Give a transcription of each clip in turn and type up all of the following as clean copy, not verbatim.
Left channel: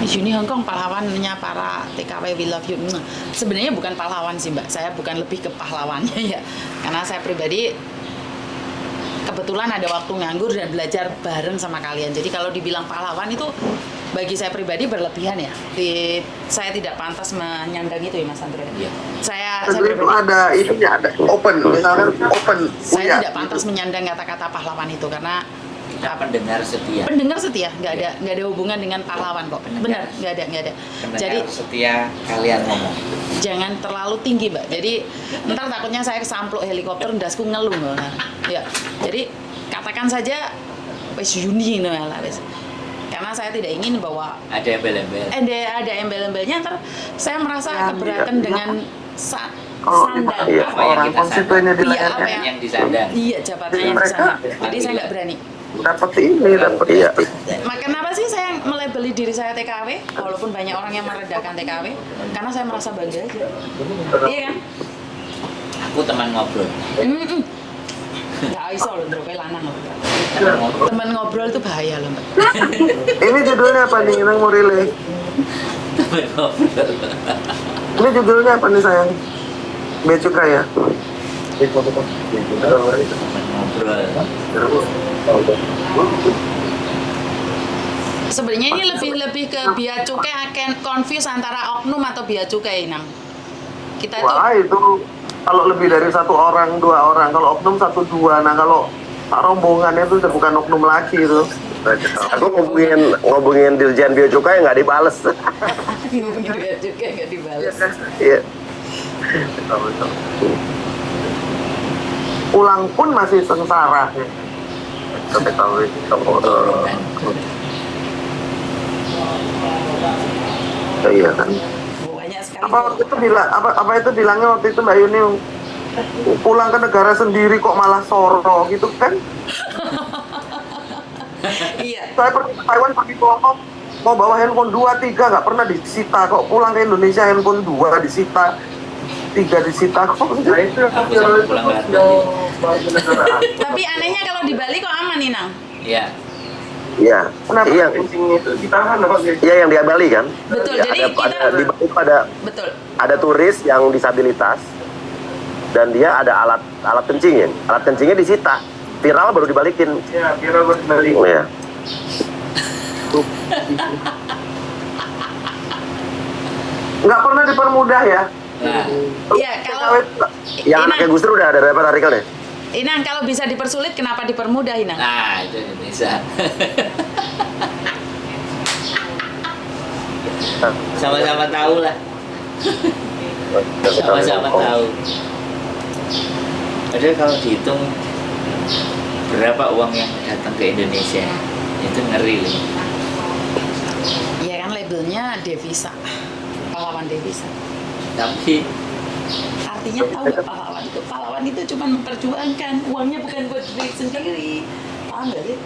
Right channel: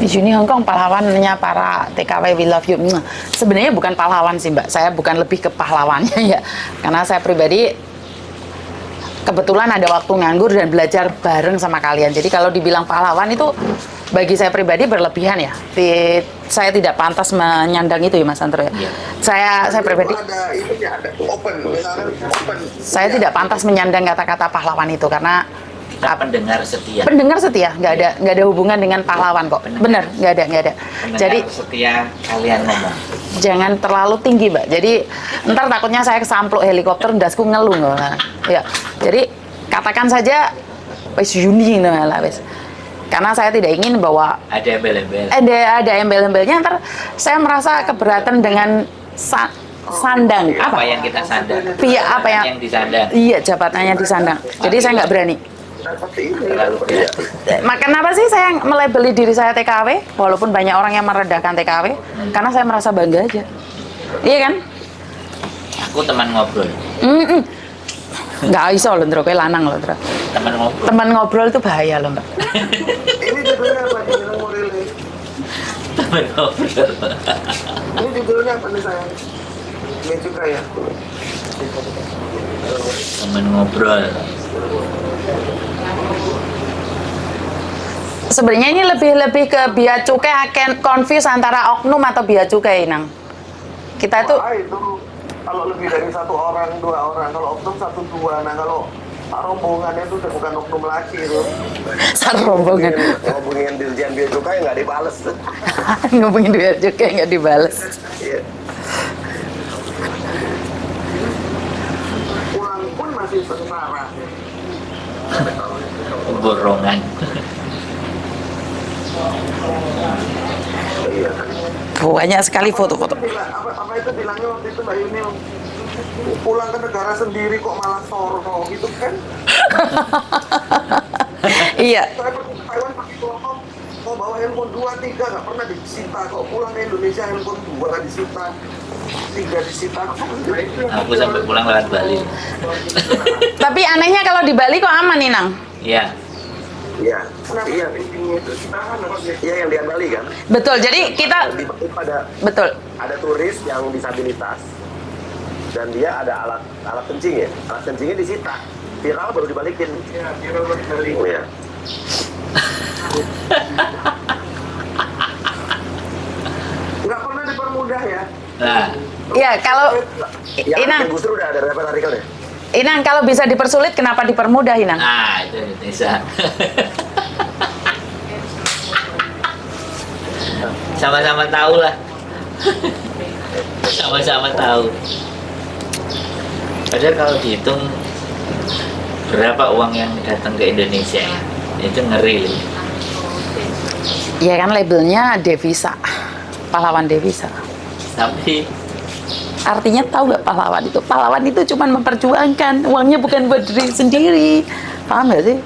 Miss Uni Hong Kong pahlawannya para TKW We Love You. Sebenarnya bukan pahlawan sih Mbak, saya bukan lebih ke pahlawannya ya. Karena saya pribadi kebetulan ada waktu nganggur dan belajar bareng sama kalian. Jadi kalau dibilang pahlawan itu bagi saya pribadi berlebihan ya. Saya tidak pantas menyandang itu ya Mas Andro ya. Saya Jadi pribadi ada open, misalkan open. saya tidak pantas menyandang kata-kata pahlawan itu karena Kita pendengar setia. pendengar setia, nggak ada hubungan dengan pahlawan kok. Bener, nggak ada. Pendengar Jadi setia kalian ngomong. jangan terlalu tinggi Mbak. Jadi ntar takutnya saya kesampluk helikopter ndasku ngeluh nggak. Ya. Jadi katakan saja wis Yuni lah wis. Karena saya tidak ingin bahwa Ada embel-embel. ada embel-embelnya ntar saya merasa keberatan dengan sandang Apa yang kita sandang? Iya, apa yang Yang disandang. Iya, jabatannya disandang. Jadi saya nggak berani. Dapat ini, dapat iya. Kenapa sih saya melabeli diri saya TKW walaupun banyak orang yang merendahkan TKW? Karena saya merasa bangga aja. Iya kan? Aku teman ngobrol. Nggak iso loh, Ndro, kayak lanang loh, Ndro. Teman ngobrol. Teman ngobrol itu bahaya loh, Mbak. Ini judulnya apa nih, Nang mau relay? Teman ngobrol. Ini judulnya apa nih sayang? Bea cukai ya? Teman ngobrol. Sebenarnya ini lebih ke bea cukai akan confuse antara oknum atau bea cukai, Nang. Kita tuh Wah, itu kalau lebih dari satu orang, dua orang, kalau oknum satu dua, nah kalau rombongan itu udah bukan oknum lagi itu. Satu rombongan. Ngobongin Dirjen Bea Cukai nggak dibales. ngomongin bea cukai nggak dibales. Iya. Pulang pun masih sengsara. Dorongan. Iya kan. Banyak sekali foto-foto. Apa itu bilangnya waktu itu Mbak Yuni, pulang ke negara sendiri kok malah soro gitu kan? Iya. Saya pergi ke Taiwan pergi ke Hongkong, mau bawa handphone 2, 3 nggak pernah disita kok. Pulang ke Indonesia handphone 2 disita, 3 disita kok. Aku sampai pulang lewat Bali. Tapi anehnya kalau di Bali kok aman nih, Nang? Iya. Iya. Kenapa? Iya. Iya yang di Bali kan. Betul, jadi kita- di Bali ada Betul. ada turis yang disabilitas dan dia ada alat kencingin. Alat kencingnya disita. Viral baru dibalikin. Iya, viral baru dibalikin. Iya. Nggak pernah dipermudah ya. Nah, Iya, kalau yang Inang, Gus Dur udah ada dapat artikelnya. Inang kalau bisa dipersulit kenapa dipermudah, Inang? nah itu bisa. Sama-sama tahu lah. Sama-sama tahu. Padahal kalau dihitung berapa uang yang datang ke Indonesia, itu ngeri loh. Ya kan labelnya devisa, pahlawan devisa. Tapi Artinya tahu nggak pahlawan itu? Pahlawan itu cuma memperjuangkan, uangnya bukan buat diri sendiri. Paham nggak sih?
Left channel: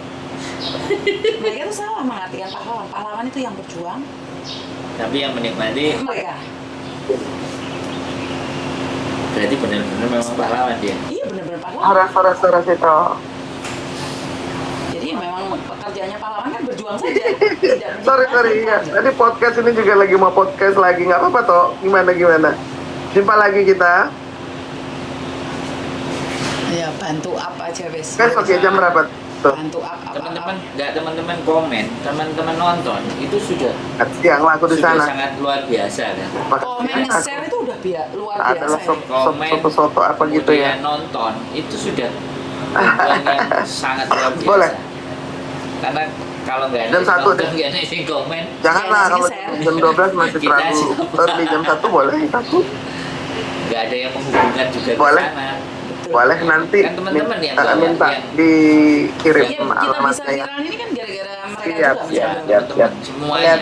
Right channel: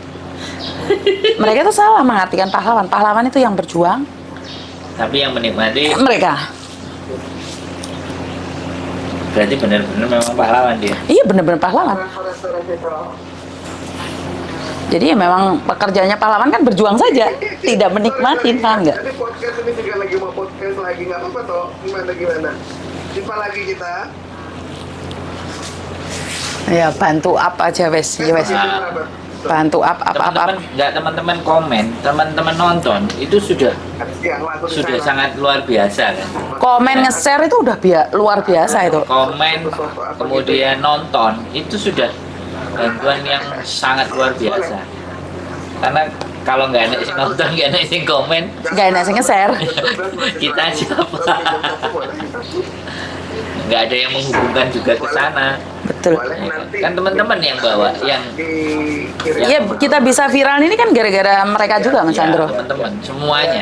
Mereka itu salah mengartikan pahlawan. Pahlawan itu yang berjuang. tapi yang menikmati Mereka. berarti benar-benar memang pahlawan dia. Iya benar-benar pahlawan. Ras itu. Jadi ya memang pekerjaannya pahlawan kan berjuang saja, tidak menikmati, paham nggak? Tadi podcast ini juga lagi mau podcast lagi, nggak apa-apa toh. Gimana? Jumpa lagi kita. Ya bantu up aja wes. Kan Ya, wes. masih jam berapa? Tuh. Bantu up. Teman-teman komen, teman-teman nonton itu sudah Yang laku di sana. sangat luar biasa kan. Komen nge-share itu udah luar biasa itu. Komen Foto-foto apa gitu ya. kemudian nonton itu sudah bantuan yang sangat luar biasa. Boleh. Karena kalau nggak ada Jam yang satu. nonton, nggak ada yang komen, Nggak ada yang nge-share. Jam 12 masih Kita terlalu siapa? early, jam 1 boleh kita tuh. nggak ada yang menghubungkan juga ke Boleh. sana. Betul. Boleh nanti. Kan teman-teman yang bawa, minta yang- dikirim. Iya, kita bisa viral ini kan gara-gara mereka Iya, juga, Mas iya, Sandro. iya. teman-teman semuanya.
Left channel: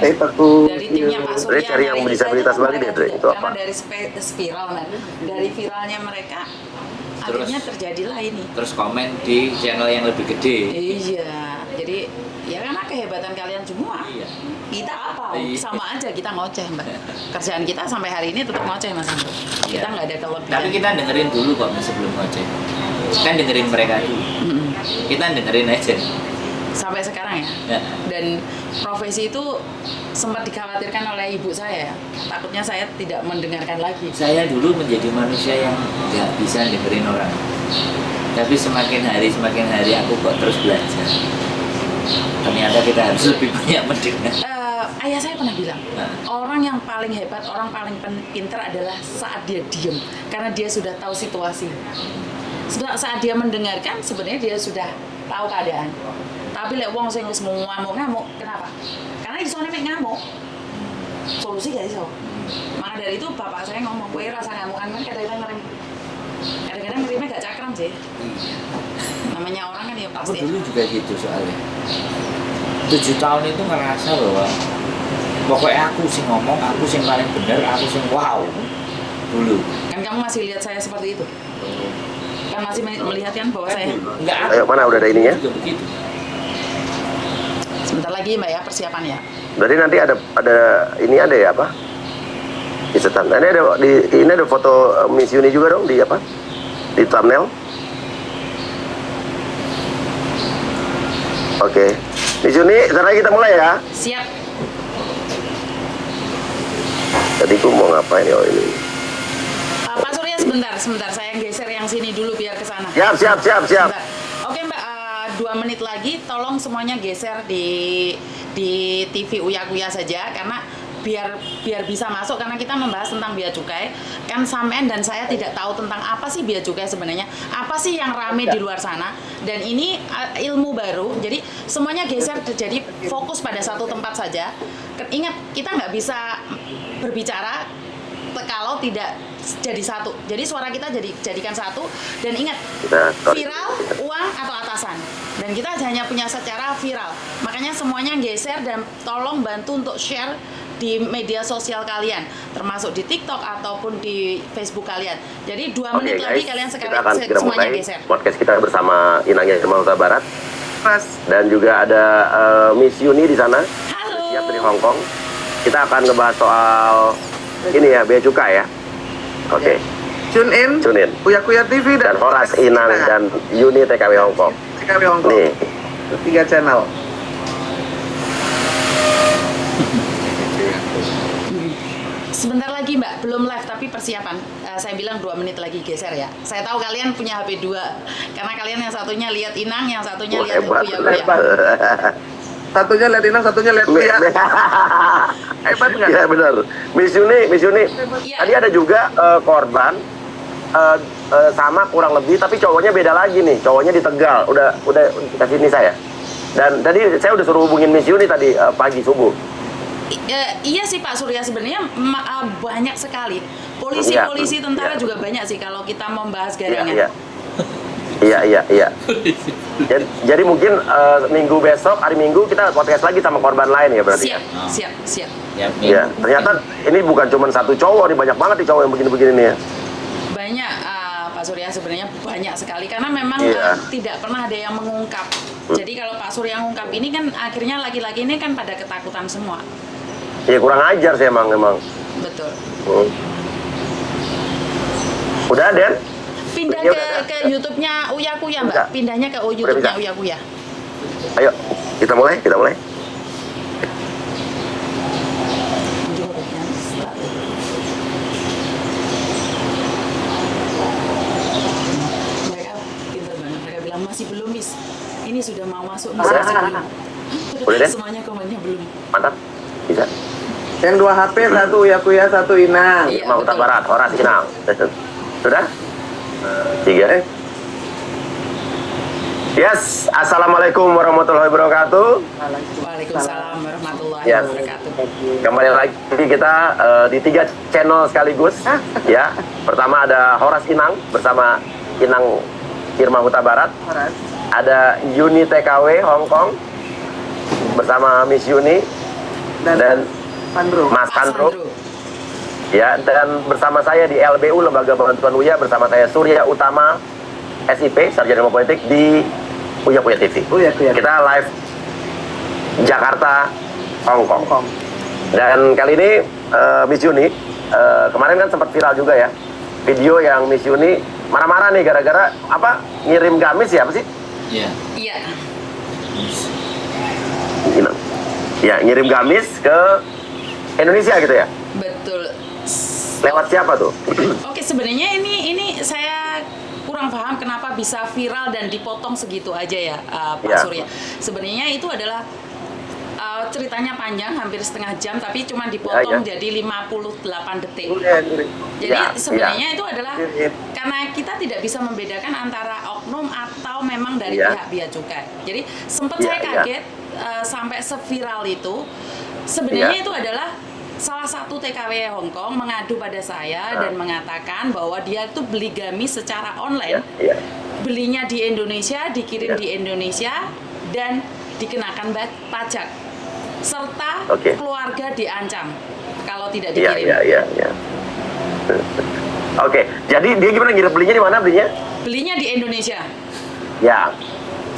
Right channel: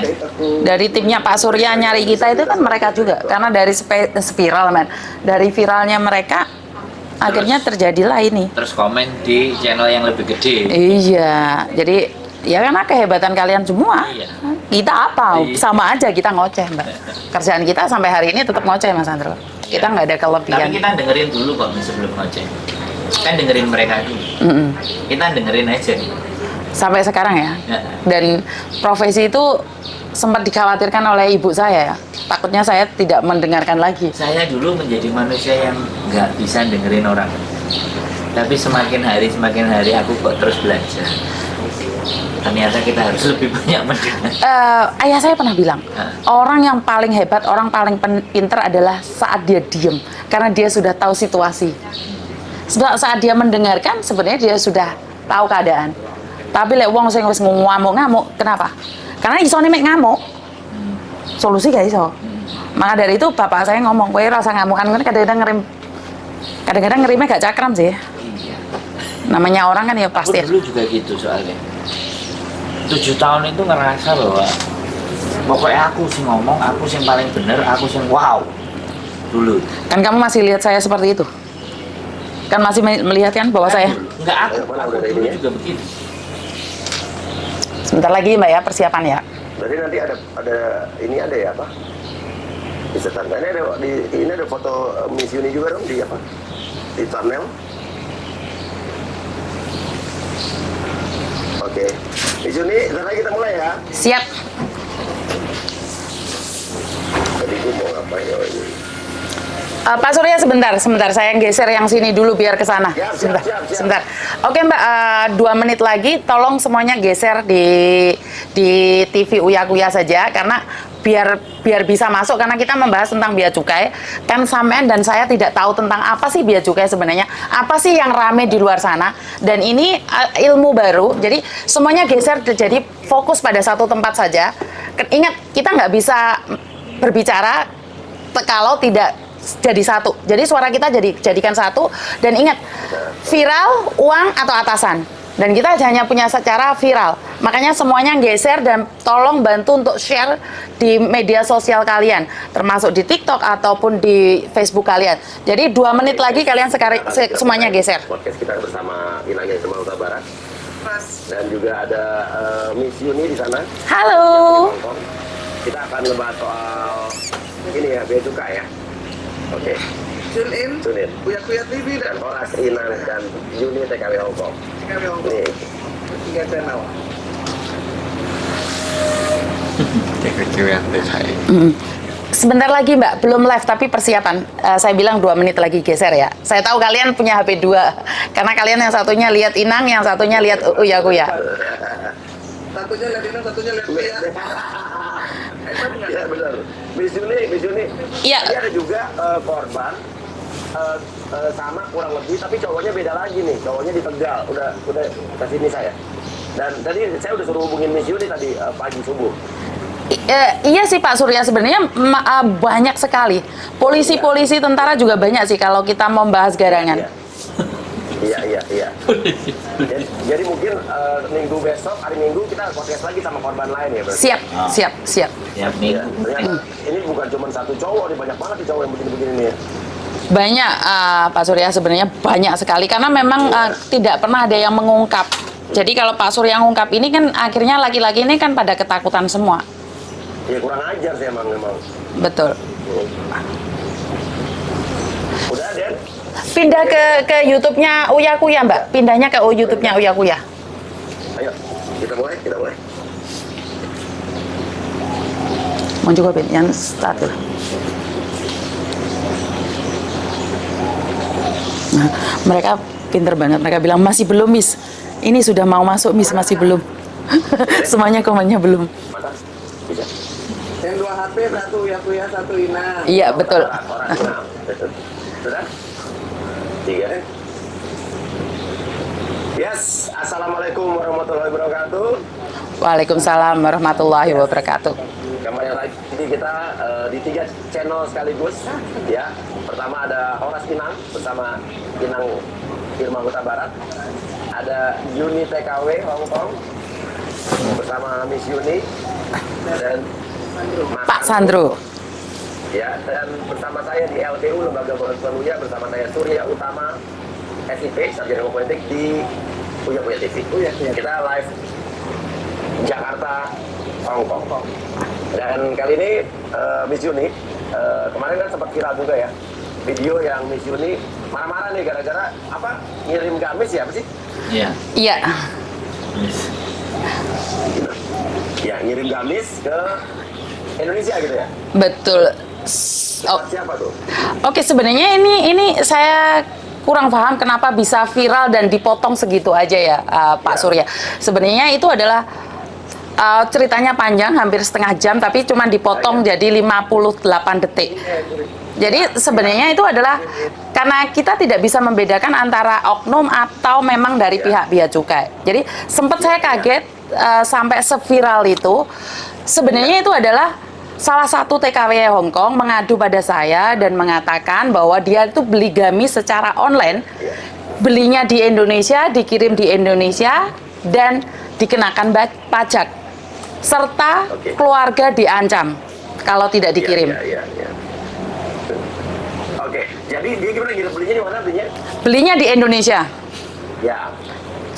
Dari timnya Pak Surya nyari kita itu kan mereka juga. Karena dari spiral, man. Dari viralnya mereka, akhirnya terjadilah ini. Terus komen di channel yang lebih gede. Iya, jadi ya karena kehebatan kalian semua. Iya. Kita apa? Iya. Sama aja kita ngoceh, Mbak. Kerjaan kita sampai hari ini tetap ngoceh, Mas Sandro. Iya. Kita nggak ada Tapi kelebihan. kita dengerin dulu kok sebelum ngoceh. Kan dengerin mereka dulu. Mm-mm. Kita dengerin aja. Sampai sekarang ya. Dan profesi itu sempat dikhawatirkan oleh ibu saya ya. Takutnya saya tidak mendengarkan lagi. Saya dulu menjadi manusia yang nggak bisa dengerin orang. Tapi semakin hari aku kok terus belajar. Ternyata kita harus lebih banyak mendengar. Ayah saya pernah bilang, orang yang paling hebat, orang paling pinter adalah saat dia diem. Karena dia sudah tahu situasi. Saat dia mendengarkan, sebenarnya dia sudah tahu keadaan. Tapi lek wong sing wis ngamuk-ngamuk, kenapa? Karena isone mek ngamuk. Solusi gak iso. Maka dari itu bapak saya ngomong, kowe rasa ngamukan kan kadang-kadang ngerimnya gak cakram sih. Namanya orang kan ya pasti. Aku dulu juga gitu soalnya. 7 tahun itu ngerasa bahwa pokoknya aku sih ngomong, aku sih paling bener, aku sih wow. Dulu. Kan kamu masih lihat saya seperti itu? Kan masih melihat kan bahwa saya? Enggak, aku. Ayo, mana udah ada ininya? Juga begitu. Sebentar lagi Mbak ya, persiapan ya. Berarti nanti ada ini ada ya apa? Di setan. Ini ada foto Miss Yuni juga dong di apa? Di thumbnail. Oke. Miss Yuni, sekarang kita mulai ya. Siap. Tadi gua mau ngapain ya ini? Pak Surya sebentar, saya geser yang sini dulu biar ke sana. Siap. Sebentar. Oke Mbak, 2 menit lagi tolong semuanya geser di TV Uya Kuya saja karena biar bisa masuk karena kita membahas tentang bea cukai. Kan sampean dan saya tidak tahu tentang apa sih bea cukai sebenarnya, apa sih yang rame di luar sana, dan ini ilmu baru. Jadi semuanya geser, jadi fokus pada satu tempat saja. Ingat, kita nggak bisa berbicara kalau tidak jadi satu. Jadi suara kita jadikan satu, dan ingat, viral, uang atau atasan. Dan kita hanya punya secara viral. Makanya semuanya geser dan tolong bantu untuk share di media sosial kalian, termasuk di TikTok ataupun di Facebook kalian. Jadi 2 menit lagi kalian semuanya geser. Podcast kita bersama Inang Irma Huta Barat. Dan juga ada Miss Yuni di sana. Halo. Yang dari Hong Kong. Kita akan ngebahas soal ini ya, bea cukai ya. Oke. Tune in, Uya Kuya TV Dan Horas Inang dan Yuni TKW Hong Kong. TKW Hong Kong. Nih. 3 channel. Sebentar lagi Mbak, belum live tapi persiapan. Saya bilang 2 menit lagi geser ya. Saya tahu kalian punya HP 2, karena kalian yang satunya lihat Inang, yang satunya lihat Uya Kuya. Satunya lihat Inang, satunya lihat Uya. Hebat nggak? Iya benar. Miss Yuni. Iya. Tadi ada juga korban sama kurang lebih, tapi cowoknya beda lagi nih. Cowoknya di Tegal. Udah kasih ini saya. Dan tadi saya udah suruh hubungin Miss Yuni tadi pagi subuh. Iya sih Pak Surya, sebenarnya banyak sekali. Polisi, tentara juga banyak sih kalau kita membahas garangan. Iya. Jadi mungkin minggu besok, hari Minggu kita podcast lagi sama korban lain ya berarti. Siap. Iya. Ternyata ini bukan cuma satu cowok nih, banyak banget nih cowok yang begini-begini nih ya. Banyak Pak Surya, sebenarnya banyak sekali karena memang tidak pernah ada yang mengungkap. Jadi kalau Pak Surya ngungkap ini kan akhirnya laki-laki ini kan pada ketakutan semua. Iya, kurang ajar sih emang. Betul. Udah, Den? Pindah ke YouTube-nya Uya Kuya, Mbak. Pindahnya ke YouTube-nya Uya Kuya. Ayo, kita mulai. Mau juga Bin, yang start. Nah, mereka pinter banget. Mereka bilang masih belum, Miss. Ini sudah mau masuk, Miss, masih belum. Semuanya komennya belum. Mantap. Bisa. Yang 2 HP, 1 Uya Kuya, 1 Inang. Iya, betul. Barat, Horas Inang. Sudah? 3. Yes, Assalamualaikum warahmatullahi wabarakatuh. Waalaikumsalam warahmatullahi Yes. wabarakatuh. Kembali lagi kita di 3 channel sekaligus. Ya, pertama ada Horas Inang bersama Inang Irma Huta Barat. Ada Yuni TKW Hong Kong bersama Miss Yuni dan Mas Pak Sandro. Sandro. Ya, dan bersama saya di LBU Lembaga Bantuan Uya, bersama saya Surya Utama SIP Sarjana Ilmu Politik di Uya Kuya TV. Kita live Jakarta, Hong Kong. Dan kali ini Miss Yuni kemarin kan sempat viral juga ya video yang Miss Yuni marah-marah nih gara-gara apa, ngirim gamis ya, apa sih? Iya. Iya. Ya, ngirim gamis ke Indonesia gitu ya? Betul. Lewat siapa tuh? Oke, sebenarnya ini saya kurang paham kenapa bisa viral dan dipotong segitu aja ya, Pak Ya. Surya. Sebenarnya itu adalah ceritanya panjang, hampir setengah jam, tapi cuma dipotong Ya. jadi 58 detik. Jadi Ya, sebenarnya ya. itu adalah karena kita tidak bisa membedakan antara oknum atau memang dari Ya. pihak bea cukai. Jadi sempat Ya, saya ya. kaget sampai seviral itu. Sebenarnya Ya. itu adalah salah satu TKW Hong Kong mengadu pada saya dan mengatakan bahwa dia itu beli gamis secara online, Ya. belinya di Indonesia, dikirim di Indonesia, dan dikenakan pajak, serta Oke. keluarga diancam kalau tidak dikirim. Iya. Oke, jadi dia gimana belinya di mana belinya? Belinya di Indonesia, Ya,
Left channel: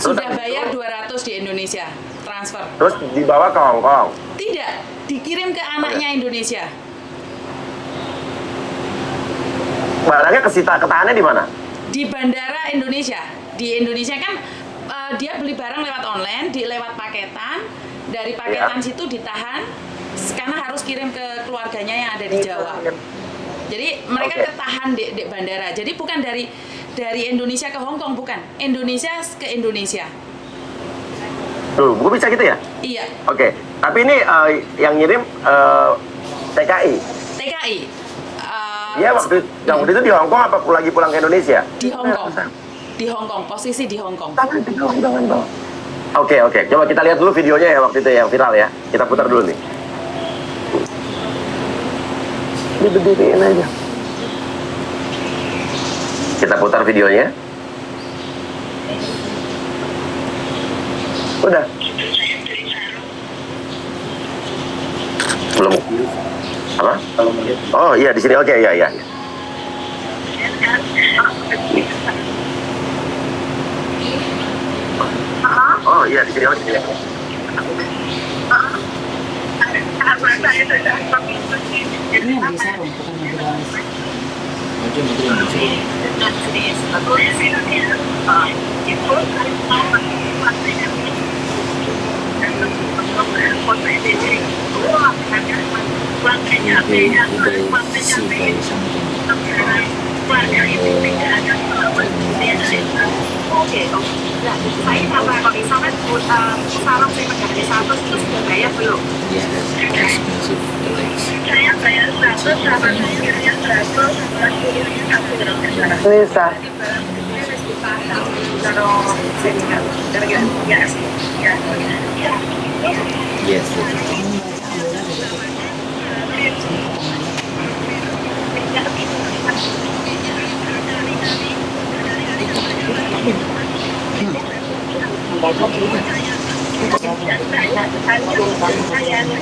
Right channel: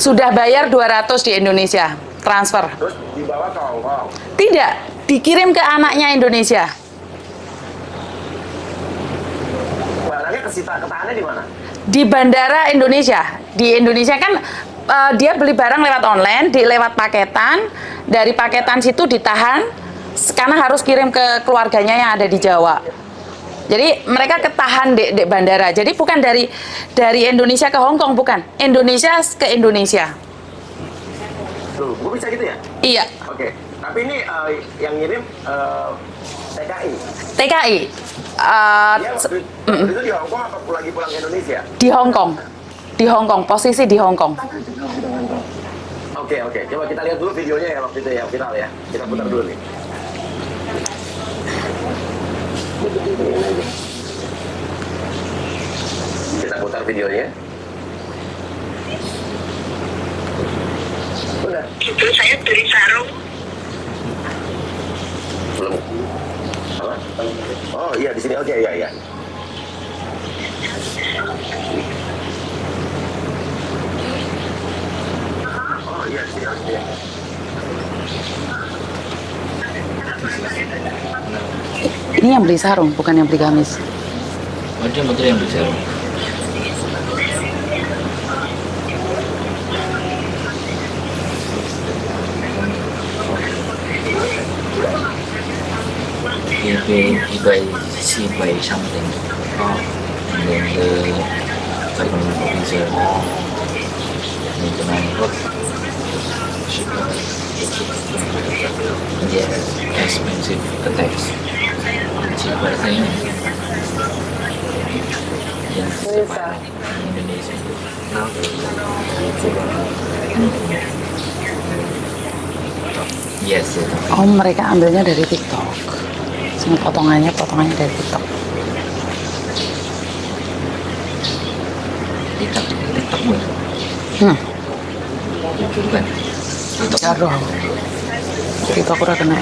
sudah bayar 200 di Indonesia, transfer. terus dibawa ke Hong Kong. Tidak, dikirim ke anaknya Indonesia. Barangnya ketahannya di mana? Di bandara Indonesia. Di Indonesia kan dia beli barang lewat online, lewat paketan. Dari paketan Ya. situ ditahan, karena harus kirim ke keluarganya yang ada di Jawa. Jadi mereka Oke. ketahan di bandara. Jadi bukan dari Indonesia ke Hong Kong, bukan. Indonesia ke Indonesia. Gue bisa gitu ya? Iya, Oke, tapi ini yang ngirim TKI. TKI. Dia waktu itu di Hong Kong apa lagi pulang ke Indonesia? Di Hong Kong. Di Hong Kong, posisi di Hong Kong. Oke, coba kita lihat dulu videonya ya waktu itu yang viral ya. Kita putar dulu nih. Ini berdiriin aja. Kita putar videonya. Udah. Itu saya beli sarung. Belum. Apa? Oh iya di sini. Oke, iya. Oh iya di sini. Oke. Ini yang beli sarung, bukan yang beli gamis. Oh, dia betul yang bisa. 이거의 시바의 상징. Dia expensive attacks. Nisa. Yes. Oh, mereka ambilnya dari TikTok. Semua potongannya dari TikTok. Bukan. Aduh, TikTok udah kena.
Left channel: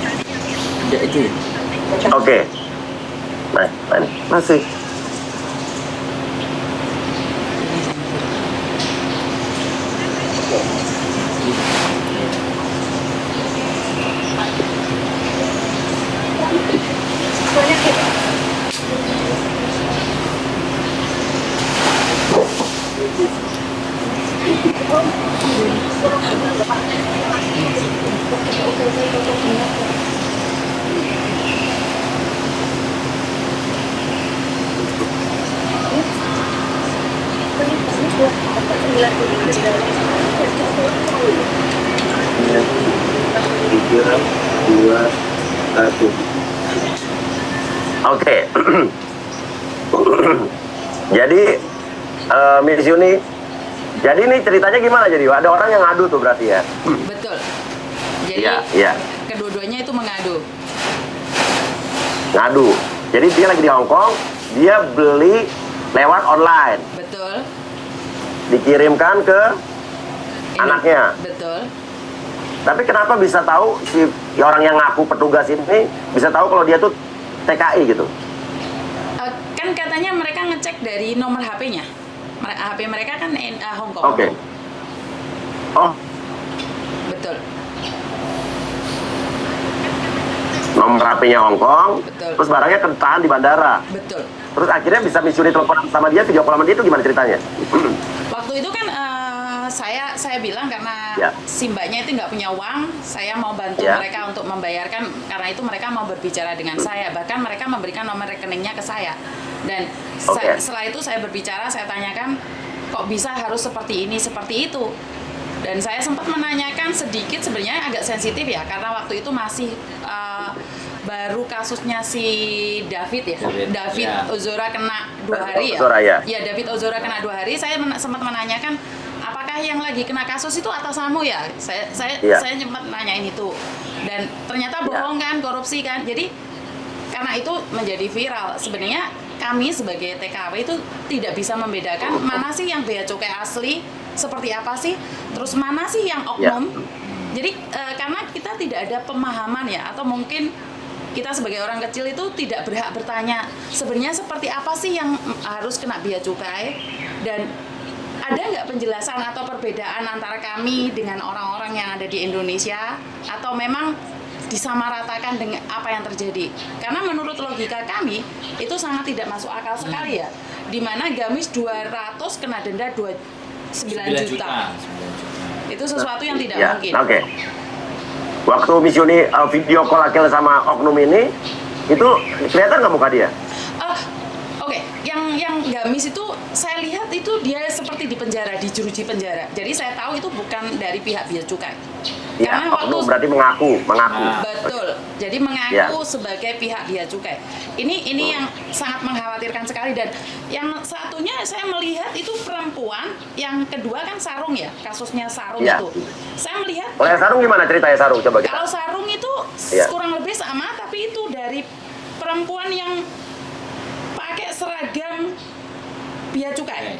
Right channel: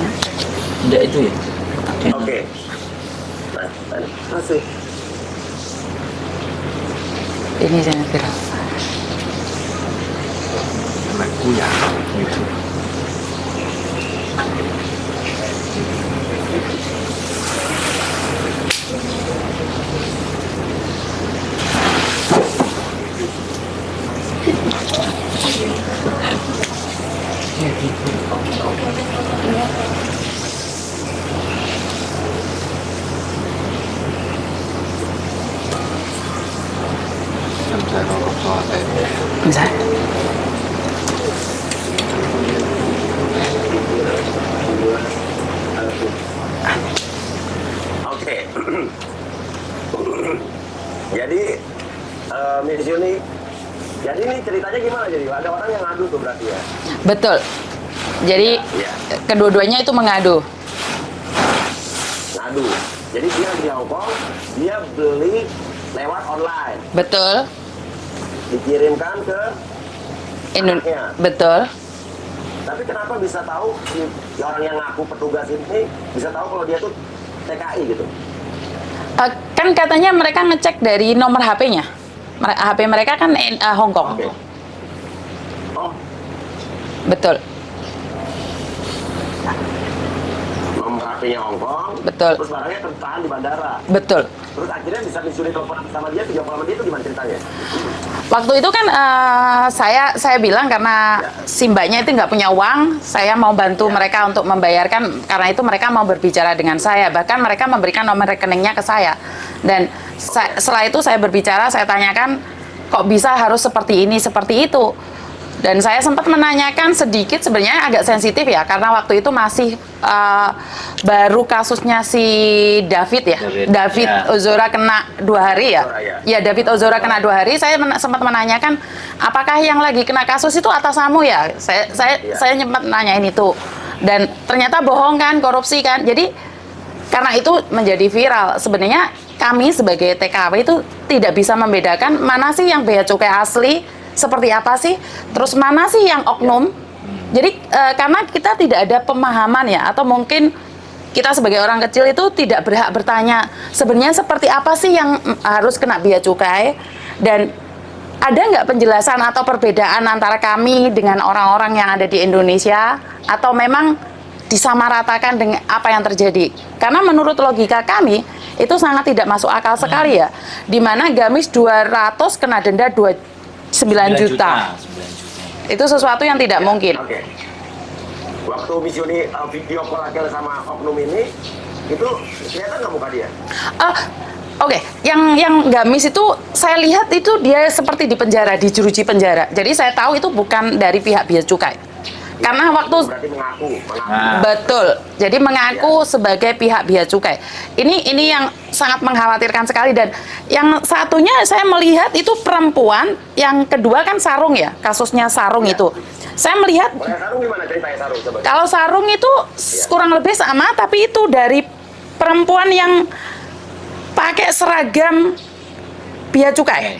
Enggak itu. Oke. Masih. Ini jangan viral. Bisa. Oke. Jadi Miss Yuni, jadi ini ceritanya gimana jadi? Ada orang yang ngadu tuh berarti ya? Betul. Jadi Ya. kedua-duanya itu mengadu. Ngadu. Jadi dia lagi di Hong Kong, dia beli lewat online, Betul. dikirimkan ke anaknya. Betul. Tapi kenapa bisa tahu si orang yang ngaku petugas ini bisa tahu kalau dia tuh TKI gitu? Kan katanya mereka ngecek dari nomor HP-nya. HP mereka kan Hong Kong. Oke. Oh, Betul. nomor HP-nya Hong Kong. Betul. Terus barangnya ketahan di bandara. Betul. Terus akhirnya bisa Miss Yuni telepon sama dia, video call sama dia itu gimana ceritanya? Waktu itu kan saya bilang karena Ya. si mbaknya itu nggak punya uang, saya mau bantu Ya. mereka untuk membayarkan, karena itu mereka mau berbicara dengan saya, bahkan mereka memberikan nomor rekeningnya ke saya. Dan setelah itu saya berbicara, saya tanyakan kok bisa harus seperti ini, seperti itu. Dan saya sempat menanyakan sedikit, sebenarnya agak sensitif ya, karena waktu itu masih baru kasusnya si David ya. David Ya. Ozora kena 2 hari ya. Ozora, ya. Ya, David Ozora kena 2 hari. Saya sempat menanyakan, apakah yang lagi kena kasus itu atasanmu ya? Iya. Saya sempat nanyain itu. Dan ternyata bohong kan, korupsi kan. Jadi karena itu menjadi viral. Sebenarnya kami sebagai TKW itu tidak bisa membedakan mana sih yang bea cukai asli, seperti apa sih, terus mana sih yang oknum. Jadi karena kita tidak ada pemahaman ya, atau mungkin kita sebagai orang kecil itu tidak berhak bertanya sebenarnya seperti apa sih yang harus kena bea cukai, dan ada nggak penjelasan atau perbedaan antara kami dengan orang-orang yang ada di Indonesia, atau memang disamaratakan dengan apa yang terjadi. Karena menurut logika kami itu sangat tidak masuk akal sekali ya, dimana gamis 200 kena denda 9 juta. Itu sesuatu yang tidak Ya, mungkin. Oke. Waktu Miss Yuni video call Akhil sama oknum ini, itu kelihatan nggak muka dia? Oke, yang gamis itu saya lihat itu dia seperti di penjara, di jeruji penjara. Jadi saya tahu itu bukan dari pihak bea cukai. Ya, Karena waktu berarti mengaku. betul, jadi mengaku sebagai pihak bea cukai. Ini yang sangat mengkhawatirkan sekali, dan yang satunya saya melihat itu perempuan, yang kedua kan Sarung ya, kasusnya Sarung Ya. itu. Saya melihat Oleh Sarung gimana ceritanya Sarung? Coba. kalau Sarung itu Ya. kurang lebih sama, tapi itu dari perempuan yang pakai seragam bea cukai.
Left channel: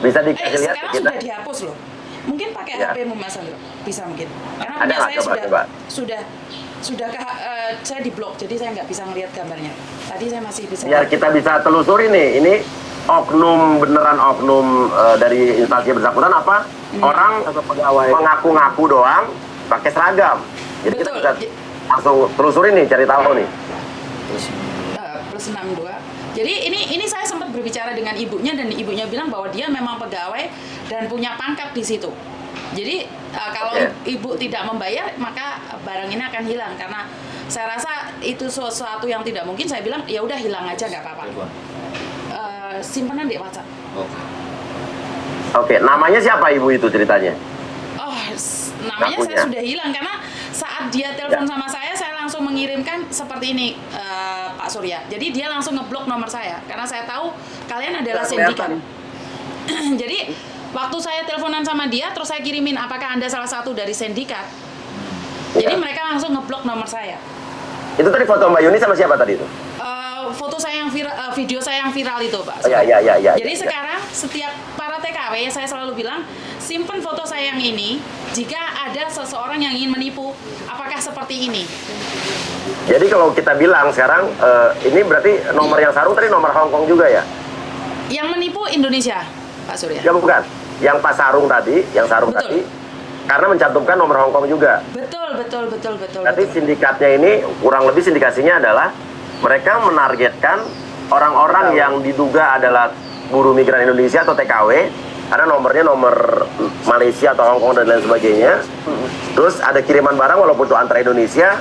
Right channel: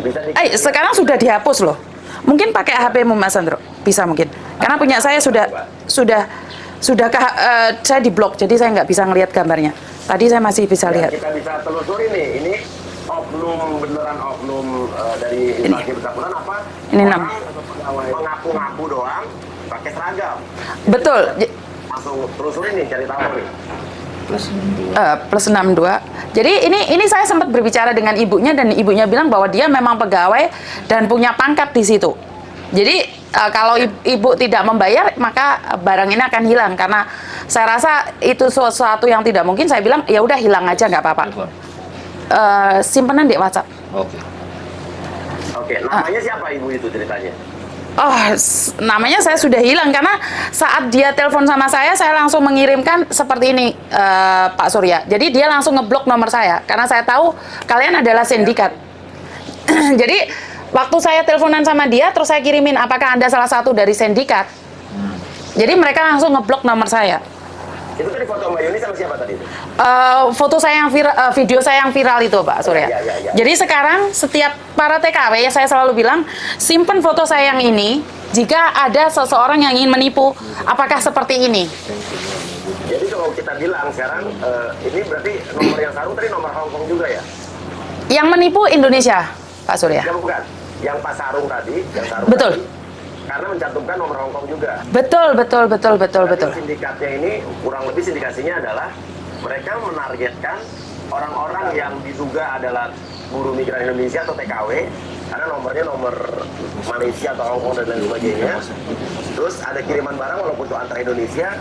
Bisa Sekarang sudah dihapus loh. Mungkin pakai Ya. HP-mu Mas Sandro, bisa mungkin. Karena punya saya coba. saya diblok, jadi saya nggak bisa ngelihat gambarnya. Tadi saya masih bisa Ya, lihat. kita bisa telusuri nih. Ini oknum beneran oknum dari instansi bersangkutan apa? Ini Orang mengaku-ngaku doang pakai seragam. Jadi Betul. kita bisa langsung telusuri nih, cari tahu nih. Plus 62. Jadi ini saya sempat berbicara dengan ibunya, dan ibunya bilang bahwa dia memang pegawai dan punya pangkat di situ. Jadi kalau ibu tidak membayar, maka barang ini akan hilang. Karena saya rasa itu sesuatu yang tidak mungkin. Saya bilang ya udah hilang aja, nggak apa-apa. Simpenan di WhatsApp. Oke, namanya siapa ibu itu ceritanya? Namanya saya sudah hilang, karena saat dia telepon sama saya langsung mengirimkan seperti ini, Pak Surya. Jadi dia langsung ngeblok nomor saya, karena saya tahu kalian adalah sindikat. Jadi waktu saya teleponan sama dia, terus saya kirimin, apakah Anda salah satu dari sindikat? Jadi mereka langsung ngeblok nomor saya. Itu tadi foto Mbak Yuni sama siapa tadi itu? Foto saya yang viral, video saya yang viral itu, Pak Surya. Ya. Jadi sekarang setiap para TKW ya, saya selalu bilang, simpen foto saya yang ini jika ada seseorang yang ingin menipu. Apakah seperti ini? Jadi kalau kita bilang sekarang, ini berarti nomor yang Sarung tadi nomor Hong Kong juga ya? Yang menipu Indonesia, Pak Surya. Ya bukan. Yang Pak Sarung tadi, yang Sarung Betul. tadi. Karena mencantumkan nomor Hong Kong juga. Betul. Berarti sindikatnya ini, kurang lebih sindikasinya adalah mereka menargetkan orang-orang yang diduga adalah buruh migran Indonesia atau TKW, karena nomornya nomor Malaysia atau Hong Kong dan lain sebagainya. Terus ada kiriman barang walaupun itu antar Indonesia,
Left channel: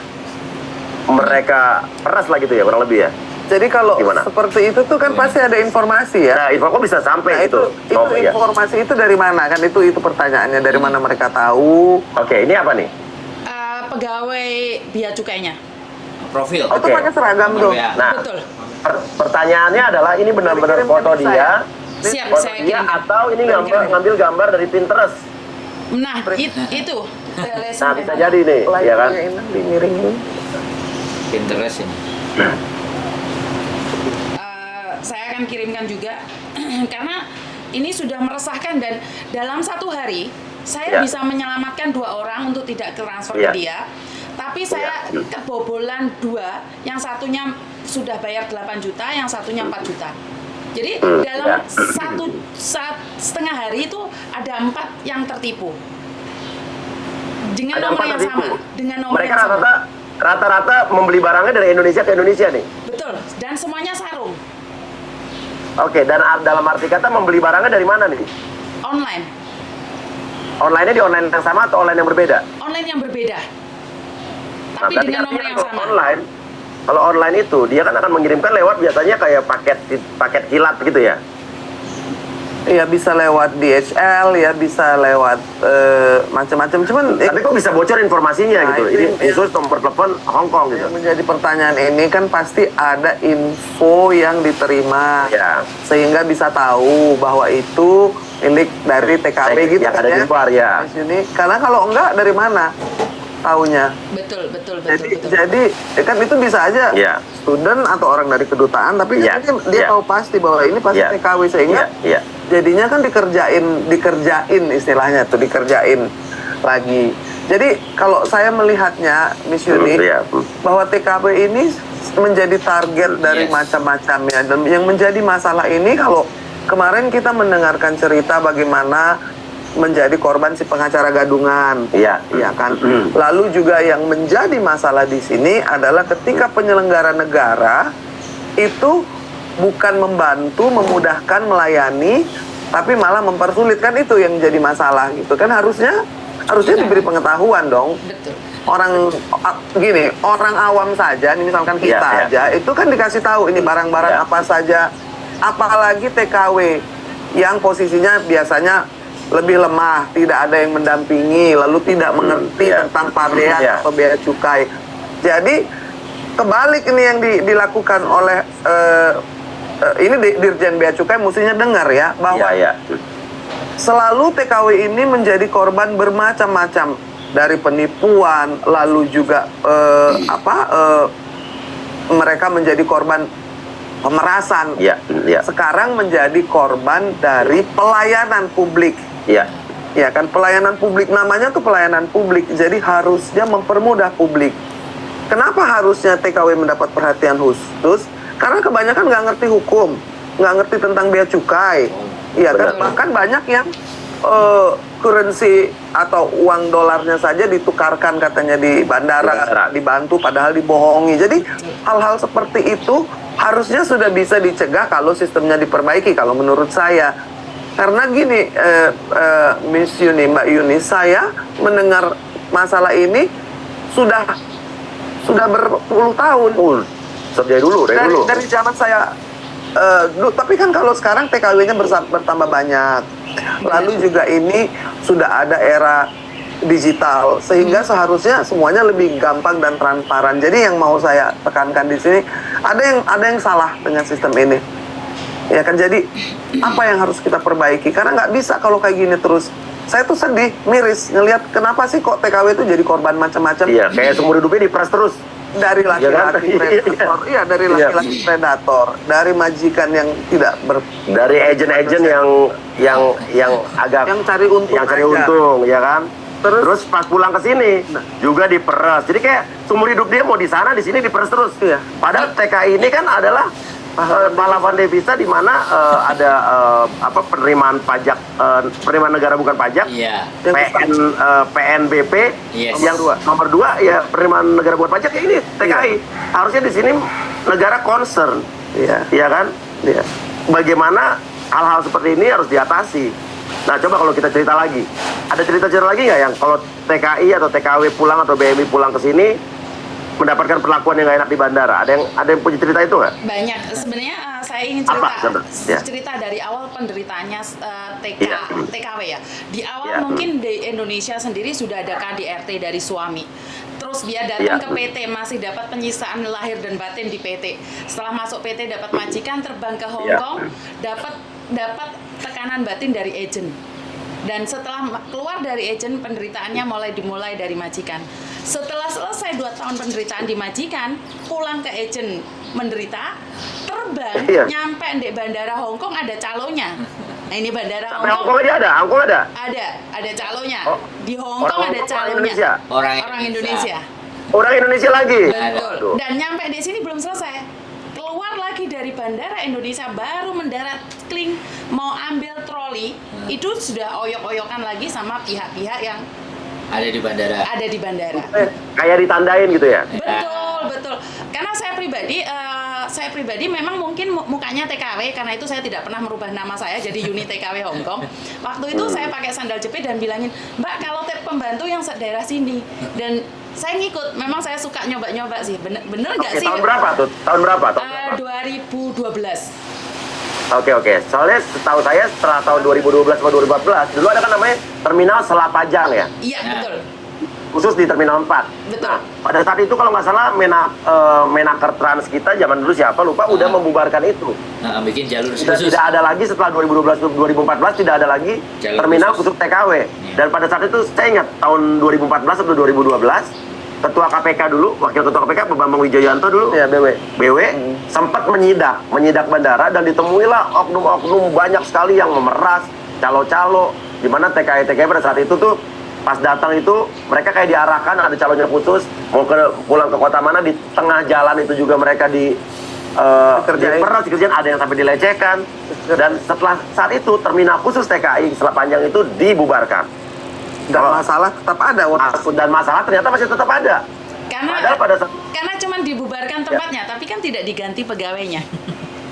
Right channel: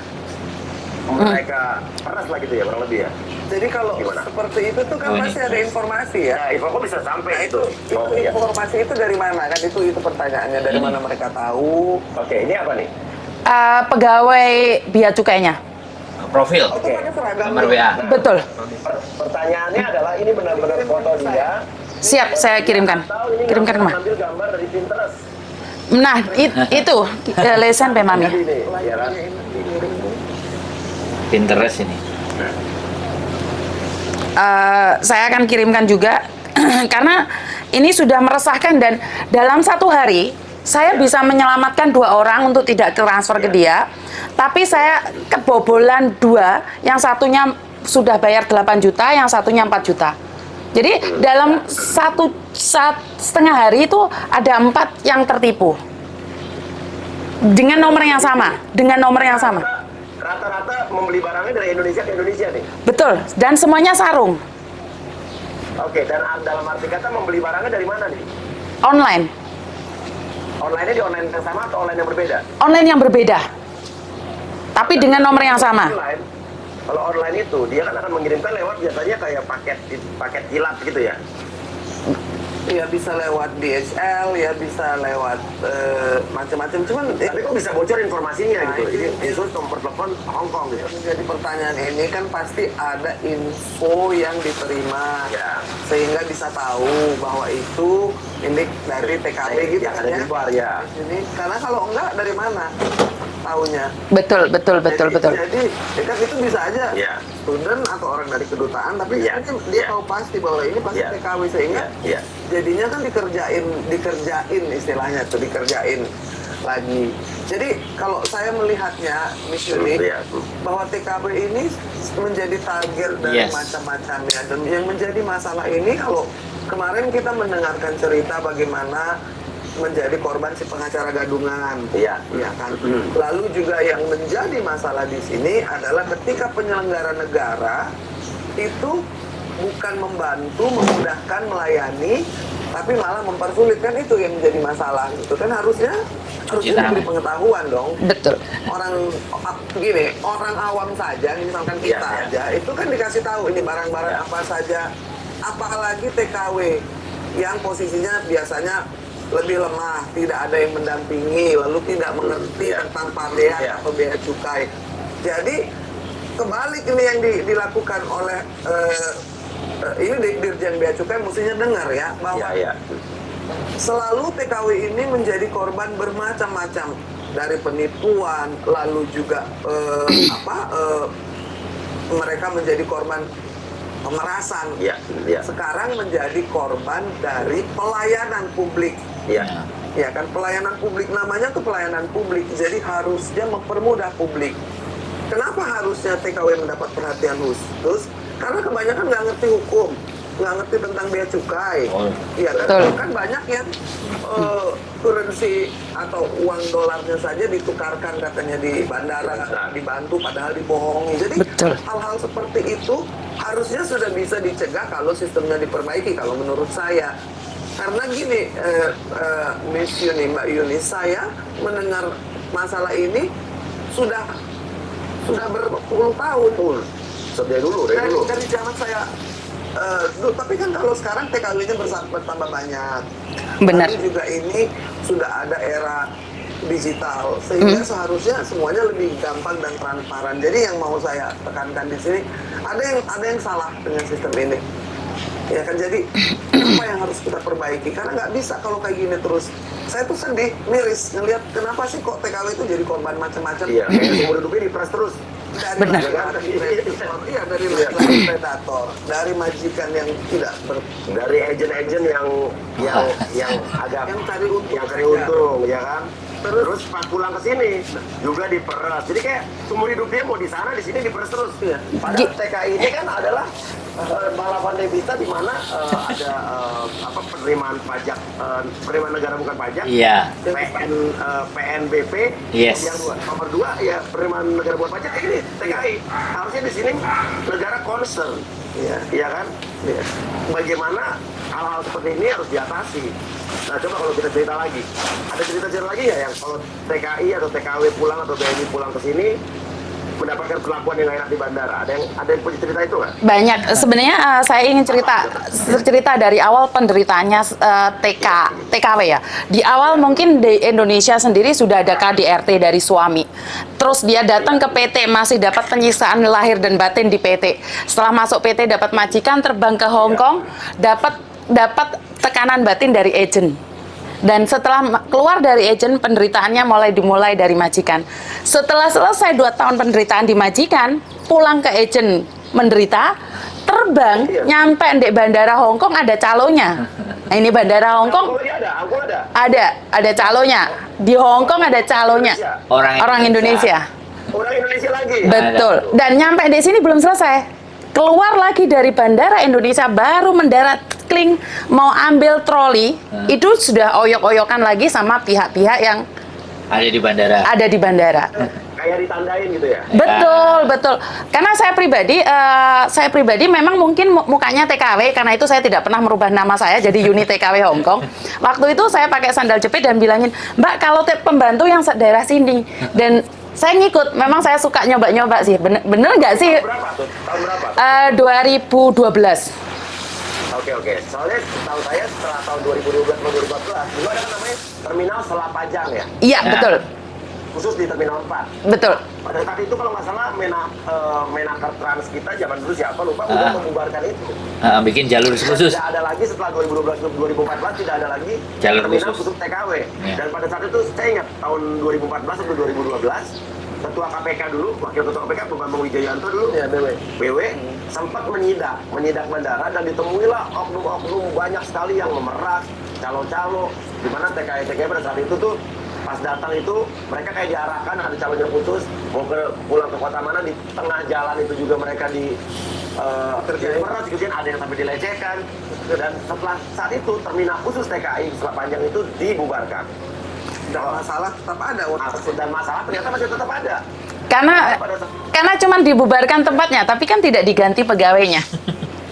mereka peras lah gitu ya, kurang lebih ya. Jadi kalau Gimana? seperti itu tuh kan pasti ada informasi ya. Nah, info kok bisa sampai gitu. Itu Ya. informasi itu dari mana kan, itu pertanyaannya, dari mana mereka tahu. Oke, ini apa nih? Pegawai bea cukainya. Profil. Itu pakai seragam Nomor tuh. WA. Nah, Betul. Pertanyaannya adalah ini benar-benar foto dia. Siap, foto saya dia, kirimkan. Atau ini ngambil gambar dari Pinterest. Nah, itu lesan memang. Jadi nih, ya kan? Pinterest ini. Nah, Saya akan kirimkan juga karena ini sudah meresahkan, dan dalam 1 hari saya Ya. bisa menyelamatkan 2 orang untuk tidak transfer ke Ya. dia, tapi saya kebobolan 2, yang satunya sudah bayar 8 juta, yang satunya 4 juta. Jadi dalam satu setengah hari itu ada 4 yang tertipu dengan nomor yang sama, Rata-rata membeli barangnya dari Indonesia ke Indonesia nih. Betul, dan semuanya Sarung. Oke, dan dalam arti kata membeli barangnya dari mana nih? Online. Online-nya di online yang sama atau online yang berbeda? Online yang berbeda. Tapi Nah, dengan nomor yang kalau sama. Kalau online itu dia kan akan mengirimkan lewat biasanya kayak paket kilat gitu ya. Ya bisa lewat DHL, ya bisa lewat macam-macam. Cuman Tapi kok bisa bocor informasinya Nah, gitu? itu Ini khusus nomor telepon Hong Kong gitu. yang menjadi pertanyaan ini kan pasti ada info yang diterima, Ya. sehingga bisa tahu bahwa itu milik dari TKB gitu Yang kan ada di luar, ya. Di sini. Karena kalau enggak dari mana taunya? Betul. Jadi kan itu bisa aja Ya. student atau orang dari kedutaan, tapi Ya. kan dia Ya. tahu pasti bahwa ini pasti Ya. TKW, sehingga Iya. jadinya kan dikerjain istilahnya tuh, dikerjain lagi. Jadi kalau saya melihatnya, Miss Yuni, Iya. bahwa TKW ini menjadi target dari Yes. macam-macamnya, dan yang menjadi masalah ini kalau kemarin kita mendengarkan cerita bagaimana menjadi korban si pengacara gadungan, Iya. ya kan. Lalu juga yang menjadi masalah di sini adalah ketika penyelenggara negara itu bukan membantu, memudahkan, melayani, tapi malah mempersulit, kan itu yang jadi masalah gitu kan. Harusnya diberi pengetahuan dong. Betul. Orang gini, orang awam saja, nih misalkan kita Iya, iya. aja, itu kan dikasih tahu ini barang-barang Iya. apa saja, apalagi TKW yang posisinya biasanya lebih lemah, tidak ada yang mendampingi, lalu tidak mengerti Iya. tentang pabean Iya. atau bea cukai. Jadi kebalik ini yang dilakukan oleh ini Dirjen Bea Cukai mestinya dengar ya, bahwa Iya. selalu TKW ini menjadi korban bermacam-macam, dari penipuan, lalu juga mereka menjadi korban pemerasan. Iya. Iya. Sekarang menjadi korban dari pelayanan publik. Iya. Ya kan, pelayanan publik, namanya tuh pelayanan publik, jadi harusnya mempermudah publik. Kenapa harusnya TKW mendapat perhatian khusus? Karena kebanyakan nggak ngerti hukum, nggak ngerti tentang bea cukai. Iya kan, Betul. bahkan banyak yang currency atau uang dolarnya saja ditukarkan katanya di bandara, dibantu padahal dibohongi. Jadi Betul. hal-hal seperti itu harusnya sudah bisa dicegah kalau sistemnya diperbaiki, kalau menurut saya. Karena gini, Miss Yuni, Mbak Yuni, saya mendengar masalah ini sudah berpuluh tahun. Dari dulu. Dari zaman saya dulu. Tapi kan kalau sekarang TKW-nya bertambah banyak. Benar. Lalu juga ini sudah ada era digital, sehingga seharusnya semuanya lebih gampang dan transparan. Jadi yang mau saya tekankan di sini, ada yang salah dengan sistem ini. Ya kan, jadi apa yang harus kita perbaiki? Karena nggak bisa kalau kayak gini terus. Saya tuh sedih, miris ngelihat kenapa sih kok TKW itu jadi korban macam-macam. Iya, kayak seumur hidupnya diperas terus. Dari laki-laki predator, dari laki-laki predator, dari majikan yang tidak Dari agen-agen yang agak yang cari untung, ya kan. Terus pas pulang ke sini juga diperas. Jadi kayak seumur hidup dia mau di sana, di sini diperas terus. Iya. Padahal TKI ini kan adalah pahlawan devisa di mana ada penerimaan pajak, penerimaan negara bukan pajak. Iya. PNBP. Yes. Yang nomor 2 ya penerimaan negara bukan pajak, ini TKI. Harusnya di sini negara concern. Iya. Iya kan? Iya. Bagaimana hal-hal seperti ini harus diatasi. Nah, coba kalau kita cerita lagi. Ada cerita-cerita lagi nggak yang kalau TKI atau TKW pulang atau BMI pulang ke sini mendapatkan perlakuan yang nggak enak di bandara? Ada yang punya cerita itu nggak? Banyak. Sebenarnya saya ingin cerita dari awal penderitaannya TKW ya. Di awal Ya. mungkin di Indonesia sendiri sudah ada KDRT dari suami. Terus dia datang ke PT, masih dapat penyisaan lahir dan batin di PT. Setelah masuk PT dapat majikan, terbang ke Hong Kong, dapat tekanan batin dari agent. Dan setelah keluar dari agent, penderitaannya dimulai dari majikan. Setelah selesai 2 tahun penderitaan di majikan, pulang ke agent menderita, terbang, nyampe di bandara Hong Kong ada calonya. Nah, ini bandara Hong Kong. Hong Kong ada? Ada calonya. Di Hong Kong ada calonya. Orang Indonesia. Orang Indonesia lagi? Betul. Dan nyampe di sini belum selesai. Keluar lagi dari bandara Indonesia, baru mendarat, kling, mau ambil troli, itu sudah oyok-oyokan lagi sama pihak-pihak yang Ada di bandara. ada di bandara. kayak ditandain gitu ya? Betul. Karena saya pribadi memang mungkin mukanya TKW, karena itu saya tidak pernah merubah nama saya jadi unit TKW Hong Kong. Waktu itu saya pakai sandal jepit dan bilangin, Mbak kalau pembantu yang daerah sini. Dan saya ngikut, memang saya suka nyoba-nyoba sih. Bener nggak sih? Tahun berapa tuh? 2012. Oke. Soalnya setahu saya setelah tahun 2012 atau 2014, dulu ada kan namanya Terminal Selapajang ya? Iya, betul. Khusus di Terminal 4. Betul. Pada saat itu kalau nggak salah Menaker Trans kita zaman dulu siapa lupa udah membubarkan itu. Bikin jalur Sudah khusus. tidak ada lagi setelah 2012-2014 tidak ada lagi Jalur terminal khusus. khusus TKW. Dan pada saat itu saya ingat tahun 2014 atau 2012 Ketua KPK dulu, Wakil Ketua KPK Bambang Wijoyanto dulu, Ya, BW. sempat menyidak bandara dan ditemuilah oknum-oknum banyak sekali yang memeras calo-calo, di mana TKI pada saat itu tuh pas datang itu mereka kayak diarahkan ada calonnya khusus mau pulang ke kota mana, di tengah jalan itu juga mereka dikerjain, ada yang sampai dilecehkan. Dan setelah saat itu terminal khusus TKI Selapajang itu dibubarkan. Dan masalah tetap ada. Dan masalah ternyata masih tetap ada. Karena cuman dibubarkan tempatnya, tapi kan tidak diganti pegawainya.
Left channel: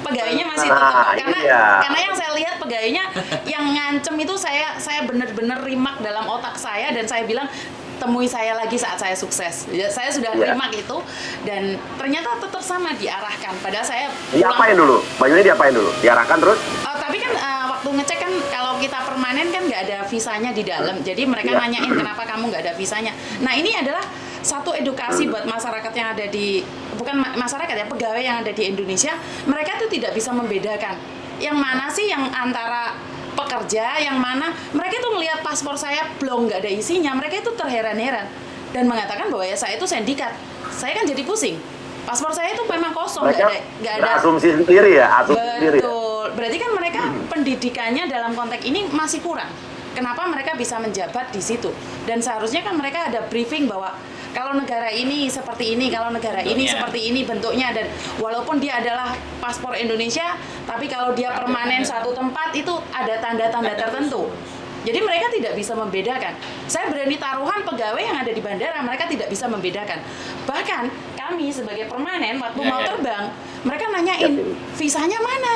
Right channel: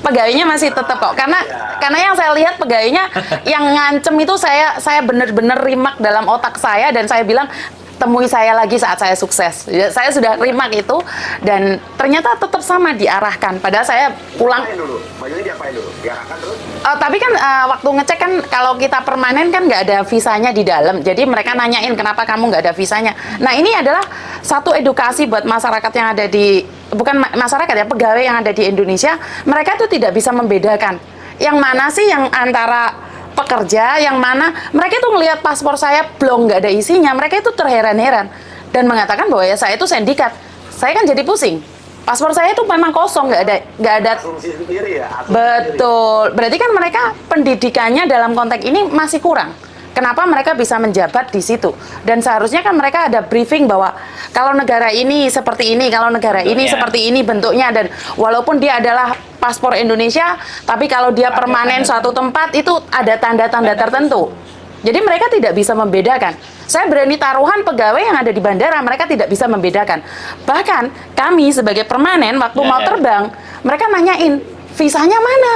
Pegawainya masih tetap kok. Karena yang saya lihat pegawainya yang ngancem itu saya benar-benar rimak dalam otak saya, dan saya bilang temui saya lagi saat saya sukses. Saya sudah rimak itu, dan ternyata tetap sama diarahkan. Padahal saya pulang. Diapain dulu? Bajunya diapain dulu? Diarahkan terus? Tapi kan waktu ngecek kan kalau kita permanen kan nggak ada visanya di dalam. Jadi mereka nanyain kenapa kamu nggak ada visanya. Nah ini adalah satu edukasi buat masyarakat yang ada di, bukan masyarakat ya, pegawai yang ada di Indonesia. Mereka tuh tidak bisa membedakan yang mana sih yang antara pekerja, yang mana mereka itu melihat paspor saya belum nggak ada isinya, mereka itu terheran-heran dan mengatakan bahwa ya saya itu sindikat. Saya kan jadi pusing. Paspor saya itu memang kosong, nggak ada. Asumsi sendiri ya. Betul. Berarti kan mereka pendidikannya dalam konteks ini masih kurang. Kenapa mereka bisa menjabat di situ? Dan seharusnya kan mereka ada briefing bahwa kalau negara ini seperti ini, kalau negara ini seperti ini bentuknya, dan walaupun dia adalah paspor Indonesia, tapi kalau dia permanen suatu tempat itu ada tanda-tanda tertentu. Jadi mereka tidak bisa membedakan. Saya berani taruhan pegawai yang ada di bandara, mereka tidak bisa membedakan. Bahkan kami sebagai permanen waktu mau terbang, mereka nanyain visanya mana.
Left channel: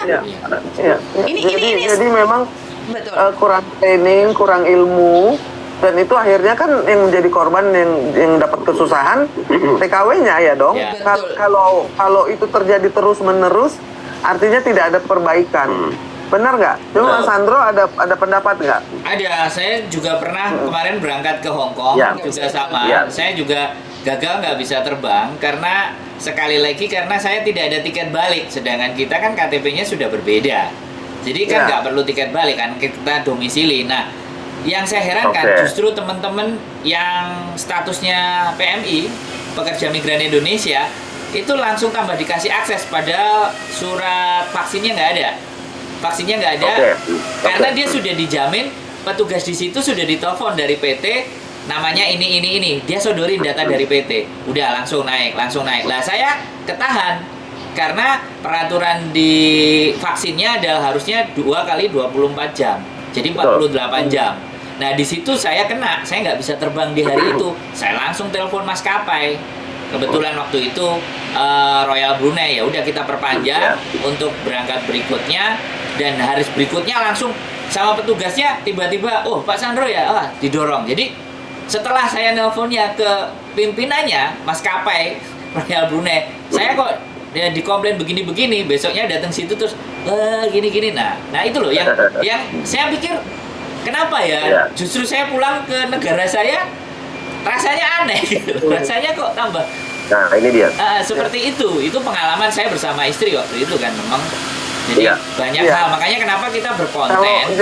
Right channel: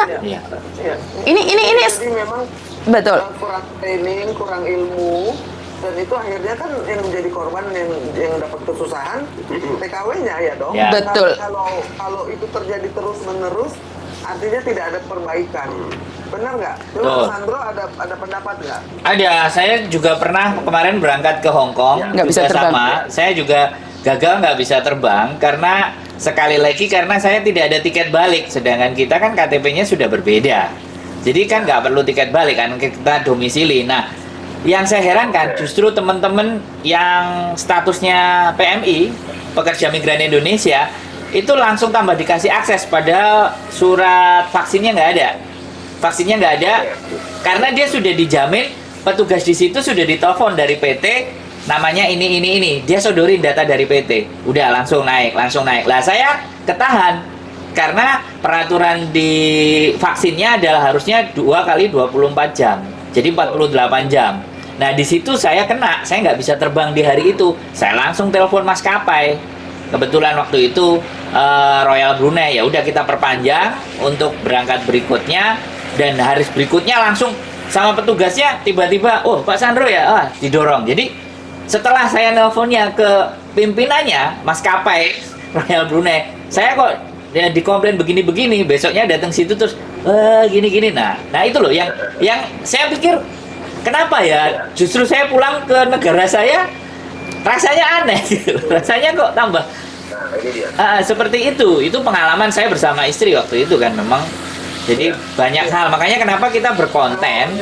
Ini jadi memang betul. Kurang training, kurang ilmu, dan itu akhirnya kan yang menjadi korban yang dapat kesusahan TKW-nya ya dong. Betul. Kalau itu terjadi terus-menerus, artinya tidak ada perbaikan. Benar nggak? Cuma Sandro ada pendapat nggak? Ada. Saya juga pernah kemarin berangkat ke Hong Kong. Nggak bisa terbang. Saya juga gagal nggak bisa terbang karena sekali lagi karena saya tidak ada tiket balik. Sedangkan kita kan KTP-nya sudah berbeda. Jadi kan nggak perlu tiket balik kan, kita domisili. Nah, yang saya herankan justru teman-teman yang statusnya PMI, pekerja migran Indonesia, itu langsung tambah dikasih akses pada surat vaksinnya nggak ada. Vaksinnya nggak ada karena dia sudah dijamin, petugas di situ sudah ditelepon dari PT, namanya ini. Dia sodorin data dari PT. Udah langsung naik. Lah saya ketahan. Karena peraturan di vaksinnya adalah harusnya 2 kali 24 jam. Jadi 48 jam. Nah, di situ saya kena. Saya nggak bisa terbang di hari itu. Saya langsung telepon maskapai. Kebetulan waktu itu Royal Brunei, ya udah kita perpanjang untuk berangkat berikutnya, dan hari berikutnya langsung sama petugasnya tiba-tiba, oh Pak Sandro ya, didorong. Jadi setelah saya nelponnya ke pimpinannya maskapai Royal Brunei, saya kok dikomplain begini-begini, besoknya datang situ terus gini-gini. Nah itu loh yang saya pikir kenapa ya justru saya pulang ke negara saya rasanya aneh gitu. Rasanya kok tambah. Nah ini dia. Seperti itu pengalaman saya bersama istri waktu itu kan, memang jadi banyak hal, makanya kenapa kita berkonten.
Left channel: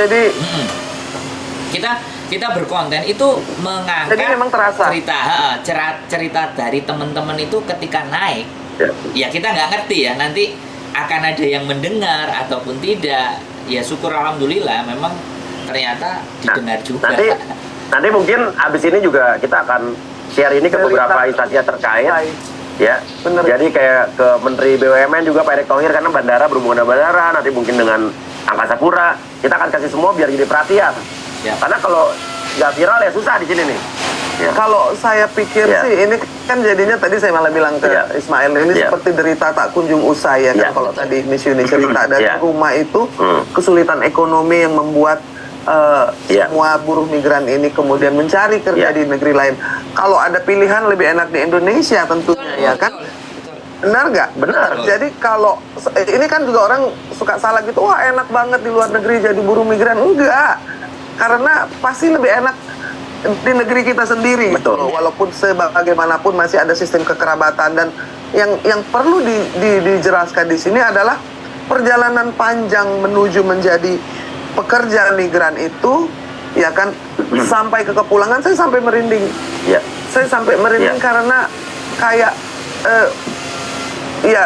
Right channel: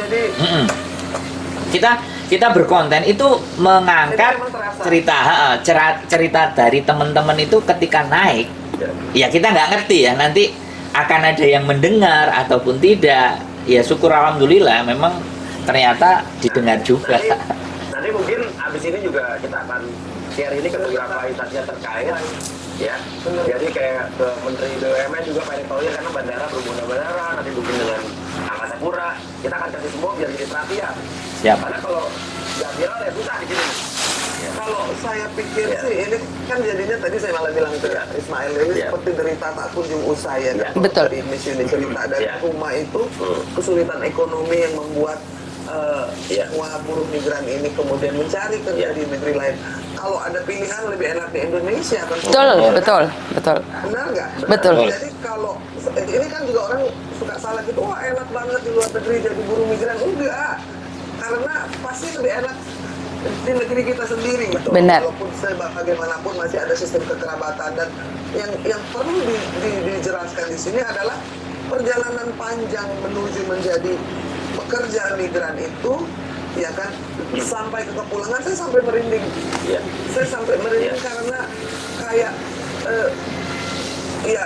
Kita berkonten itu mengangkat cerita dari teman-teman itu ketika naik. Ya kita nggak ngerti ya, nanti akan ada yang mendengar ataupun tidak. Ya syukur alhamdulillah memang ternyata didengar juga. Nanti mungkin abis ini juga kita akan share ini ke beberapa instansi yang terkait. Ya, bener. Jadi kayak ke Menteri BUMN juga Pak Erick Thohir, karena bandara berhubungan dengan bandara, nanti mungkin dengan Angkasa Pura, kita akan kasih semua biar jadi perhatian. Karena kalau nggak viral ya susah di sini nih. Ya. Kalau saya pikir Ya. sih ini kan jadinya tadi saya malah bilang ke Ya. Ismail ini Ya. seperti derita tak kunjung usai ya kan. Ya. Kalau Betul. tadi Miss Yuni cerita dari Ya. rumah itu Hmm. kesulitan ekonomi yang membuat Ya. semua buruh migran ini kemudian mencari kerja Ya. di negeri lain. Kalau ada pilihan lebih enak di Indonesia tentunya. Betul, ya kan? betul. Benar nggak? Betul. Jadi kalau ini kan juga orang suka salah gitu, wah enak banget di luar negeri jadi buruh migran. Enggak, karena pasti lebih enak di negeri kita sendiri. Betul. Benar. Walaupun sebagaimanapun masih ada sistem kekerabatan, dan yang perlu dijelaskan di sini adalah perjalanan panjang menuju menjadi pekerja migran itu, ya kan, sampai ke kepulangan saya sampai merinding. Ya. Saya sampai merinding Ya. karena kayak ya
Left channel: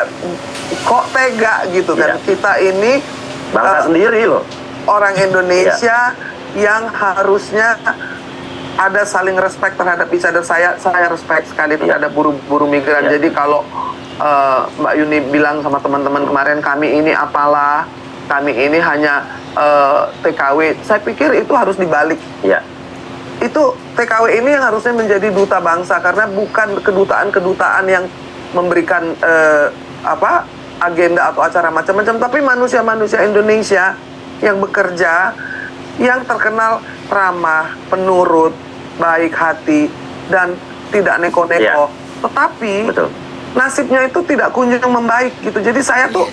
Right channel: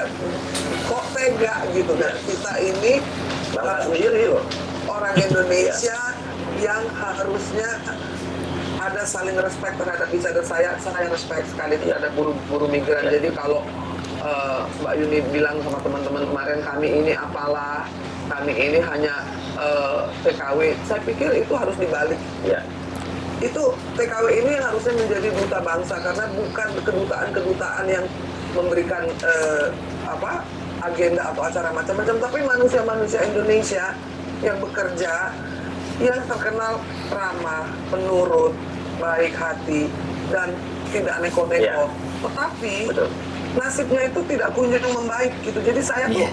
kok tega gitu kan. Ya. Kita ini Bangsa sendiri loh. orang Indonesia yang harusnya ada saling respect terhadap each other. Saya respect sekali terhadap buruh migran. Ya. Jadi kalau Mbak Yuni bilang sama teman-teman kemarin, kami ini apalah, kami ini hanya TKW, saya pikir itu harus dibalik. Ya. Itu TKW ini yang harusnya menjadi duta bangsa, karena bukan kedutaan-kedutaan yang memberikan agenda atau acara macam-macam, tapi manusia-manusia Indonesia yang bekerja, yang terkenal ramah, penurut, baik hati, dan tidak neko-neko. Ya. Tetapi Betul. nasibnya itu tidak kunjung membaik gitu. Jadi saya tuh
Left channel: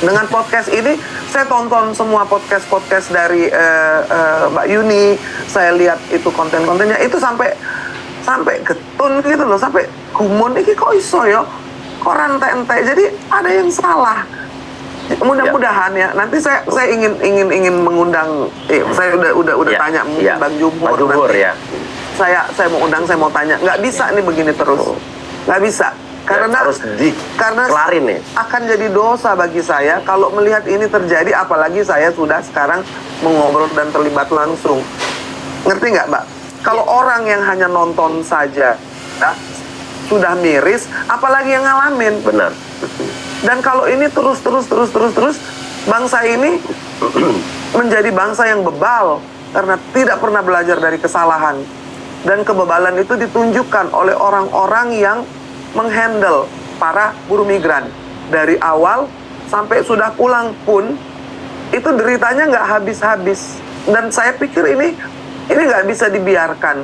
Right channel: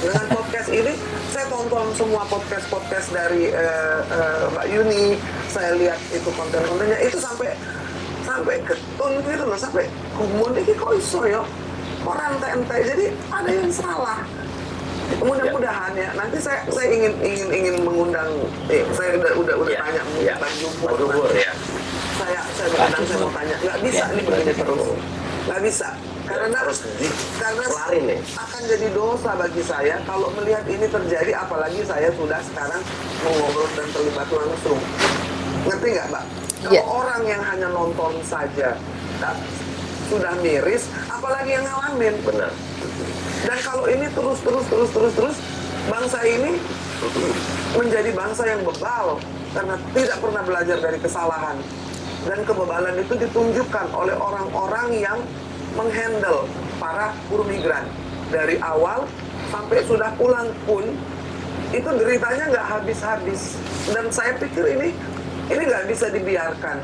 dengan podcast ini, saya tonton semua podcast dari Mbak Yuni, saya lihat itu konten-kontennya, itu sampai getun gitu loh, sampai gumun, ini kok iso ya, kok rantai-rantai, jadi ada yang salah. Mudah-mudahan ya, nanti saya ingin mengundang, saya udah Ya. tanya Ya. Bang Jumur, Bang Jumur, nanti. ya. Saya mau undang, saya mau tanya, nggak bisa nih begini terus, nggak bisa. Karena harus dikelarin nih. akan jadi dosa bagi saya kalau melihat ini terjadi, apalagi saya sudah sekarang mengobrol dan terlibat langsung. Ngerti nggak, Mbak? Kalau orang yang hanya nonton saja ya, sudah miris, apalagi yang ngalamin. Benar. Dan kalau ini terus, bangsa ini menjadi bangsa yang bebal karena tidak pernah belajar dari kesalahan. Dan kebebalan itu ditunjukkan oleh orang-orang yang menghandle para buruh migran. Dari awal sampai sudah pulang pun, itu deritanya nggak habis-habis. Dan saya pikir ini nggak bisa dibiarkan.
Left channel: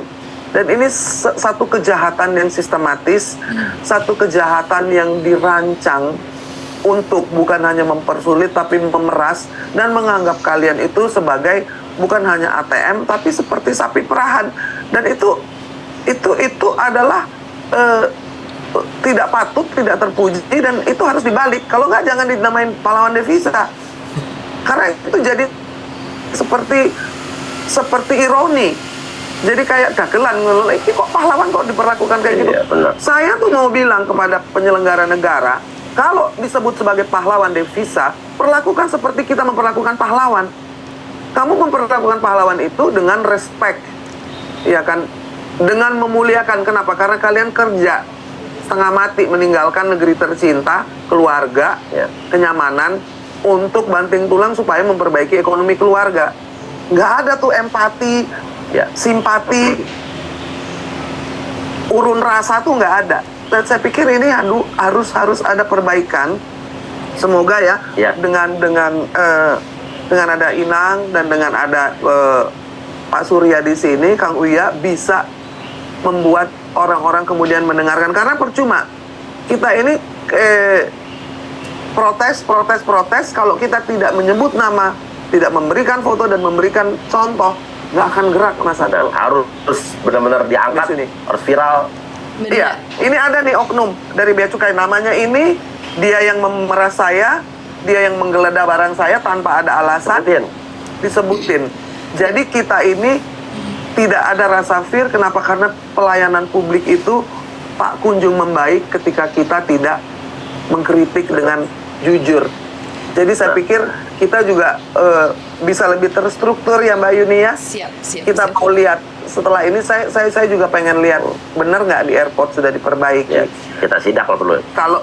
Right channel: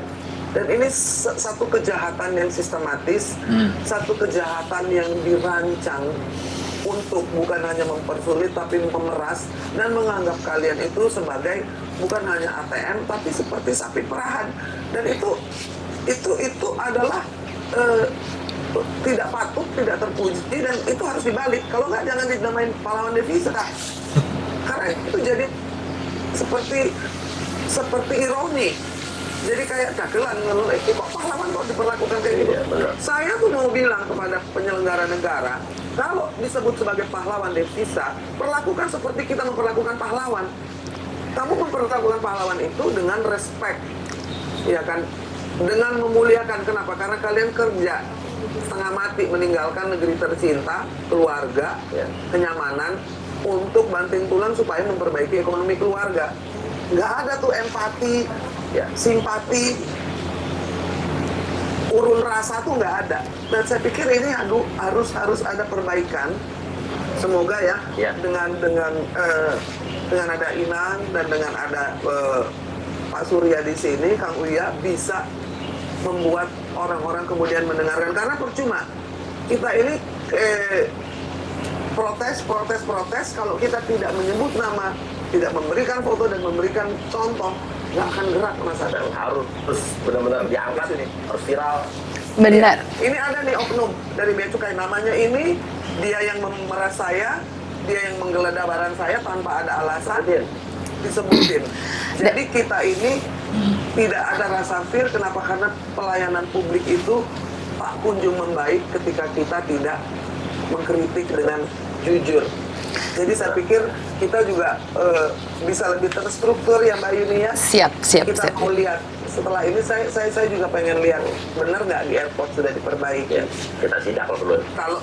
Dan ini satu kejahatan yang sistematis, satu kejahatan yang dirancang untuk bukan hanya mempersulit tapi memeras dan menganggap kalian itu sebagai bukan hanya ATM tapi seperti sapi perahan. Dan itu adalah tidak patut, tidak terpuji, dan itu harus dibalik. Kalau nggak, jangan dinamain pahlawan devisa, karena itu jadi seperti ironi. Jadi kayak dagelan, ini kok pahlawan kok diperlakukan kayak gitu. Iya, benar. Saya tuh mau bilang kepada penyelenggara negara, kalau disebut sebagai pahlawan devisa, perlakukan seperti kita memperlakukan pahlawan. Kamu memperlakukan pahlawan itu dengan respect, ya kan? Dengan memuliakan. Kenapa? Karena kalian kerja setengah mati meninggalkan negeri tercinta, keluarga, Ya. kenyamanan, untuk banting tulang supaya memperbaiki ekonomi keluarga. Nggak ada tuh empati, Ya. simpati, urun rasa tuh nggak ada. Dan saya pikir ini harus ada perbaikan. Semoga ya, Ya. dengan ada Inang dan dengan ada Pak Surya di sini, Kang Uya bisa membuat orang-orang kemudian mendengarkan. Karena percuma kita ini protes kalau kita tidak menyebut nama, tidak memberikan foto dan memberikan contoh, nggak akan gerak, Mas Dan Ado. harus benar-benar diangkat, Di sini. harus viral. Benar. Iya, ini ada nih oknum dari Bea Cukai, namanya ini, dia yang memeras saya, dia yang menggeledah barang saya tanpa ada alasan, disebutin. Jadi kita ini tidak ada rasa fair. Kenapa? Karena pelayanan publik itu tak kunjung membaik ketika kita tidak mengkritik dengan jujur. Jadi saya pikir kita juga bisa lebih terstruktur ya Mbak Yuni ya. Siap. Kita mau lihat setelah ini, saya juga pengen lihat bener nggak di airport sudah diperbaiki. Ya, kita sidak kalau perlu. Kalau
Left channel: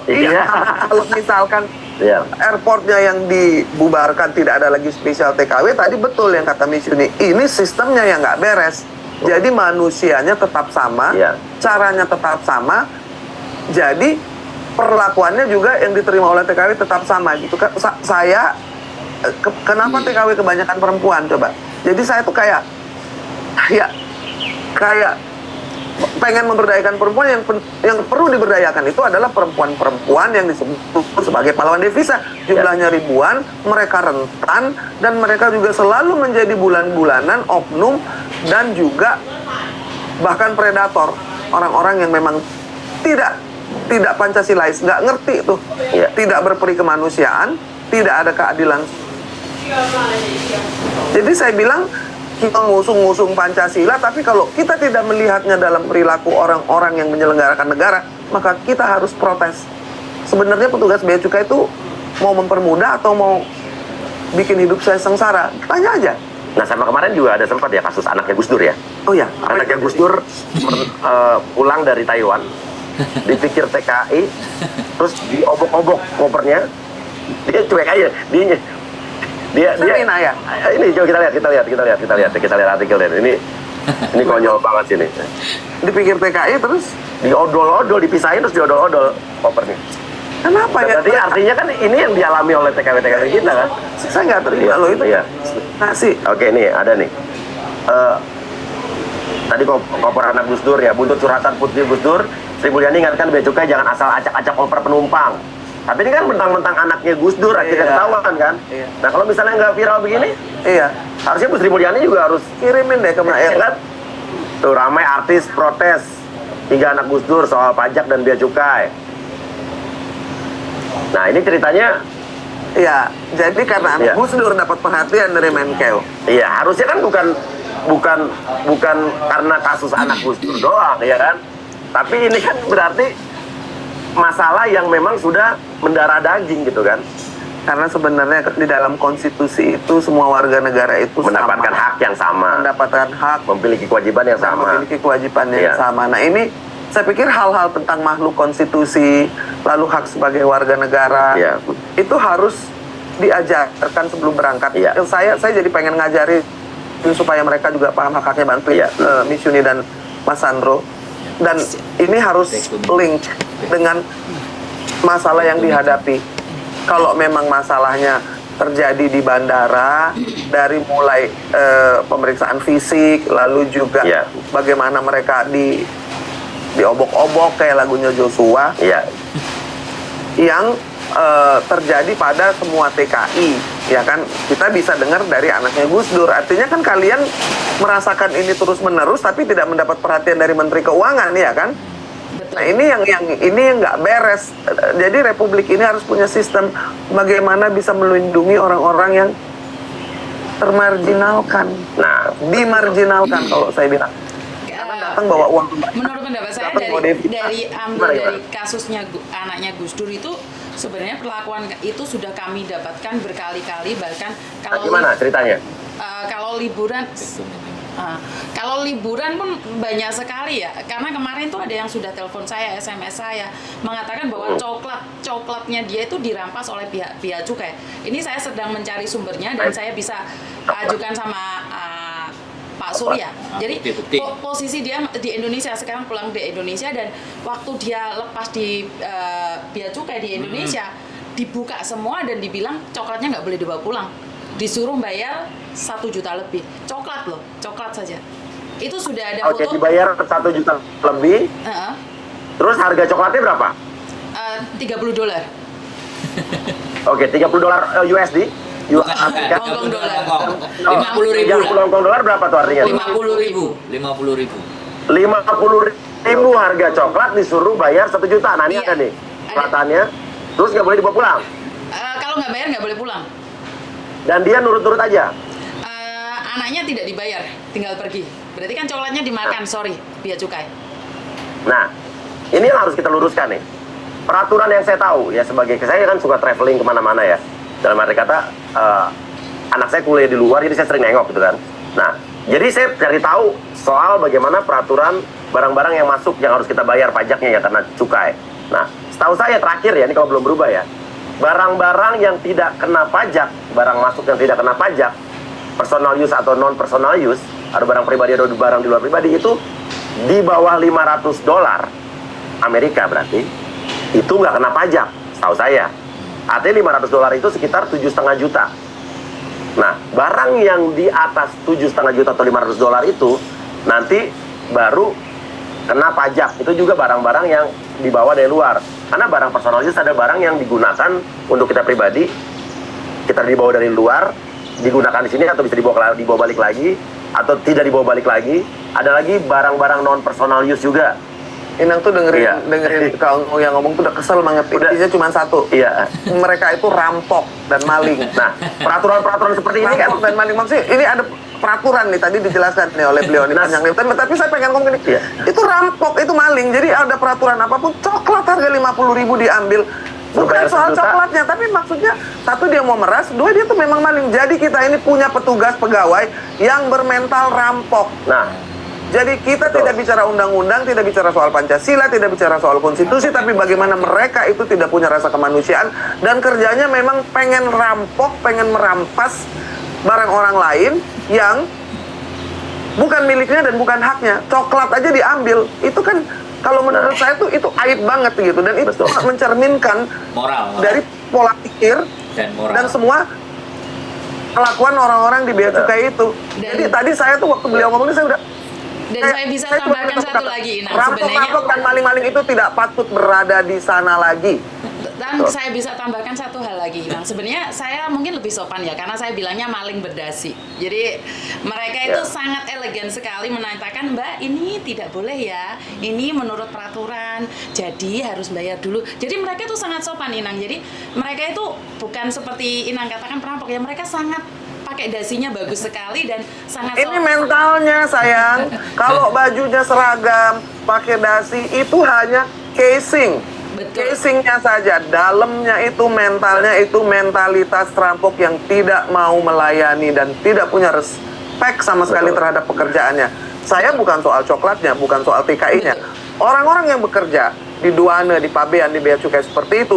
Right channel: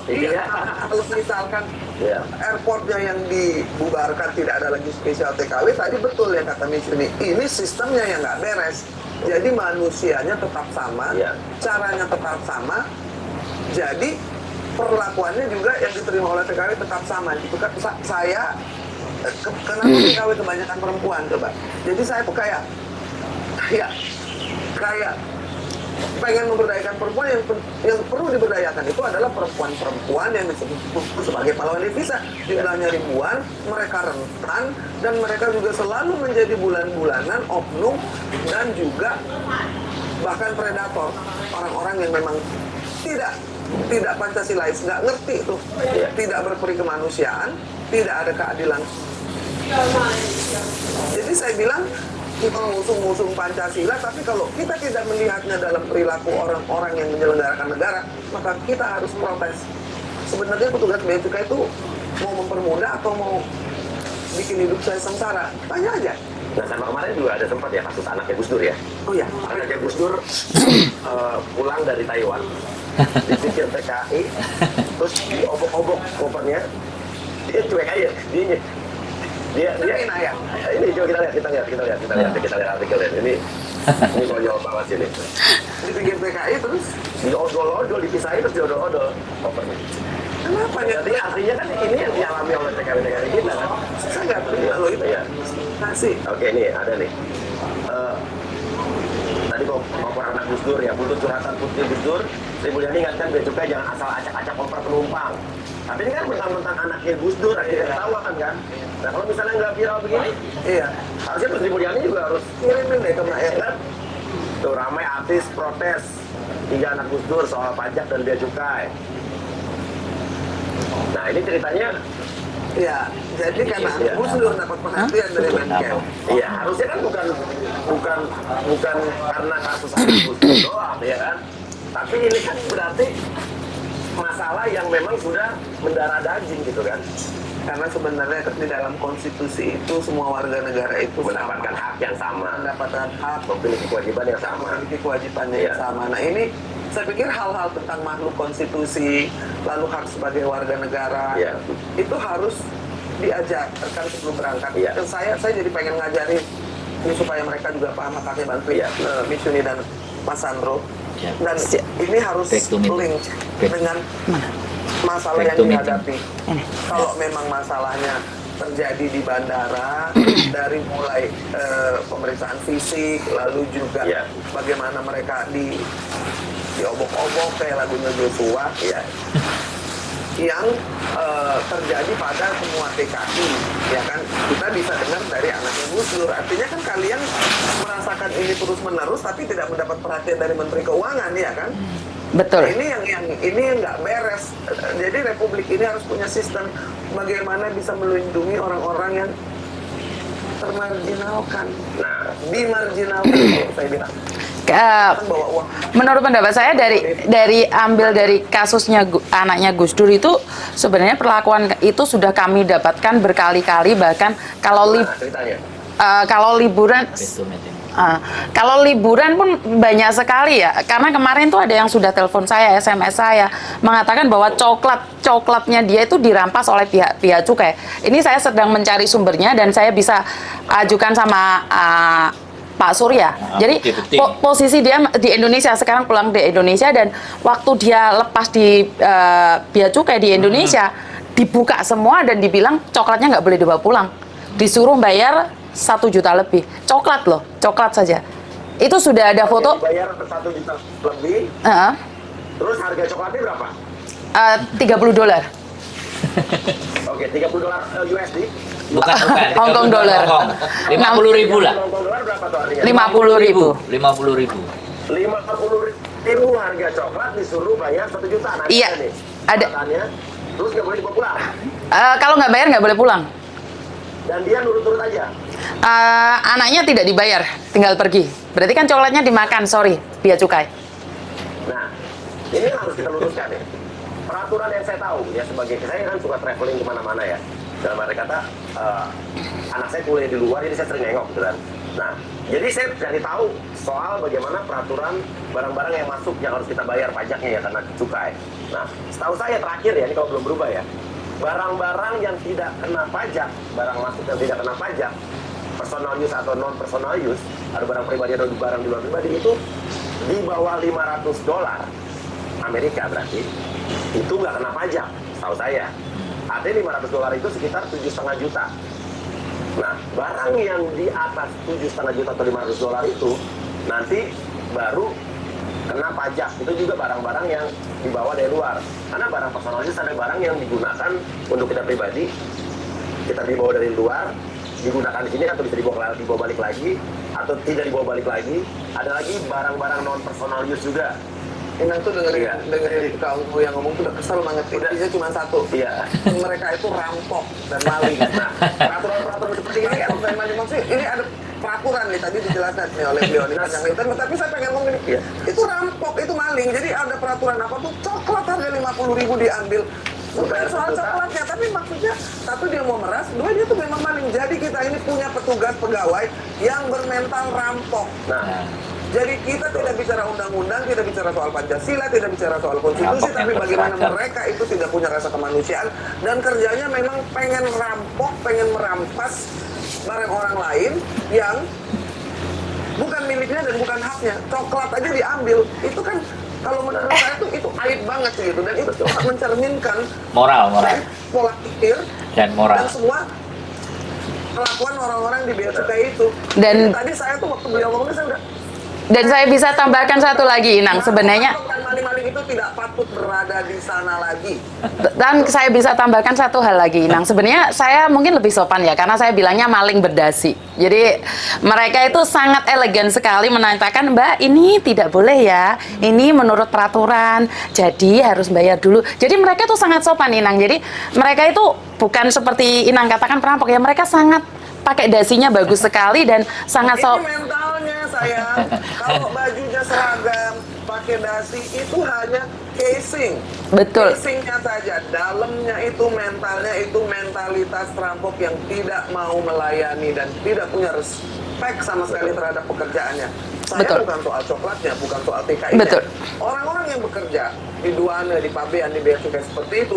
kalau misalkan Ya. airportnya yang dibubarkan, tidak ada lagi spesial TKW, tadi betul yang kata Miss Yuni, ini sistemnya yang nggak beres. Jadi manusianya tetap sama, Iya. caranya tetap sama, jadi perlakuannya juga yang diterima oleh TKW tetap sama gitu kan. Kenapa TKW kebanyakan perempuan coba? Jadi saya tuh kayak pengen memberdayakan perempuan, yang perlu diberdayakan itu adalah perempuan-perempuan yang disebut sebagai pahlawan devisa. Jumlahnya ribuan, mereka rentan, dan mereka juga selalu menjadi bulan-bulanan oknum dan juga bahkan predator. Orang-orang yang memang tidak Pancasilais, nggak ngerti tuh, tidak berperi kemanusiaan, tidak ada keadilan. Jadi saya bilang, kita ngusung Pancasila, tapi kalau kita tidak melihatnya dalam perilaku orang-orang yang menyelenggarakan negara, maka kita harus protes. Sebenarnya petugas bea cukai itu mau mempermudah atau mau bikin hidup saya sengsara? Tanya aja. Nah, sama kemarin juga ada sempat ya kasus anaknya Gus Dur ya. Oh ya, Anaknya Gus Dur pulang dari Taiwan, dipikir TKI, terus diobok-obok kopernya, dia cuek aja, dia ya. Ini coba kita lihat artikelnya. Ini konyol banget sih ini. Dipikir TKI terus Diodol-odol, dipisahin terus diodol-odol kopernya. kenapa ya? Berarti artinya kan ini yang dialami oleh TKW kita kan. Saya nggak terima loh itu. Iya. Nasi. Oke, nih ada nih. Tadi koper anak Gus Dur ya, buntut curhatan putri Gus Dur, Sri Mulyani ingatkan bea cukai jangan asal acak-acak koper penumpang. Tapi ini kan mentang-mentang anaknya Gus Dur, akhirnya ketahuan kan. Iya. Nah, kalau misalnya nggak viral begini, Iya. harusnya Bu Sri Mulyani juga harus Kirimin deh ke Maer. kan. Tuh ramai artis protes 3 anak Gus Dur soal pajak dan bea cukai. Nah, ini ceritanya. Iya. Jadi karena Iya. Gus Dur dapat perhatian dari Menkeu. Iya, harusnya kan bukan karena kasus anak Gus Dur doang, ya kan? Tapi ini kan berarti masalah yang memang sudah mendarah daging gitu kan? Karena sebenarnya di dalam konstitusi itu semua warga negara itu Mendapatkan sama. hak yang sama, Mendapatkan hak, memiliki kewajiban yang sama. memiliki kewajibannya yang Iya. sama. Nah ini saya pikir hal-hal tentang makhluk konstitusi, lalu hak sebagai warga negara, Iya. itu harus diajarkan sebelum berangkat. Iya. Yang saya jadi pengen ngajarin supaya mereka juga paham hak-haknya, bantuin Iya. Miss Yuni dan Mas Sandro. Dan ini harus link dengan masalah yang dihadapi. Kalau memang masalahnya terjadi di bandara, dari mulai pemeriksaan fisik, lalu juga Iya. bagaimana mereka diobok-obok kayak lagunya Joshua, Iya. yang terjadi pada semua TKI, ya kan? Kita bisa dengar dari anaknya Gus Dur. Artinya kan kalian merasakan ini terus-menerus, tapi tidak mendapat perhatian dari Menteri Keuangan, ya kan? Betul. Nah, ini yang nggak beres. Jadi Republik ini harus punya sistem bagaimana bisa melindungi orang-orang yang termarginalkan, dimarginalkan kalau saya bilang. Datang bawa uang. Menurut pendapat saya Datang dari bawa dari kasusnya anaknya Gus Dur itu sebenarnya perlakuan itu sudah kami dapatkan berkali-kali, bahkan kalau Gimana ceritanya? kalau liburan kalau liburan pun banyak sekali ya, karena kemarin tuh ada yang sudah telepon saya, SMS saya, mengatakan bahwa coklatnya dia itu dirampas oleh pihak cukai. Ini saya sedang mencari sumbernya dan saya bisa ajukan sama Pak Surya. Jadi posisi dia di Indonesia, sekarang pulang di Indonesia, dan waktu dia lepas di bea cukai di Indonesia, dibuka semua dan dibilang coklatnya nggak boleh dibawa pulang. Disuruh bayar 1 juta lebih. Coklat loh, coklat saja. Itu sudah ada foto. Dibayar 1 juta lebih. Terus harga coklatnya berapa? $30. Oke, $30 USD. Bukan Hong Kong dollar. 50.000 lah. Hong Kong dolar berapa tuh artinya? 50.000. 50.000. 50.000 harga coklat disuruh bayar 1 juta. Nah, ini Iya. tadi. Ada. Catatannya, terus nggak boleh dibawa pulang. Kalau nggak bayar nggak boleh pulang. Dan dia nurut-nurut aja. Anaknya tidak dibayar, tinggal pergi. Berarti kan coklatnya dimakan, sorry, bea cukai. Nah, ini yang harus kita luruskan nih. Peraturan yang saya tahu, ya sebagai saya kan suka traveling kemana-mana ya. Dalam arti kata, anak saya kuliah di luar, jadi saya sering nengok gitu kan. Nah, jadi saya cari tahu soal bagaimana peraturan barang-barang yang masuk yang harus kita bayar pajaknya ya karena cukai. Nah, setahu saya terakhir ya, ini kalau belum berubah ya, barang-barang yang tidak kena pajak, barang masuk yang tidak kena pajak, personal use atau non personal use, ada barang pribadi, ada barang di luar pribadi, itu di bawah $500 Amerika berarti itu nggak kena pajak, setahu saya. Artinya $500 itu sekitar 7,5 juta. Nah, barang yang di atas 7,5 juta atau $500 itu nanti baru kena pajak. Itu juga barang-barang yang dibawa dari luar. Karena barang personal use ada barang yang digunakan untuk kita pribadi, kita dibawa dari luar, digunakan di sini atau bisa dibawa balik lagi, atau tidak dibawa balik lagi. Ada lagi barang-barang non personal use juga. Inang tuh dengerin kalau yang ngomong tuh udah kesel banget. Intinya cuma satu. Iya. Mereka itu rampok dan maling. Nah, peraturan-peraturan seperti ini kan, Rampok dan maling, maksudnya ini ada peraturan nih, tadi dijelaskan nih oleh beliau nih, panjang nih. Tapi saya pengen ngomong gini, Iya. itu rampok, itu maling. Jadi ada peraturan apapun, coklat harga 50.000 diambil. Bukan Bayar soal 1 juta. coklatnya, tapi maksudnya satu dia mau meras, dua dia tuh memang maling. Jadi kita ini punya petugas pegawai yang bermental rampok. nah, Jadi kita Betul. tidak bicara undang-undang, tidak bicara soal Pancasila, tidak bicara soal konstitusi, Rampok tapi yang bagaimana berseragam. mereka itu tidak punya rasa kemanusiaan dan kerjanya memang pengen rampok, pengen merampas barang orang lain yang bukan miliknya dan bukan haknya. Coklat aja diambil, itu kan kalau menurut saya tuh itu aib banget gitu, dan itu Betul. mencerminkan Moral dari pola pikir dan moral. dan semua kelakuan orang-orang di bea cukai itu. Dan- Jadi tadi saya tuh waktu beliau ngomong ini saya udah. Dan saya bisa tambahkan satu lagi, Inang. Sebenarnya Rampok dan maling-maling itu tidak patut berada di sana lagi. Dan saya bisa tambahkan satu hal lagi, Inang. Sebenarnya saya mungkin lebih sopan ya, karena saya bilangnya maling berdasi. Jadi mereka itu sangat elegan sekali menanyakan, Mbak, ini tidak boleh ya, ini menurut peraturan, jadi harus bayar dulu. Jadi mereka itu sangat sopan, Inang. Jadi mereka itu bukan seperti Inang katakan perampok ya, mereka sangat pakai dasinya bagus sekali dan sangat Ini mentalnya sayang. Kalau bajunya seragam, pakai dasi itu hanya casing. Betul. Casingnya saja, dalamnya itu mentalnya itu mentalitas perampok yang tidak mau melayani dan tidak punya respect sama sekali Betul. terhadap pekerjaannya. Saya Betul. bukan soal coklatnya, bukan soal TKI-nya. Betul. Orang-orang yang bekerja di Duana, di Pabean, di bea cukai seperti itu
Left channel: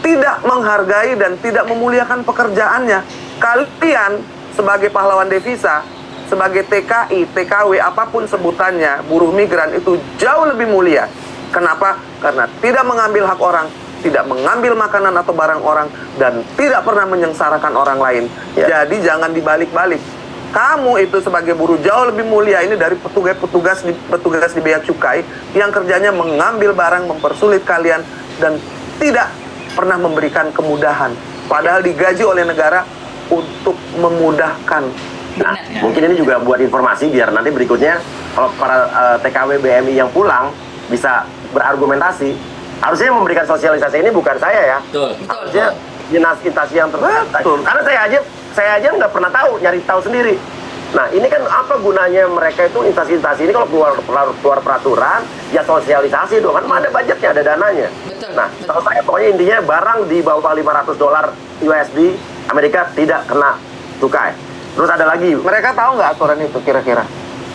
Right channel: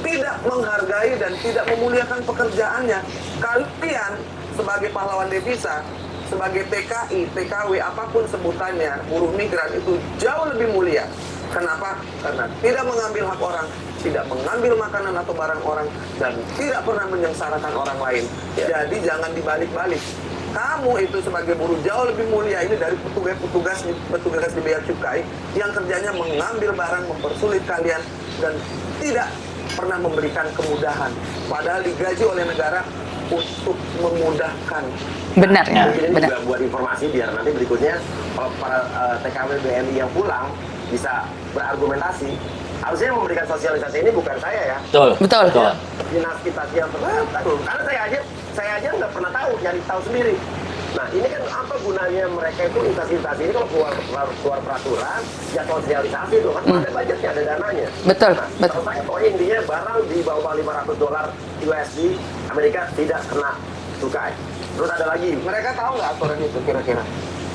tidak menghargai dan tidak memuliakan pekerjaannya. Kalian sebagai pahlawan devisa, sebagai TKI, TKW, apapun sebutannya, buruh migran itu jauh lebih mulia. Kenapa? Karena tidak mengambil hak orang, tidak mengambil makanan atau barang orang, dan tidak pernah menyengsarakan orang lain. Ya. Jadi jangan dibalik-balik. Kamu itu sebagai buruh jauh lebih mulia ini dari petugas di bea cukai yang kerjanya mengambil barang, mempersulit kalian, dan tidak pernah memberikan kemudahan. Padahal digaji oleh negara untuk memudahkan. benar. Ya, mungkin ini juga buat informasi biar nanti berikutnya kalau para TKW BMI yang pulang bisa berargumentasi. Harusnya yang memberikan sosialisasi ini bukan saya ya. Betul. Betul. Ya, dinas instansi yang terkait. Betul. Karena saya aja nggak pernah tahu, nyari tahu sendiri. Nah, ini kan apa gunanya mereka itu instansi-instansi ini kalau keluar peraturan, ya sosialisasi dong, kan ada budgetnya, ada dananya. Betul, Nah, betul. kalau saya pokoknya intinya barang di bawah $500 USD Amerika tidak kena cukai. Terus ada lagi, Mereka tahu nggak aturan itu kira-kira?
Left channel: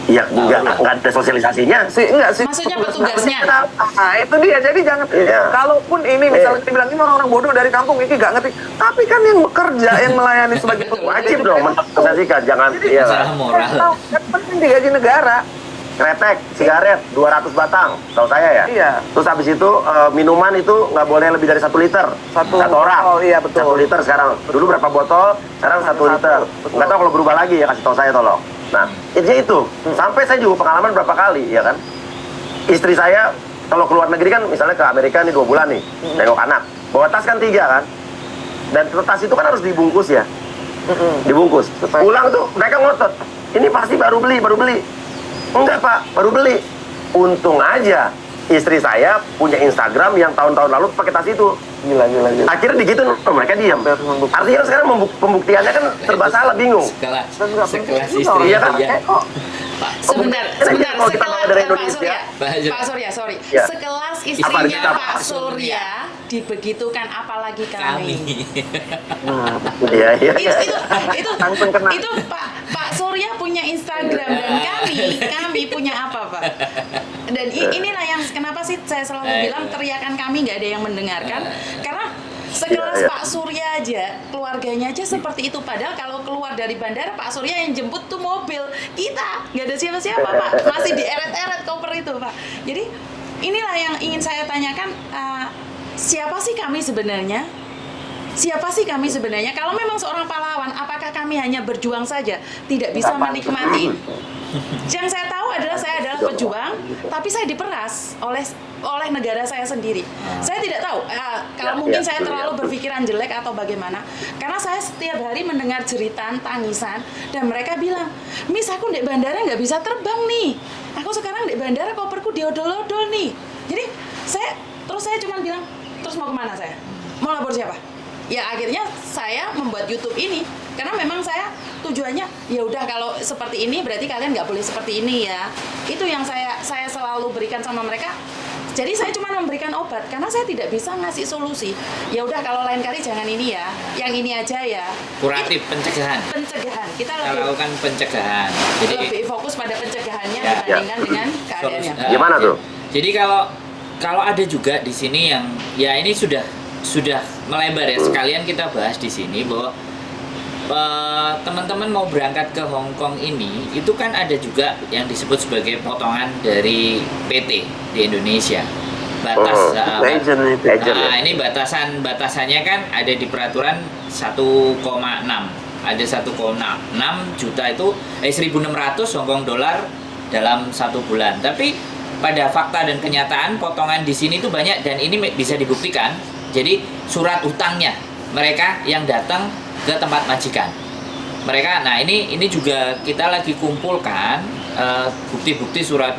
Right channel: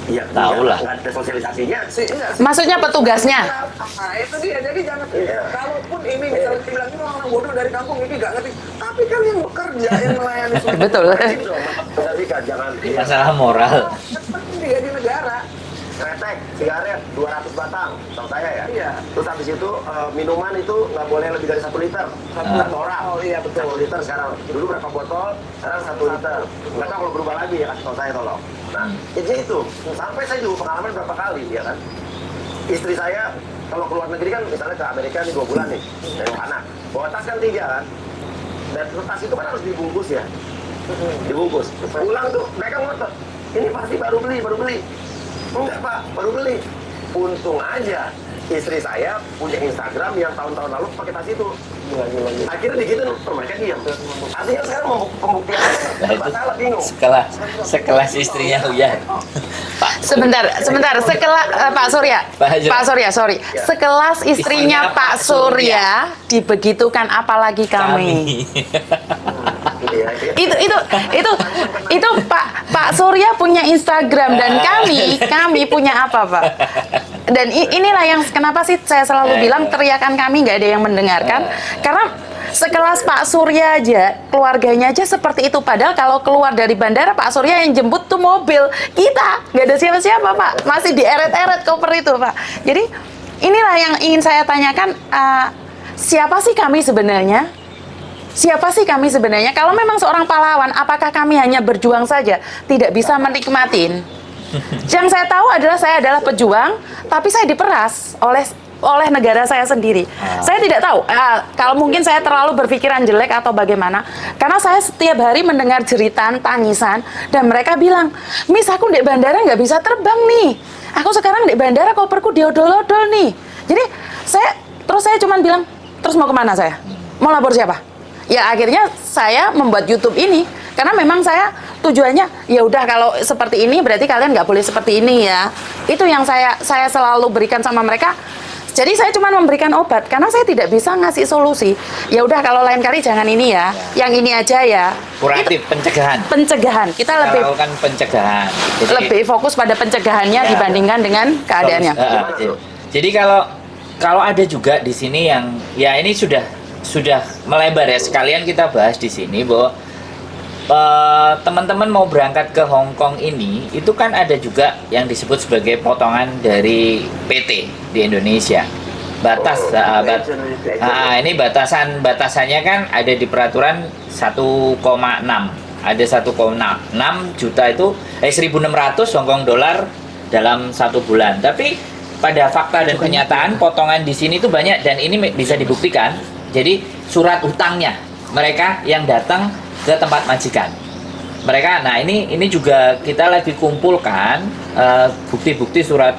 ya Tahu lah. nggak ada sosialisasinya. Enggak sih. Maksudnya petugasnya? Nah, itu dia. Jadi jangan. Iya. Kalaupun ini misalnya dibilang ini orang bodoh dari kampung ini nggak ngerti. Tapi kan yang bekerja, yang melayani sebagai Betul. petugas. Wajib dong mensosialisasikan, jangan iya. Masalah moral. Yang penting digaji negara. Kretek, sigaret, 200 batang, tahu saya ya. Iya. Terus habis itu minuman itu nggak boleh lebih dari 1 liter. Satu orang. botol, iya, betul. 1 liter sekarang. Dulu berapa botol? Sekarang 1 liter. betul. Nggak tahu kalau berubah lagi ya, kasih tahu saya tolong. Nah, intinya itu. Sampai saya juga pengalaman berapa kali, ya kan. Istri saya kalau keluar negeri kan, misalnya ke Amerika nih 2 bulan nih, nengok anak. Bawa tas kan 3 kan. Dan tas itu kan harus dibungkus ya. Dibungkus. Pulang tuh mereka ngotot. Ini pasti baru beli. Enggak Pak, baru beli. Untung aja istri saya punya Instagram yang tahun-tahun lalu pakai tas itu. Gila. Akhirnya digituin, mereka diam. Artinya sekarang pembuktiannya kan serba salah, bingung. Sekelas istrinya ya. Sebentar, sekelas Pak Surya, Pak Surya, sorry. Ya. Sekelas istrinya Istrinya Pak Pak Surya. Surya dibegitukan apalagi kami. Iya. Itu Pak Surya punya Instagram dan kami punya apa, Pak? Dan inilah yang kenapa sih saya selalu bilang teriakan kami nggak ada yang mendengarkan, karena Sekelas Pak Surya aja, keluarganya aja seperti itu. Padahal kalau keluar dari bandara, Pak Surya yang jemput tuh mobil. Kita nggak ada siapa-siapa, Pak. Masih dieret-eret koper itu, Pak. Jadi inilah yang ingin saya tanyakan. Siapa sih kami sebenarnya? Siapa sih kami sebenarnya? Kalau memang seorang pahlawan, apakah kami hanya berjuang saja, tidak bisa menikmatin? Yang saya tahu adalah saya adalah pejuang, tapi saya diperas oleh negara saya sendiri. Saya tidak tahu. Kalau mungkin saya terlalu berpikiran jelek atau bagaimana, karena saya setiap hari mendengar jeritan, tangisan, dan mereka bilang, Miss, aku di bandara nggak bisa terbang nih. Aku sekarang di bandara koperku diodol-odol nih. Jadi saya cuma bilang, terus mau kemana saya? Mau lapor siapa? Ya akhirnya saya membuat YouTube ini karena memang saya tujuannya ya udah kalau seperti ini berarti kalian nggak boleh seperti ini ya. Itu yang saya selalu berikan sama mereka. Jadi saya cuma memberikan obat karena saya tidak bisa ngasih solusi. Ya udah kalau lain kali jangan ini ya, yang ini aja ya. Kuratif, pencegahan. Pencegahan. Kita lebih Melakukan pencegahan. Jadi, lebih fokus pada pencegahannya dibandingkan dengan keadaannya. Gimana tuh? Jadi kalau ada juga di sini yang ya ini sudah melebar ya, sekalian kita bahas di sini bahwa teman-teman mau berangkat ke Hong Kong ini itu kan ada juga yang disebut sebagai potongan dari PT di Indonesia. Batas ini batasannya kan ada di peraturan 1,6. Ada 1,6 juta itu 1.600 Hong Kong dolar dalam 1 bulan. Tapi pada fakta dan kenyataan potongan di sini tuh banyak dan ini bisa dibuktikan. Jadi surat utangnya mereka yang datang ke tempat majikan. Mereka, nah ini juga kita lagi kumpulkan bukti-bukti surat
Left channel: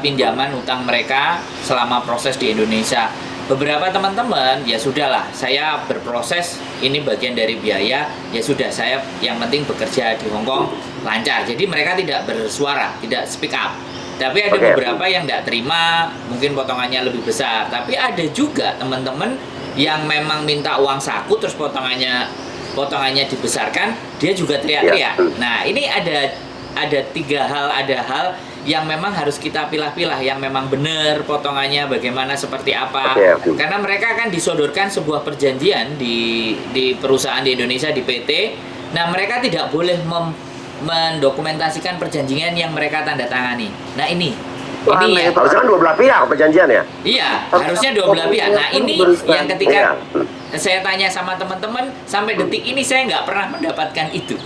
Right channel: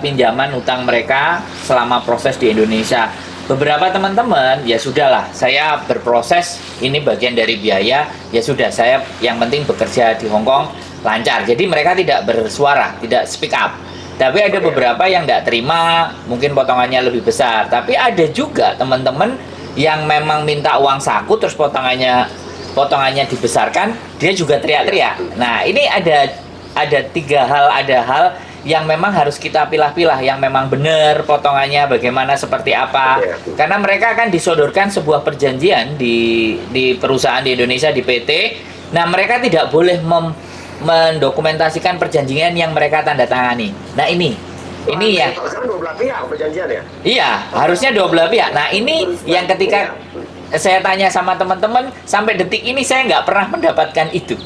pinjaman utang mereka selama proses di Indonesia. Beberapa teman-teman ya sudahlah, saya berproses, ini bagian dari biaya, ya sudah saya yang penting bekerja di Hong Kong lancar. Jadi mereka tidak bersuara, tidak speak up. Tapi ada beberapa yang tidak terima, mungkin potongannya lebih besar. Tapi ada juga teman-teman yang memang minta uang saku, terus potongannya dibesarkan, dia juga teriak-teriak. Nah ini ada 3 hal, ada hal yang memang harus kita pilah-pilah, yang memang benar potongannya bagaimana, seperti apa. Karena mereka akan disodorkan sebuah perjanjian di perusahaan di Indonesia, di PT. Nah mereka tidak boleh mendokumentasikan perjanjian yang mereka tanda tangani. Nah ini ya harusnya kan 2 belah pihak perjanjian ya? Iya, harusnya 2 belah pihak. Nah ini yang ketika saya tanya sama teman-teman, sampai detik ini saya nggak pernah mendapatkan itu.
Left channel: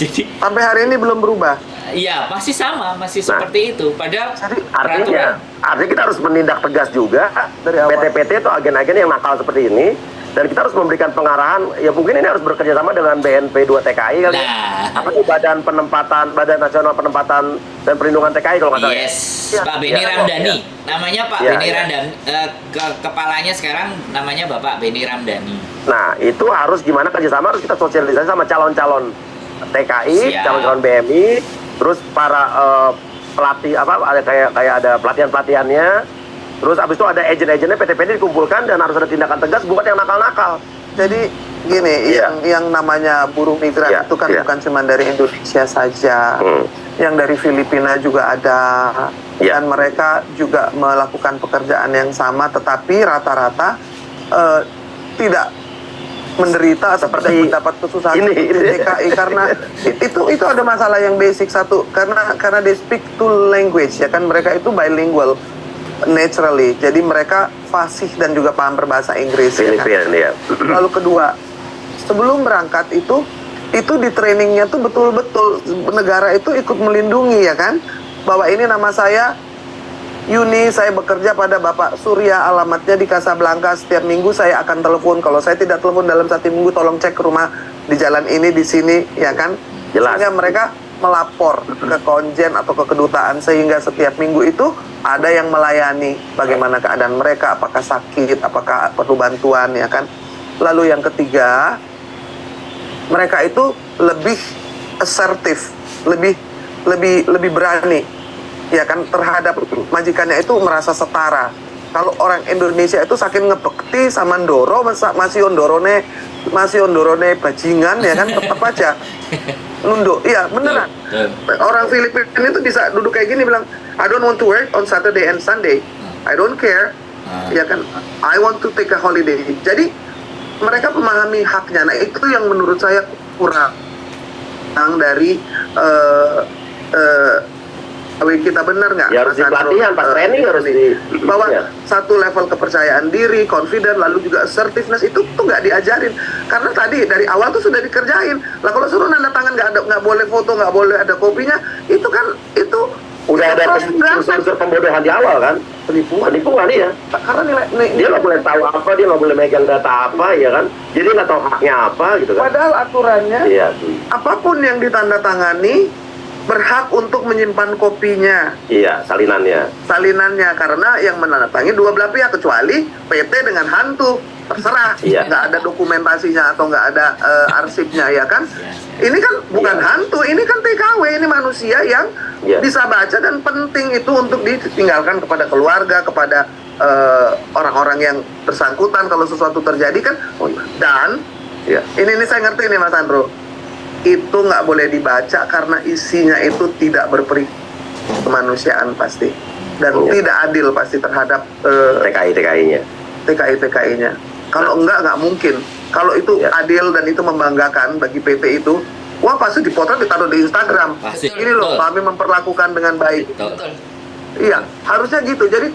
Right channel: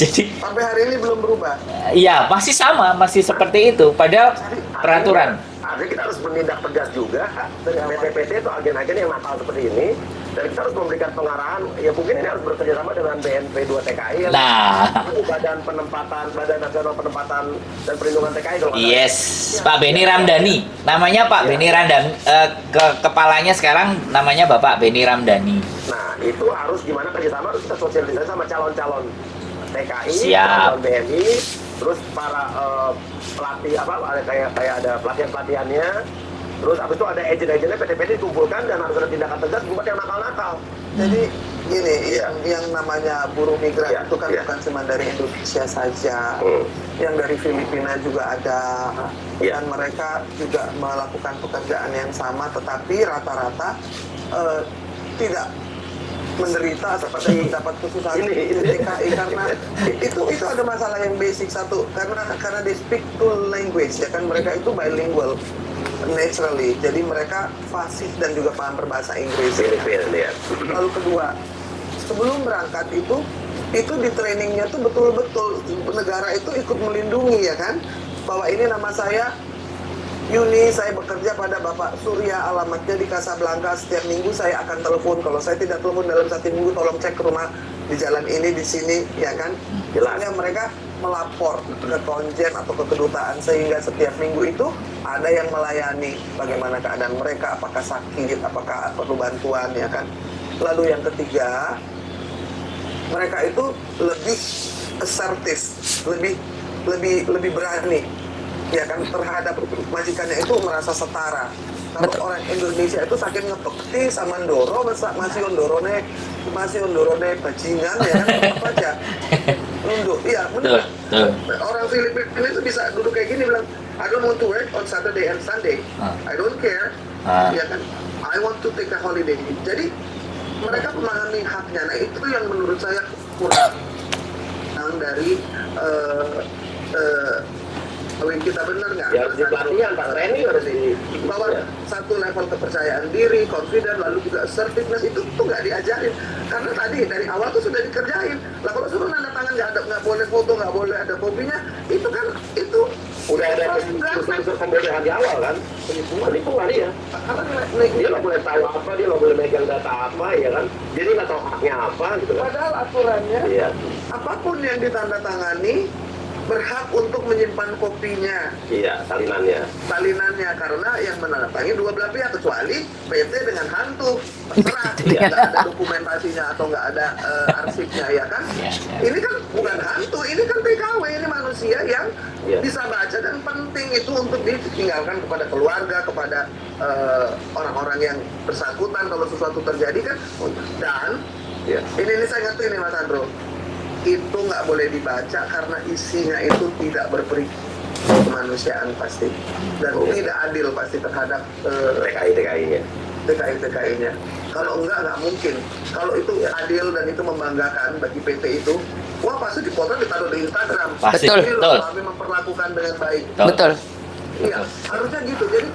Jadi sampai hari ini belum berubah. Iya, masih sama, masih seperti itu. Padahal peraturan. Artinya kita harus menindak tegas juga dari PT-PT atau agen-agen yang nakal seperti ini. Dan kita harus memberikan pengarahan, ya mungkin ini harus bekerja sama dengan BNP 2 TKI kali. Badan Nasional Penempatan dan Perlindungan TKI kalau nggak salah. Yes, Pak Beni Ramdhani. Namanya Pak Beni Ramdhani. Kepalanya sekarang namanya Bapak Beni Ramdhani. Nah, itu harus gimana kerjasama, harus kita sosialisasi sama calon-calon TKI, calon-calon BMI, terus para pelatih ada kayak ada pelatihan-pelatihannya. Terus abis itu ada agent-agentnya PT-PT dikumpulkan dan harus ada tindakan tegas buat yang nakal-nakal. Jadi gini, yang namanya buruh migran itu kan bukan cuma dari Indonesia saja, yang dari Filipina juga ada, dan mereka juga melakukan pekerjaan yang sama, tetapi rata-rata tidak menderita seperti mendapat kesusahan di DKI karena itu ada masalah yang basic satu, karena they speak two language ya kan, mereka itu bilingual naturally, jadi mereka fasih dan juga paham berbahasa Inggris. Ya kan? Lalu kedua, sebelum berangkat itu di trainingnya tuh betul-betul negara itu ikut melindungi ya kan, bahwa ini nama saya Yuni, saya bekerja pada Bapak Surya, alamatnya di Casablanca, setiap minggu saya akan telepon, kalau saya tidak telepon dalam 1 minggu tolong cek ke rumah di jalan ini, di sini ya kan. Sehingga mereka melapor ke konjen atau ke kedutaan, sehingga setiap minggu itu ada yang melayani bagaimana keadaan mereka, apakah sakit, apakah perlu bantuan ya kan. Lalu yang ketiga, mereka itu lebih asertif, lebih berani ya kan terhadap majikannya, itu merasa setara. Kalau orang Indonesia itu saking ngepekti sama ndoro, masih ondorone bajingan ya kan, tetap aja nunduk. Iya beneran. Orang Filipina itu bisa duduk kayak gini bilang, I don't want to work on Saturday and Sunday. I don't care. ya kan, I want to take a holiday. Jadi mereka memahami haknya. Nah itu yang menurut saya kurang dari kalau kita benar nggak? Ya harus dipelatihan, pas training harus di bahwa ya. satu level kepercayaan diri, confident, lalu juga assertiveness itu tuh nggak diajarin. Karena tadi dari awal tuh sudah dikerjain. Lah kalau suruh nanda tangan nggak boleh foto, nggak boleh ada kopinya, itu kan itu Udah ada unsur pembodohan di awal kan, penipuan dia. Karena dia nggak boleh tahu apa, dia nggak boleh megang data apa, ya kan. Jadi nggak tahu haknya apa gitu kan. Padahal aturannya, Iya. apapun yang ditandatangani berhak untuk menyimpan kopinya, Iya, salinannya. karena yang menandatangani dua belah pihak, kecuali PT dengan hantu, terserah, Iya. nggak ada dokumentasinya atau nggak ada arsipnya, ya kan? Ini kan bukan hantu, ini kan TKW, ini manusia yang bisa baca, dan penting itu untuk ditinggalkan kepada keluarga, kepada orang-orang yang bersangkutan kalau sesuatu terjadi kan. Dan ini saya ngerti nih Mas Andro, itu nggak boleh dibaca karena isinya itu tidak berperi kemanusiaan pasti, dan tidak adil pasti terhadap TKI-TKI-nya. TKI-TKI-nya. Kalau nggak mungkin. Kalau itu adil dan itu membanggakan bagi PT itu, wah pasti dipotret ditaruh di Instagram. Pasti. Ini loh, Betul. kami memperlakukan dengan baik. Betul. Iya, harusnya gitu. Jadi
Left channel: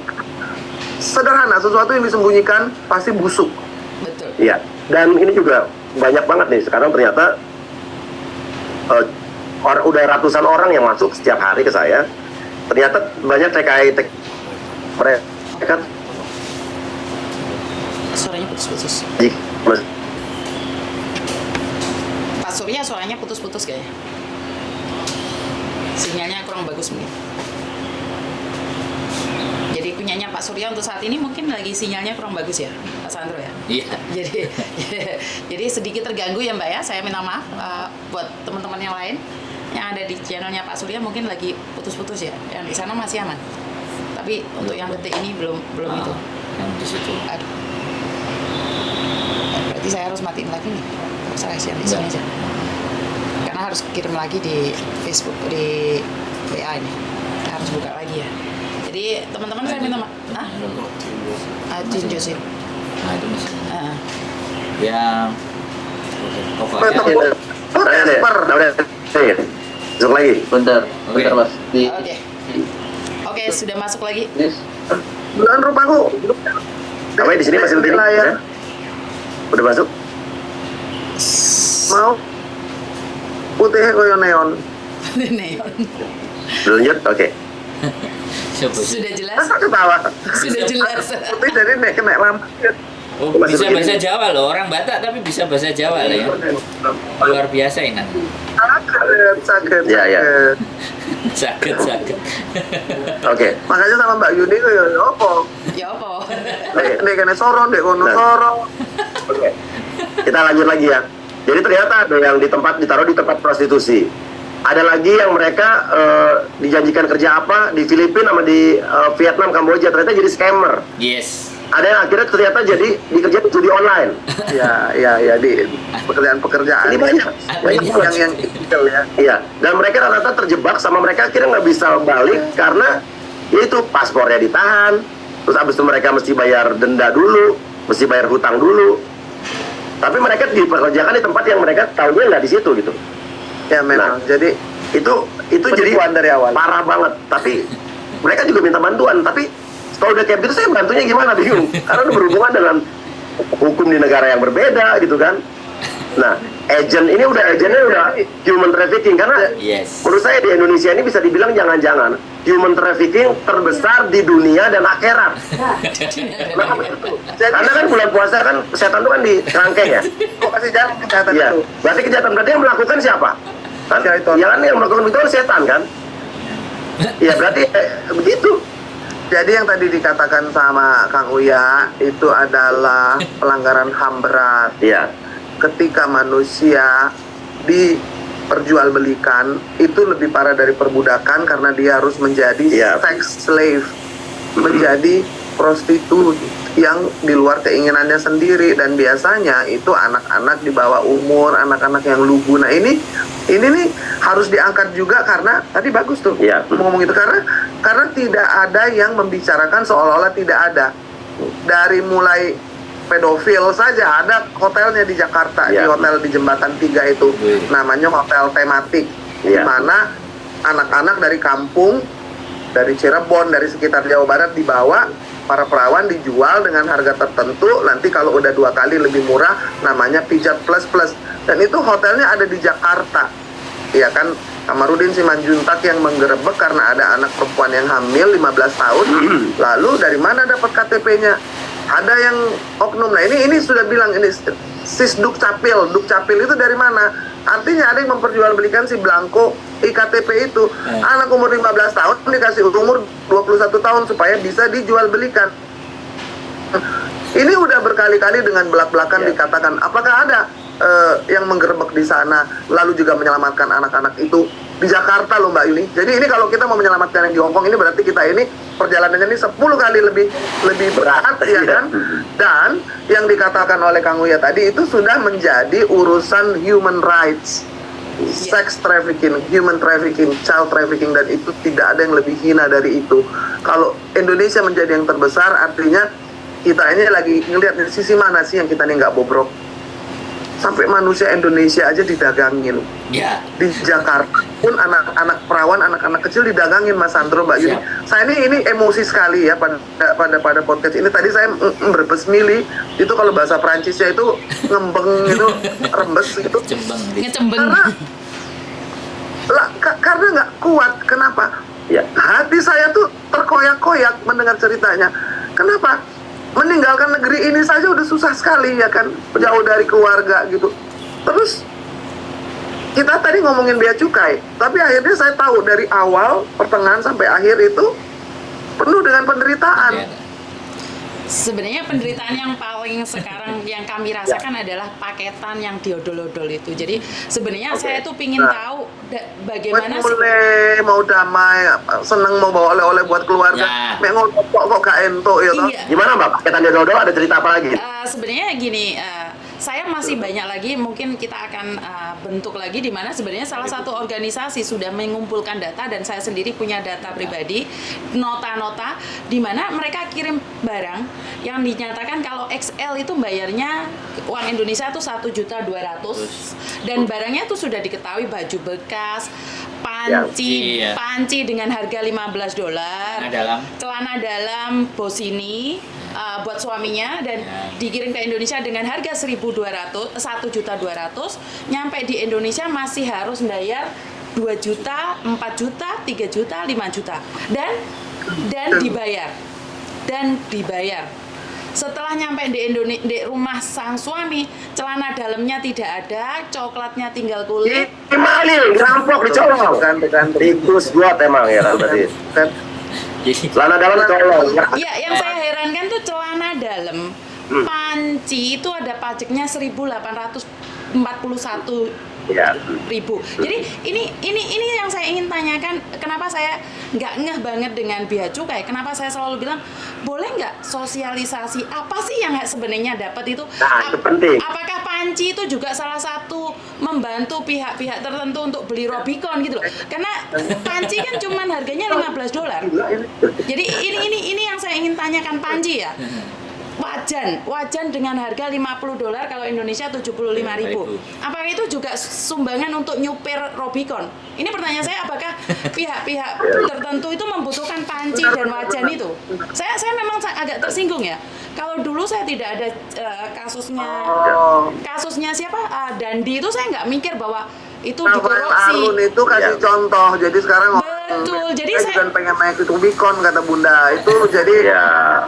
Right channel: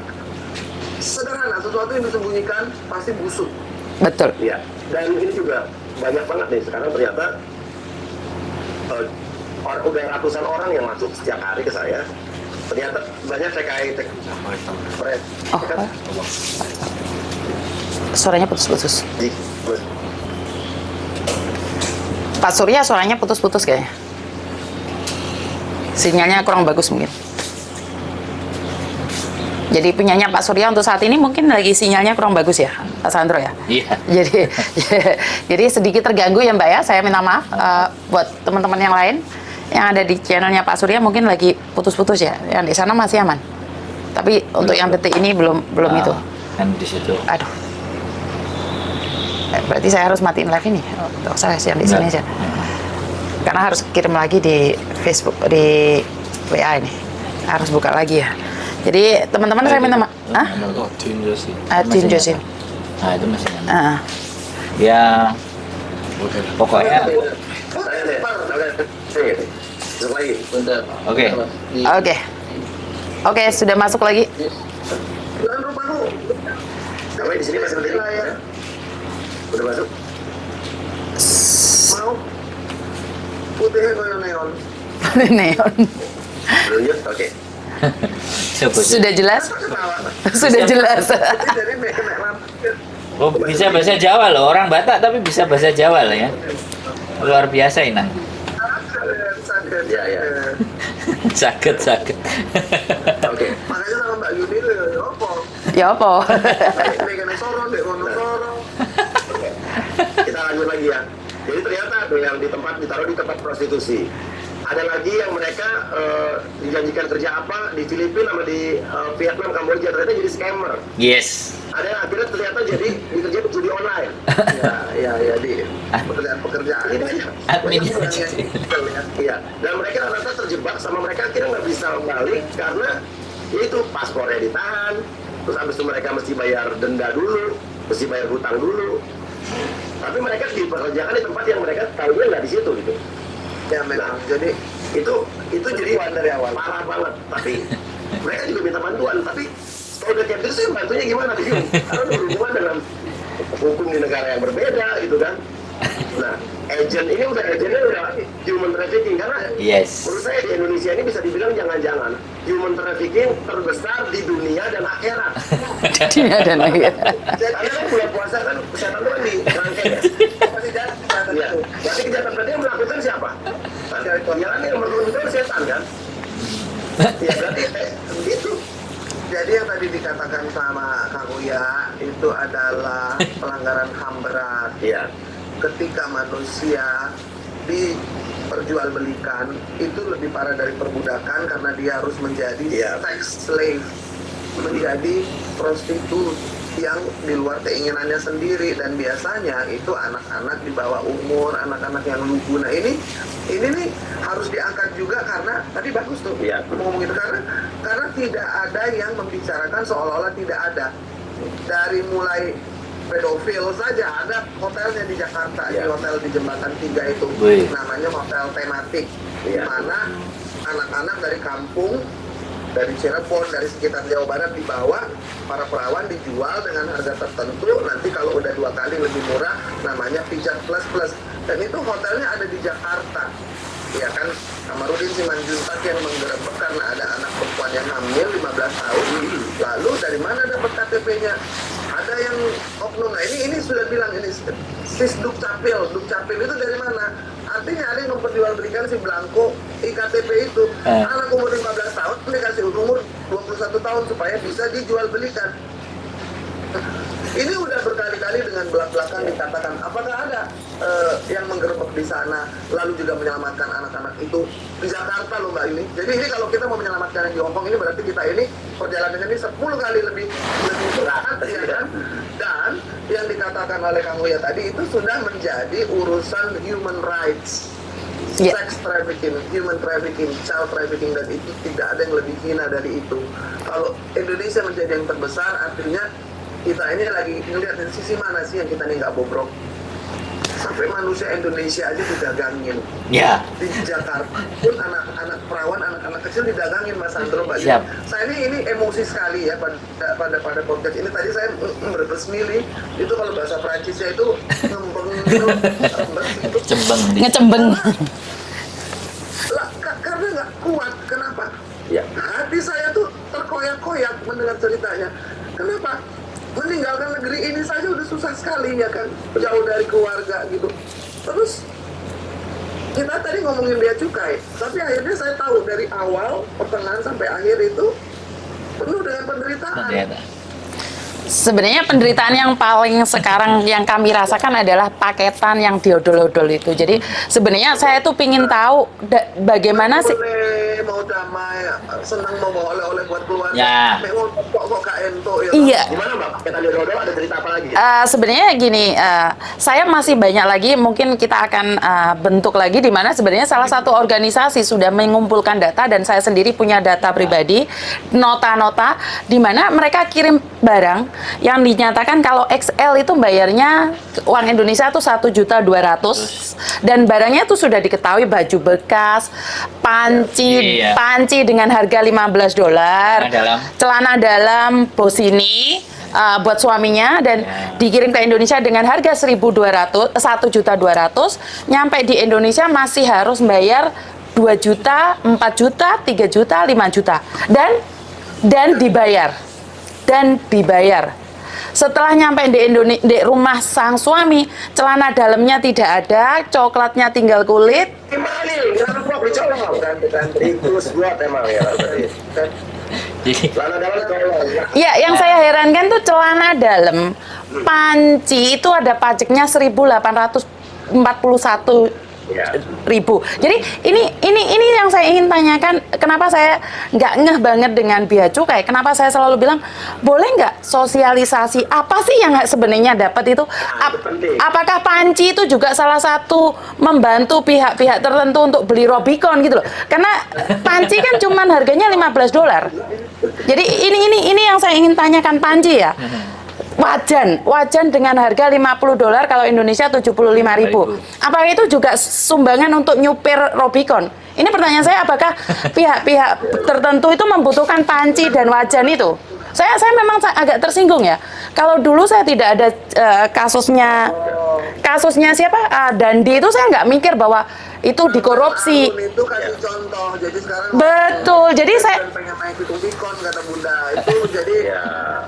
sederhana, sesuatu yang disembunyikan pasti busuk. Betul. Iya. Dan ini juga banyak banget nih sekarang ternyata udah ratusan orang yang masuk setiap hari ke saya. Ternyata banyak TKI mereka Suaranya putus-putus. Pak Surya suaranya putus-putus kayaknya. Sinyalnya kurang bagus mungkin. Jadi punyanya Pak Surya untuk saat ini mungkin lagi sinyalnya kurang bagus ya, Pak Sandro ya. Iya. Jadi sedikit terganggu ya Mbak ya. Saya minta maaf buat teman-teman yang lain yang ada di channelnya Pak Surya mungkin lagi putus-putus ya. Yang di sana masih aman. Tapi untuk yang detik ini belum itu. Kan di situ. Aduh. Berarti saya harus matiin live ini. Nggak usah yang di sini aja. Karena harus kirim lagi di Facebook, di WA ini. Harus buka lagi ya. Jadi teman-teman saya minta maaf. Hah? Tim Josim. Nah itu masih. Ah. Ya pokoknya. Masuk lagi. Bentar. Oke. Bentar, Mas. Oke, sudah masuk lagi. Bulan rupaku. Kamu di sini masih di layar. Udah masuk? Mau putihnya koyo neon. Neon. Lanjut, oke. Sudah jelas? Masa ketawa? Sudah jelas. Tapi dari nek lampu. Oh, bisa bahasa Jawa loh, orang Batak tapi bisa bahasa Jawa loh ya. Luar biasa ini. Sakit. Ya, ya. Sakit. Oke. Makanya sama Mbak Yuni itu ya apa? Ya apa? Nek kene sorong, dek kono sorong. Oke. Kita lanjut lagi ya. Jadi ternyata ada yang ditaruh di tempat prostitusi. Ada lagi yang mereka dijanjikan kerja apa di Filipina sama di Vietnam, Kamboja, ternyata jadi scammer. Yes. Ada yang akhirnya ternyata jadi dikerjain judi online. Ya di pekerjaan. Ini banyak yang illegal ya. Iya. Dan mereka rata-rata terjebak sama mereka akhirnya nggak bisa balik karena itu paspornya ditahan. Terus abis itu mereka mesti bayar denda dulu, mesti bayar hutang dulu. Tapi mereka dipekerjakan di tempat yang mereka tahunya nggak di situ gitu. Ya memang. Jadi itu jadi penipuan dari awal. parah banget. Tapi mereka juga minta bantuan. Tapi kalau udah kayak gitu saya bantunya gimana, bingung. Karena udah berhubungan dengan hukum di negara yang berbeda gitu kan. Nah, agennya udah human trafficking karena Yes. menurut saya di Indonesia ini bisa dibilang jangan-jangan human trafficking terbesar di dunia dan akhirat. Ada lagi. Karena kan bulan puasa kan kesehatan itu kan di kerangkeng ya. Oh, kasih jalan kesehatan Iya. itu. Berarti kejahatan berarti yang melakukan siapa? Kan? Syaitan. Ya kan yang melakukan itu kan setan kan? Iya berarti begitu. Jadi yang tadi dikatakan sama Kang Uya itu adalah pelanggaran HAM berat. Iya. Ketika manusia diperjualbelikan itu lebih parah dari perbudakan karena dia harus menjadi sex slave, menjadi prostitut yang di luar keinginannya sendiri, dan biasanya itu anak-anak di bawah umur, anak-anak yang lugu. Nah ini nih harus diangkat juga karena tadi bagus tuh ngomong itu karena tidak ada yang membicarakan seolah-olah tidak ada. dari mulai pedofil saja ada hotelnya di Jakarta, di hotel di Jembatan 3 itu, namanya hotel tematik, di mana anak-anak dari kampung, dari Cirebon, dari sekitar Jawa Barat dibawa, para perawan dijual dengan harga tertentu, nanti kalau udah 2 kali lebih murah, namanya pijat plus plus. Dan itu hotelnya ada di Jakarta, ya kan. Kamarudin Simanjuntak yang menggerebek karena ada anak perempuan yang hamil 15 tahun. Lalu dari mana dapat KTP-nya? Ada yang oknum. Nah ini sudah bilang ini sis Dukcapil. Dukcapil itu dari mana? Artinya ada yang memperjualbelikan si Blanko iktp itu. Anak umur 15 tahun dikasih umur 21 tahun supaya bisa dijual belikan. Ini udah berkali-kali dengan belak-belakan dikatakan, apakah ada yang menggerebek di sana, lalu juga menyelamatkan anak-anak itu di Jakarta loh Mbak Yuni. Jadi ini kalau kita mau menyelamatkan yang di Hongkong ini berarti kita ini perjalanannya ini 10 kali lebih berat ya kan. Dan yang dikatakan oleh Kang Uya tadi itu sudah menjadi urusan human rights, sex trafficking, human trafficking, child trafficking, dan itu tidak ada yang lebih hina dari itu. Kalau Indonesia menjadi yang terbesar, artinya kita ini lagi ngelihat di sisi mana sih yang kita ini nggak bobrok. Sampai manusia Indonesia aja didagangin. Di Jakarta pun anak-anak perawan, anak-anak kecil didagangin, Mas Sandro, Mbak Yuni. Saya ini emosi sekali ya pada podcast ini. Tadi saya berbesmili, itu kalau bahasa Prancisnya itu ngembeng itu, rembes itu. Ngecembeng. Karena nggak kuat. Kenapa? Hati saya tuh terkoyak-koyak mendengar ceritanya. Kenapa? Meninggalkan negeri ini saja udah susah sekali ya kan, jauh dari keluarga gitu. Terus kita tadi ngomongin bea cukai, tapi akhirnya saya tahu dari awal, pertengahan sampai akhir itu penuh dengan penderitaan. Sebenarnya penderitaan yang paling sekarang yang kami rasakan adalah paketan yang diodol-odol itu. Jadi sebenarnya saya tuh pingin tahu bagaimana sih. Mau damai, seneng mau bawa oleh-oleh buat keluarga. Mek ngomong kok gak ento ya. Iya. Gimana Mbak? Paketan diodol ada cerita apa lagi? Sebenarnya gini, saya masih banyak lagi, mungkin kita akan bentuk lagi di mana sebenarnya salah satu organisasi sudah mengumpulkan data dan saya sendiri punya data pribadi, nota-nota di mana mereka kirim barang yang dinyatakan kalau XL itu bayarnya uang Indonesia tuh 1.200.000 dan barangnya tuh sudah diketahui baju bekas, panci dengan harga $15, celana dalam Bossini buat suaminya dan dikirim ke Indonesia dengan harga 1.200.000, nyampe di Indonesia masih harus bayar 2 juta, 4 juta, 3 juta, 5 juta dan dibayar. Setelah nyampe di rumah sang suami, celana dalamnya tidak ada, coklatnya tinggal kulit. Malin, ngerampok, dicolong kan, tikus buat emang ya kan tadi. Celana dalam dicolong. Ya, yang saya herankan tuh celana dalam panci itu ada pajaknya 1.841.000. Jadi ini yang saya ingin tanyakan, kenapa saya nggak ngeh banget dengan bea cukai? Kenapa saya selalu bilang boleh nggak sosialisasi apa sih yang sebenarnya dapat itu? Apakah panci itu juga salah satu membantu pihak-pihak tertentu untuk beli Robicon gitu loh? Karena panci kan cuman harganya $15. Jadi ini yang saya ingin tanyakan, panci ya. Wajan dengan harga $50 kalau Indonesia 75.000. Apakah itu juga sumbangan untuk nyupir Robicon? Ini pertanyaan saya, apakah pihak-pihak tertentu itu membutuhkan panci dan wajan itu? Saya memang agak tersinggung ya. Kalau dulu saya tidak ada kasusnya siapa? Dandi itu saya nggak mikir bahwa itu dikorupsi. Itu kasih contoh. Jadi sekarang betul. Jadi saya pengen naik ke Rubicon kata Bunda. Itu jadi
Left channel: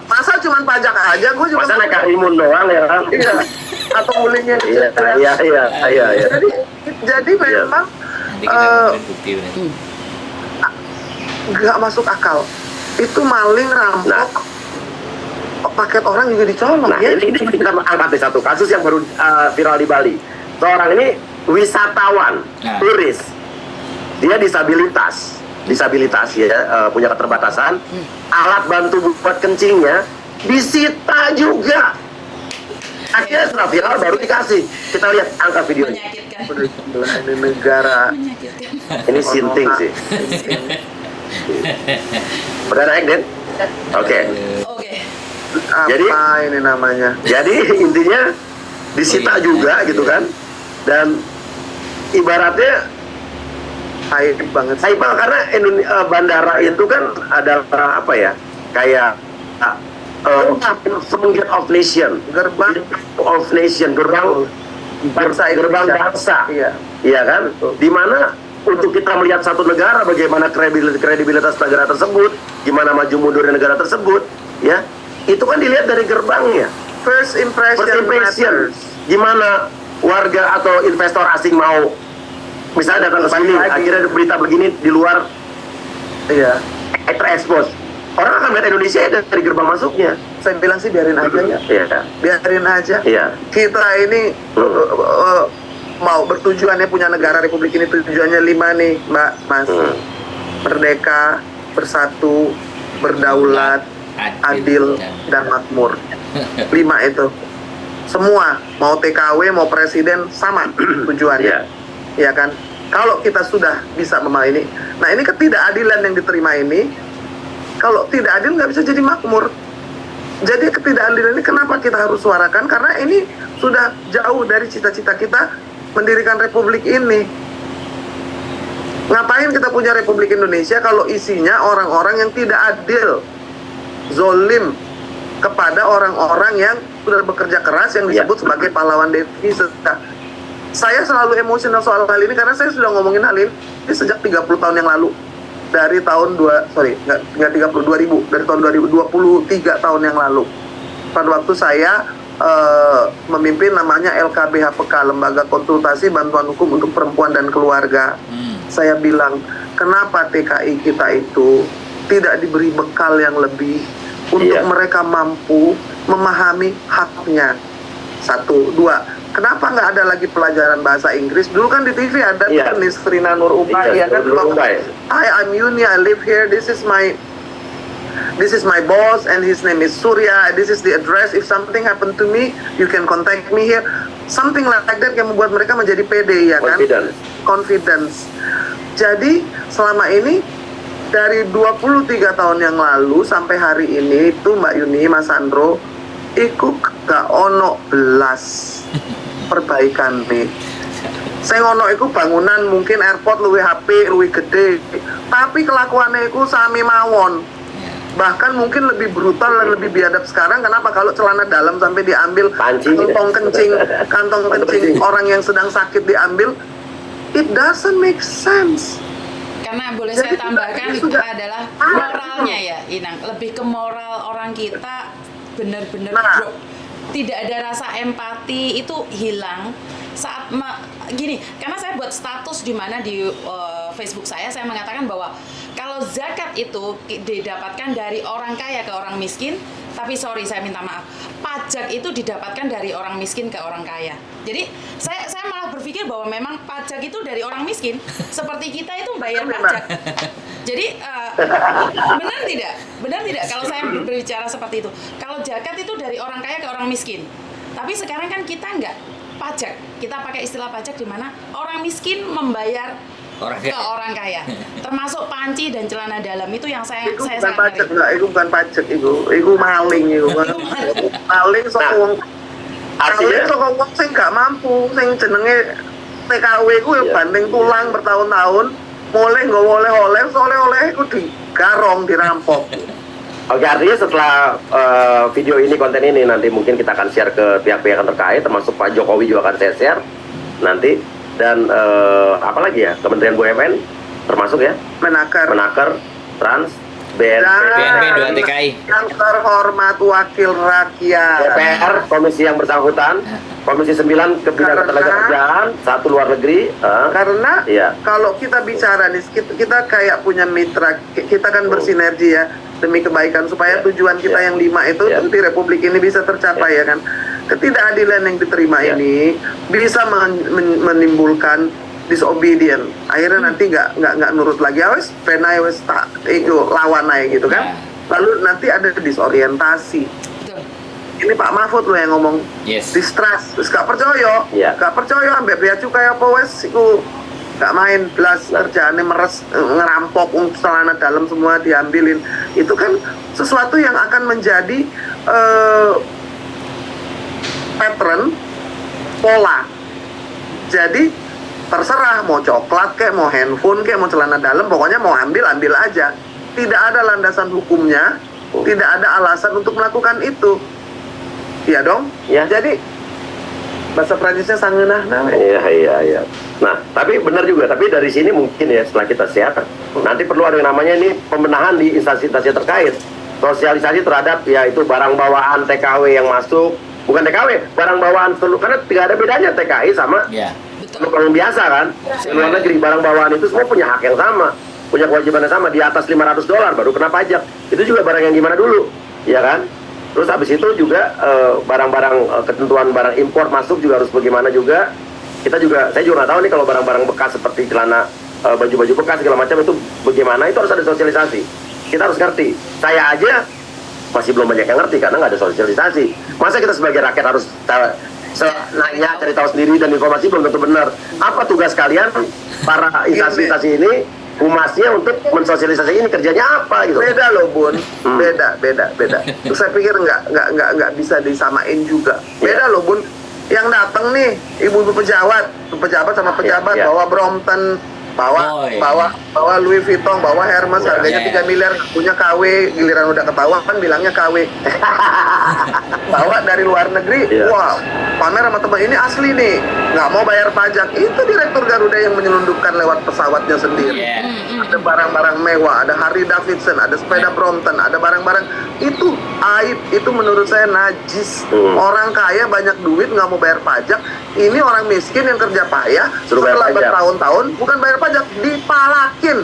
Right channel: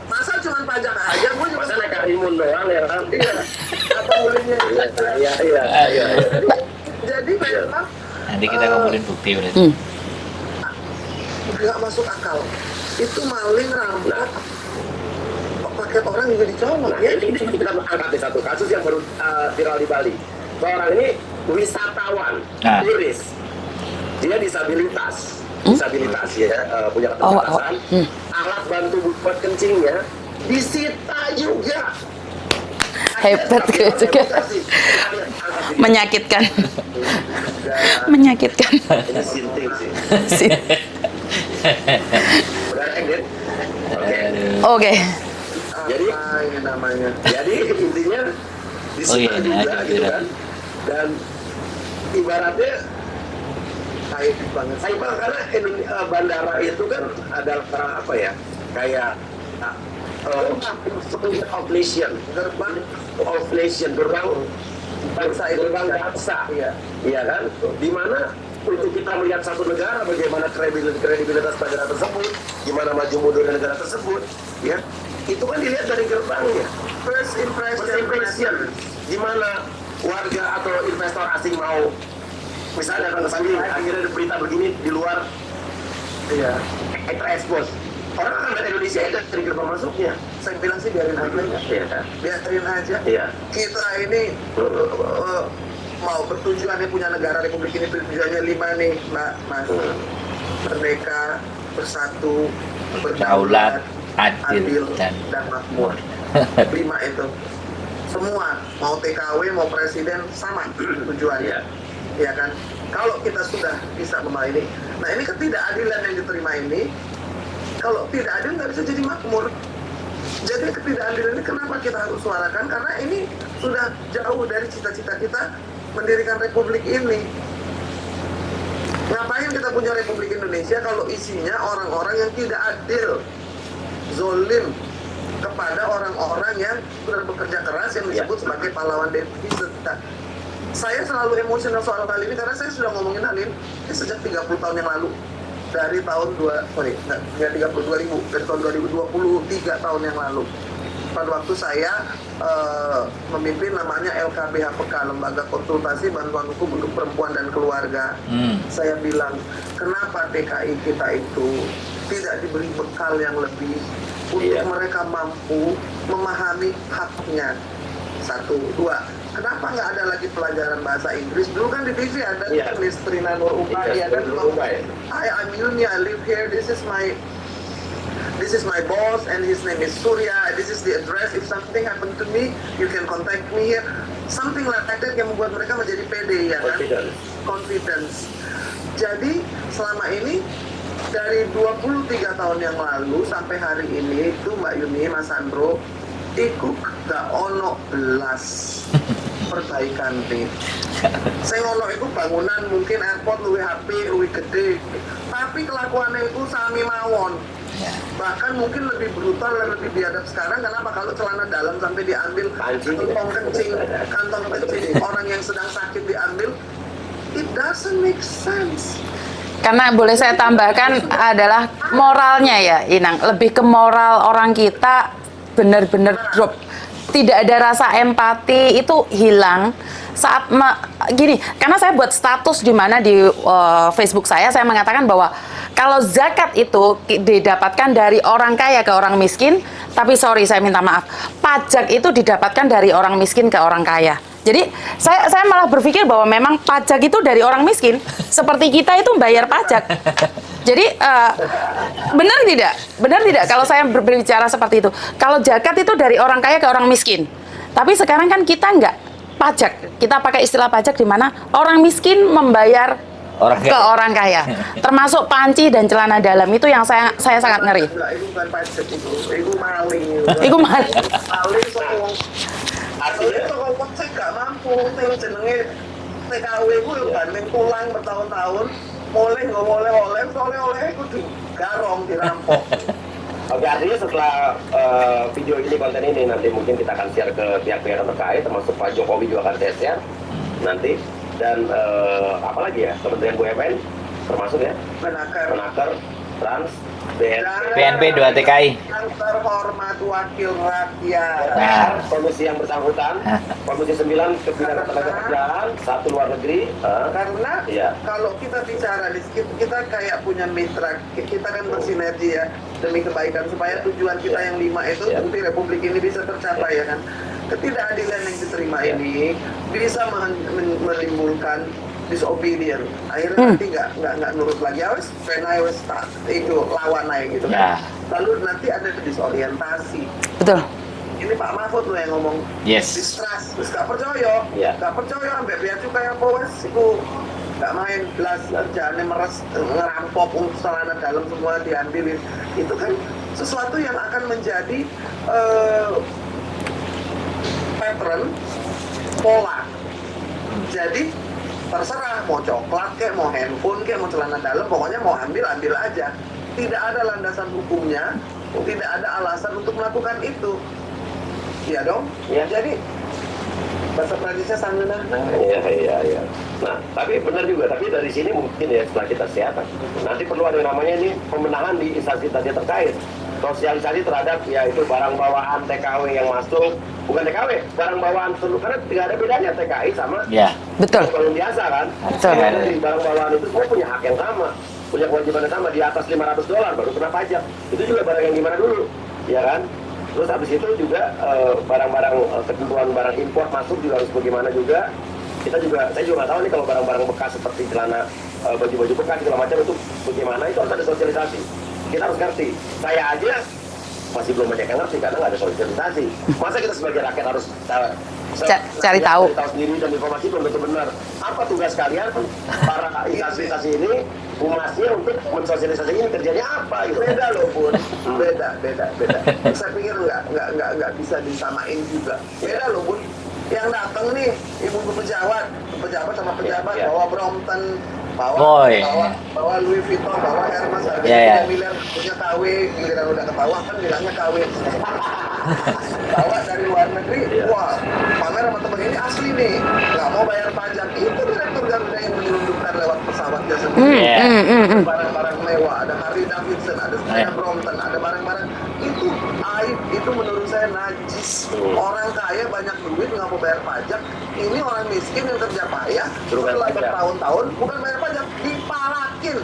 masa cuma pajak aja, gue juga masa naik karimun doang ya kan? Atau ulingnya Iya. Jadi memang nanti kita ngomongin bukti berarti. Nggak masuk akal. Itu maling, rampok, paket orang juga dicolong. Nah, ini kita angkat di satu kasus yang baru viral di Bali. Seorang ini wisatawan, turis, dia disabilitas ya, punya keterbatasan, alat bantu buat kencingnya disita juga. Akhirnya viral baru dikasih. Kita lihat angka video. Menyakitkan. Negara. Menyakitkan. Ini sinting sih. Udah naik, Den? Oke. Jadi ini namanya? Jadi intinya disita juga gitu kan. Dan ibaratnya Saipal karena bandara itu kan adalah apa ya? Kayak Gate of Nation, gerbang bangsa, iya kan? Dimana untuk kita melihat satu negara bagaimana kredibilitas negara tersebut, gimana maju mundurnya negara tersebut, ya itu kan dilihat dari gerbangnya. First impression. Gimana warga atau investor asing mau misalnya datang ke sini, akhirnya berita begini di luar, terekspos. Orang akan melihat Indonesia dari gerbang masuknya. Saya bilang sih biarin aja ya. Iya. Biarin aja. Iya. Kita ini mau bertujuannya punya negara Republik ini tujuannya 5 nih, Mbak, Mas. Merdeka, bersatu, berdaulat, adil dan makmur. 5 itu. Semua mau TKW, mau presiden sama tujuannya. Ya kan? Kalau kita sudah bisa memahami ini. Nah, ini ketidakadilan yang diterima ini, kalau tidak adil nggak bisa jadi makmur. Jadi ketidakadilan ini kenapa kita harus suarakan? Karena ini sudah jauh dari cita-cita kita mendirikan republik ini. Ngapain kita punya Republik Indonesia kalau isinya orang-orang yang tidak adil, zolim kepada orang-orang yang sudah bekerja keras yang disebut sebagai pahlawan devisa. Saya selalu emosional soal hal ini karena saya sudah ngomongin hal ini sejak 30 tahun yang lalu. Dari tahun 2000, dari tahun 2023 tahun yang lalu. Pada waktu saya memimpin namanya LKBHPK, Lembaga Konsultasi Bantuan Hukum untuk Perempuan dan Keluarga. Saya bilang, kenapa TKI kita itu tidak diberi bekal yang lebih untuk mereka mampu memahami haknya. 1, 2. Kenapa nggak ada lagi pelajaran bahasa Inggris? Dulu kan di TV ada kan Nisrina Nur Ubay, ya kan? I'm Yuni, I live here. This is my boss, and his name is Surya. This is the address. If something happen to me, you can contact me here. Something like that yang membuat mereka menjadi pede, ya kan? Confidence. Jadi selama ini dari 23 tahun yang lalu sampai hari ini itu Mbak Yuni, Mas Sandro, ikut gak ono belas perbaikan nih. Saya ngono iku bangunan mungkin airport luwih HP, luwih gede, tapi kelakuannya iku sami mawon. Bahkan mungkin lebih brutal dan lebih biadab sekarang. Kenapa? Kalau celana dalam sampai diambil, kantong kencing orang yang sedang sakit diambil, it doesn't make sense. Karena boleh saya tambahkan adalah moralnya ya, Inang. Lebih ke moral orang kita benar-benar drop. Tidak ada rasa empati, itu hilang saat gini. Karena saya buat status di mana di Facebook saya mengatakan bahwa kalau zakat itu didapatkan dari orang kaya ke orang miskin, tapi sorry saya minta maaf, pajak itu didapatkan dari orang miskin ke orang kaya. Jadi saya malah berpikir bahwa memang pajak itu dari orang miskin, seperti kita itu bayar pajak. Jadi benar tidak? Benar tidak kalau saya berbicara seperti itu? Kalau zakat itu dari orang kaya ke orang miskin. Tapi sekarang kan kita nggak pajak. Kita pakai istilah pajak di mana orang miskin membayar ke orang kaya. Termasuk panci dan celana dalam itu yang saya sangat ngeri. Itu bukan pajak itu maling itu. Itu maling. Maling sokong. Maling sokong sing nggak mampu, sing jenenge TKW ku yang banting tulang bertahun-tahun. Boleh nggak oleh-oleh, oleh-oleh itu digarong, dirampok. Oke, artinya setelah video ini, konten ini nanti mungkin kita akan share ke pihak-pihak yang terkait, termasuk Pak Jokowi juga akan saya share nanti. Dan apalagi ya, Kementerian BUMN termasuk ya, Menaker, Trans, BNP 2 TKI, yang terhormat wakil rakyat, DPR, komisi yang bersangkutan, komisi 9 ketenagakerjaan, 1 luar negeri. Karena kalau kita bicara kita kayak punya mitra, kita kan bersinergi ya demi kebaikan supaya tujuan kita yang 5 itu nanti Republik ini bisa tercapai ya kan. Ketidakadilan yang diterima ini bisa menimbulkan disobedient. Akhirnya nanti nggak nurut lagi. Awes penai wes tak itu lawan aja gitu kan. Lalu nanti ada disorientasi. Betul. Ini Pak Mahfud loh yang ngomong distrust. Terus gak percaya. Gak percaya ambek bea cukai apa wes iku gak main belas kerjaannya meres ngerampok celana dalam semua diambilin. Itu kan sesuatu yang akan menjadi eh, pattern, pola. Jadi terserah mau coklat kayak, mau handphone kayak, mau celana dalam, pokoknya mau ambil aja. Tidak ada landasan hukumnya, tidak ada alasan untuk melakukan itu. Iya dong? Ya. Jadi bahasa Prancisnya sangeunah namanya. Iya. Nah, tapi benar juga. Tapi dari sini mungkin ya setelah kita sehat, nanti perlu ada yang namanya ini pembenahan di instansi-instansi terkait. Sosialisasi terhadap ya itu barang bawaan TKW yang masuk, bukan TKW, barang bawaan seluruh, karena tidak ada bedanya TKI sama Betul. orang biasa kan. Di luar negeri barang bawaan itu semua punya hak yang sama, punya kewajiban yang sama. Di atas $500 baru kena pajak. Itu juga barang yang gimana dulu, ya kan? Terus habis itu juga barang-barang ketentuan barang impor masuk juga harus bagaimana juga. Saya juga nggak tahu nih kalau barang-barang bekas seperti celana, baju-baju bekas segala macam itu bagaimana, itu harus ada sosialisasi. Kita harus ngerti. Saya aja masih belum banyak yang ngerti karena nggak ada sosialisasi. Masa kita sebagai rakyat harus cari tahu sendiri dan informasi belum tentu benar. Apa tugas kalian para instansi ini, humasnya untuk mensosialisasi ini kerjanya apa gitu? Beda loh Bun, beda. Saya pikir nggak bisa disamain juga. Beda loh Bun. Yang datang nih ibu-ibu pejabat sama pejabat bawa Brompton, bawa Louis Vuitton, bawa Hermes harganya 3 miliar, punya KW, giliran udah ketahuan kan bilangnya KW. Bawa dari luar negeri, wah pamer sama teman ini asli nih, nggak mau bayar pajak. Itu direktur Garuda yang menyelundupkan lewat pesawatnya sendiri. Ada barang-barang mewah, ada Harley Davidson, ada sepeda Brompton, ada barang-barang itu aib, itu menurut saya najis. Orang kaya banyak duit nggak mau bayar pajak, ini orang miskin yang kerja payah setelah bertahun-tahun bukan bayar pajak, dipalakin.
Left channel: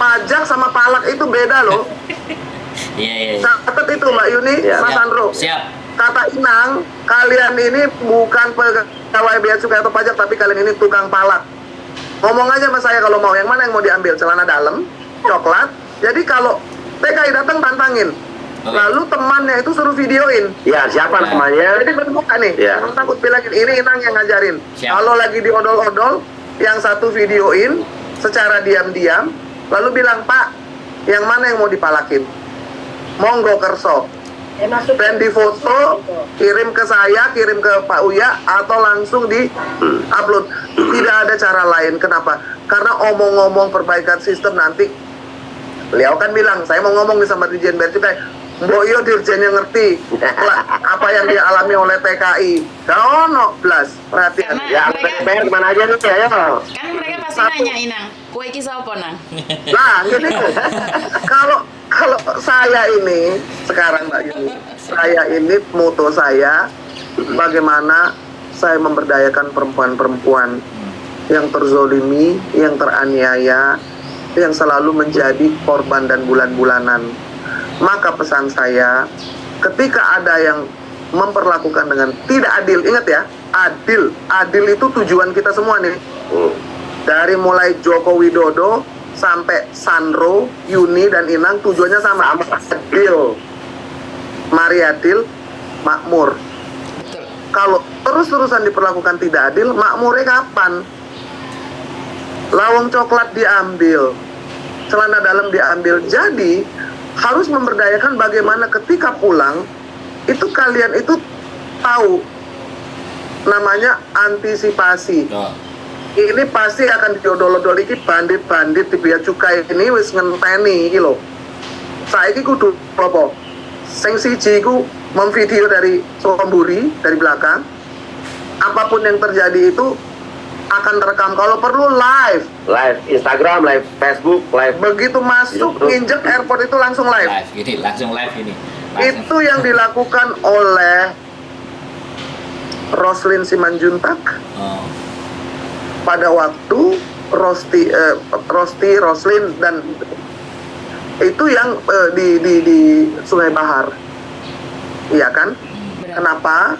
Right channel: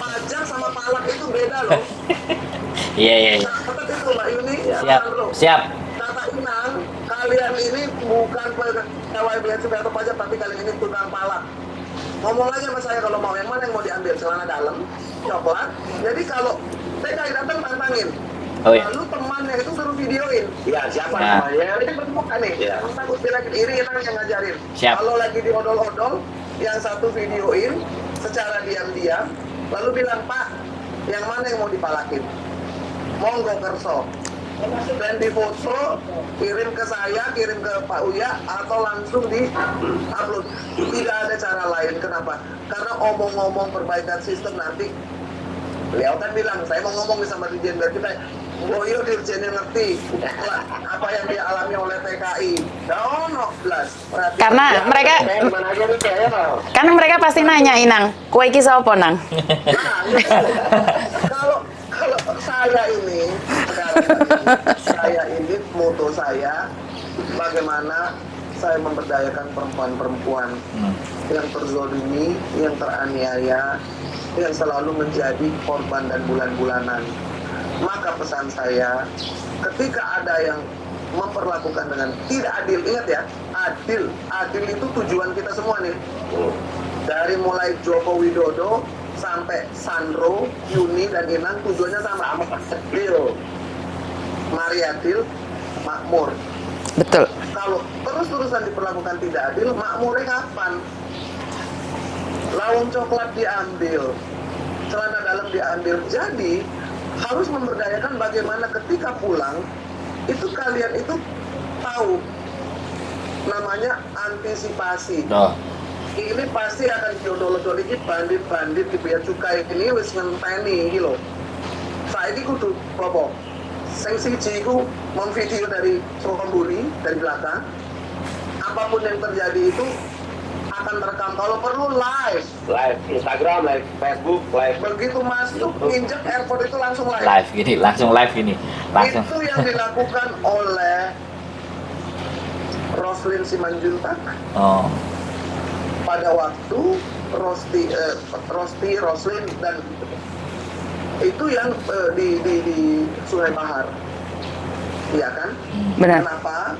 Pajak sama palak itu beda loh. Iya. Catat itu Mbak Yuni, Mas Andro. Siap. Kata Inang, kalian ini bukan pegawai bea cukai atau pajak, tapi kalian ini tukang palak. Ngomong aja sama saya kalau mau, yang mana yang mau diambil, celana dalam, coklat. Jadi kalau TKI datang tantangin. Lalu temannya itu suruh videoin. Ya, siapa namanya? Jadi berbuka nih, jangan takut bilangin, ini Inang yang ngajarin. Kalau lagi diodol-odol, yang satu videoin secara diam-diam, lalu bilang, Pak, yang mana yang mau dipalakin? Monggo kerso. Dan di foto, kirim ke saya, kirim ke Pak Uya, atau langsung di upload. Tidak ada cara lain. Kenapa? Karena omong-omong perbaikan sistem nanti, beliau kan bilang, saya mau ngomong nih sama Dirjen Bea Cukai, Mbok yo dirjennya ngerti apa yang dialami oleh TKI. Ono blas. Karena mereka mana aja nih ya. Karena mereka pasti nanya Inang, kowe iki sapa nang? Nah, ini kalau saya ini sekarang Mbak Yuni, saya ini moto saya bagaimana saya memberdayakan perempuan-perempuan yang terzolimi, yang teraniaya, yang selalu menjadi korban dan bulan-bulanan. Maka pesan saya, ketika ada yang memperlakukan dengan tidak adil, ingat ya, adil itu tujuan kita semua nih. Dari mulai Joko Widodo sampai Sandro, Yuni dan Inang tujuannya sama, adil. Mari adil, makmur. Betul. Kalau terus-terusan diperlakukan tidak adil, makmurnya kapan? Lawang coklat diambil, celana dalam diambil. Jadi harus memberdayakan bagaimana ketika pulang itu kalian itu tahu namanya antisipasi. Ini pasti akan diodol-odol iki bandit-bandit di bea cukai ini wis ngenteni iki lho. Saiki kudu apa? Sing siji iku memvideo dari Somburi dari belakang. Apapun yang terjadi itu akan terekam, kalau perlu live Instagram, live Facebook, live. Begitu masuk injek airport itu langsung live. Langsung live ini. Itu yang dilakukan oleh Roslin Simanjuntak. Pada waktu Roslin dan itu yang di Sungai Bahar. Iya kan? Benar. Kenapa?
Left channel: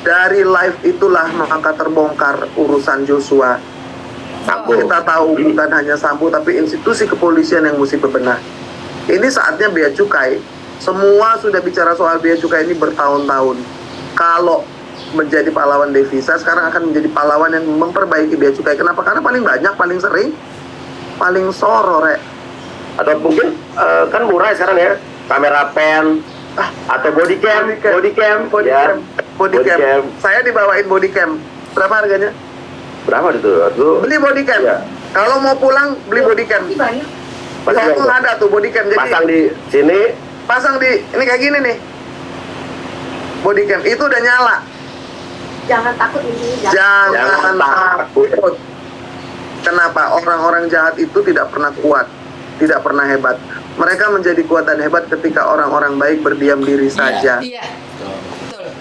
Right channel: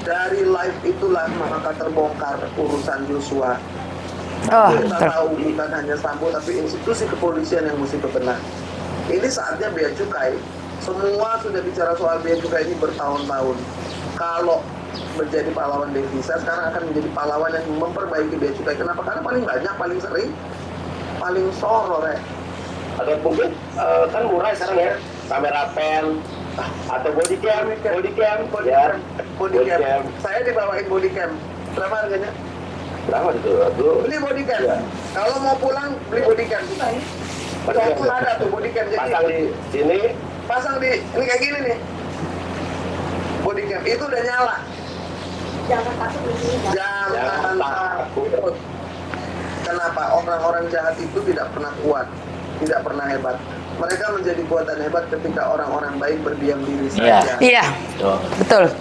Dari live itulah maka terbongkar urusan Joshua. Kita tahu bukan hanya Sambo tapi institusi kepolisian yang mesti bebenah. Ini saatnya bea cukai. Semua sudah bicara soal bea cukai ini bertahun-tahun. Kalau menjadi pahlawan devisa, sekarang akan menjadi pahlawan yang memperbaiki bea cukai. Kenapa? Karena paling banyak, paling sering, paling soro, Rek. Atau mungkin kan murah sekarang ya, kamera pen, atau body cam. Body cam. Saya dibawain body cam. Berapa harganya? Berapa itu? Beli body cam. Ya. Kalau mau pulang beli body cam. Pasang ada tuh body cam. Jadi pasang di sini. Pasang di ini kayak gini nih. Body cam itu udah nyala. Jangan takut di sini. Jangan takut. Kenapa? Orang-orang jahat itu tidak pernah kuat, tidak pernah hebat. Mereka menjadi kuat dan hebat ketika orang-orang baik berdiam diri saja. Iya, betul.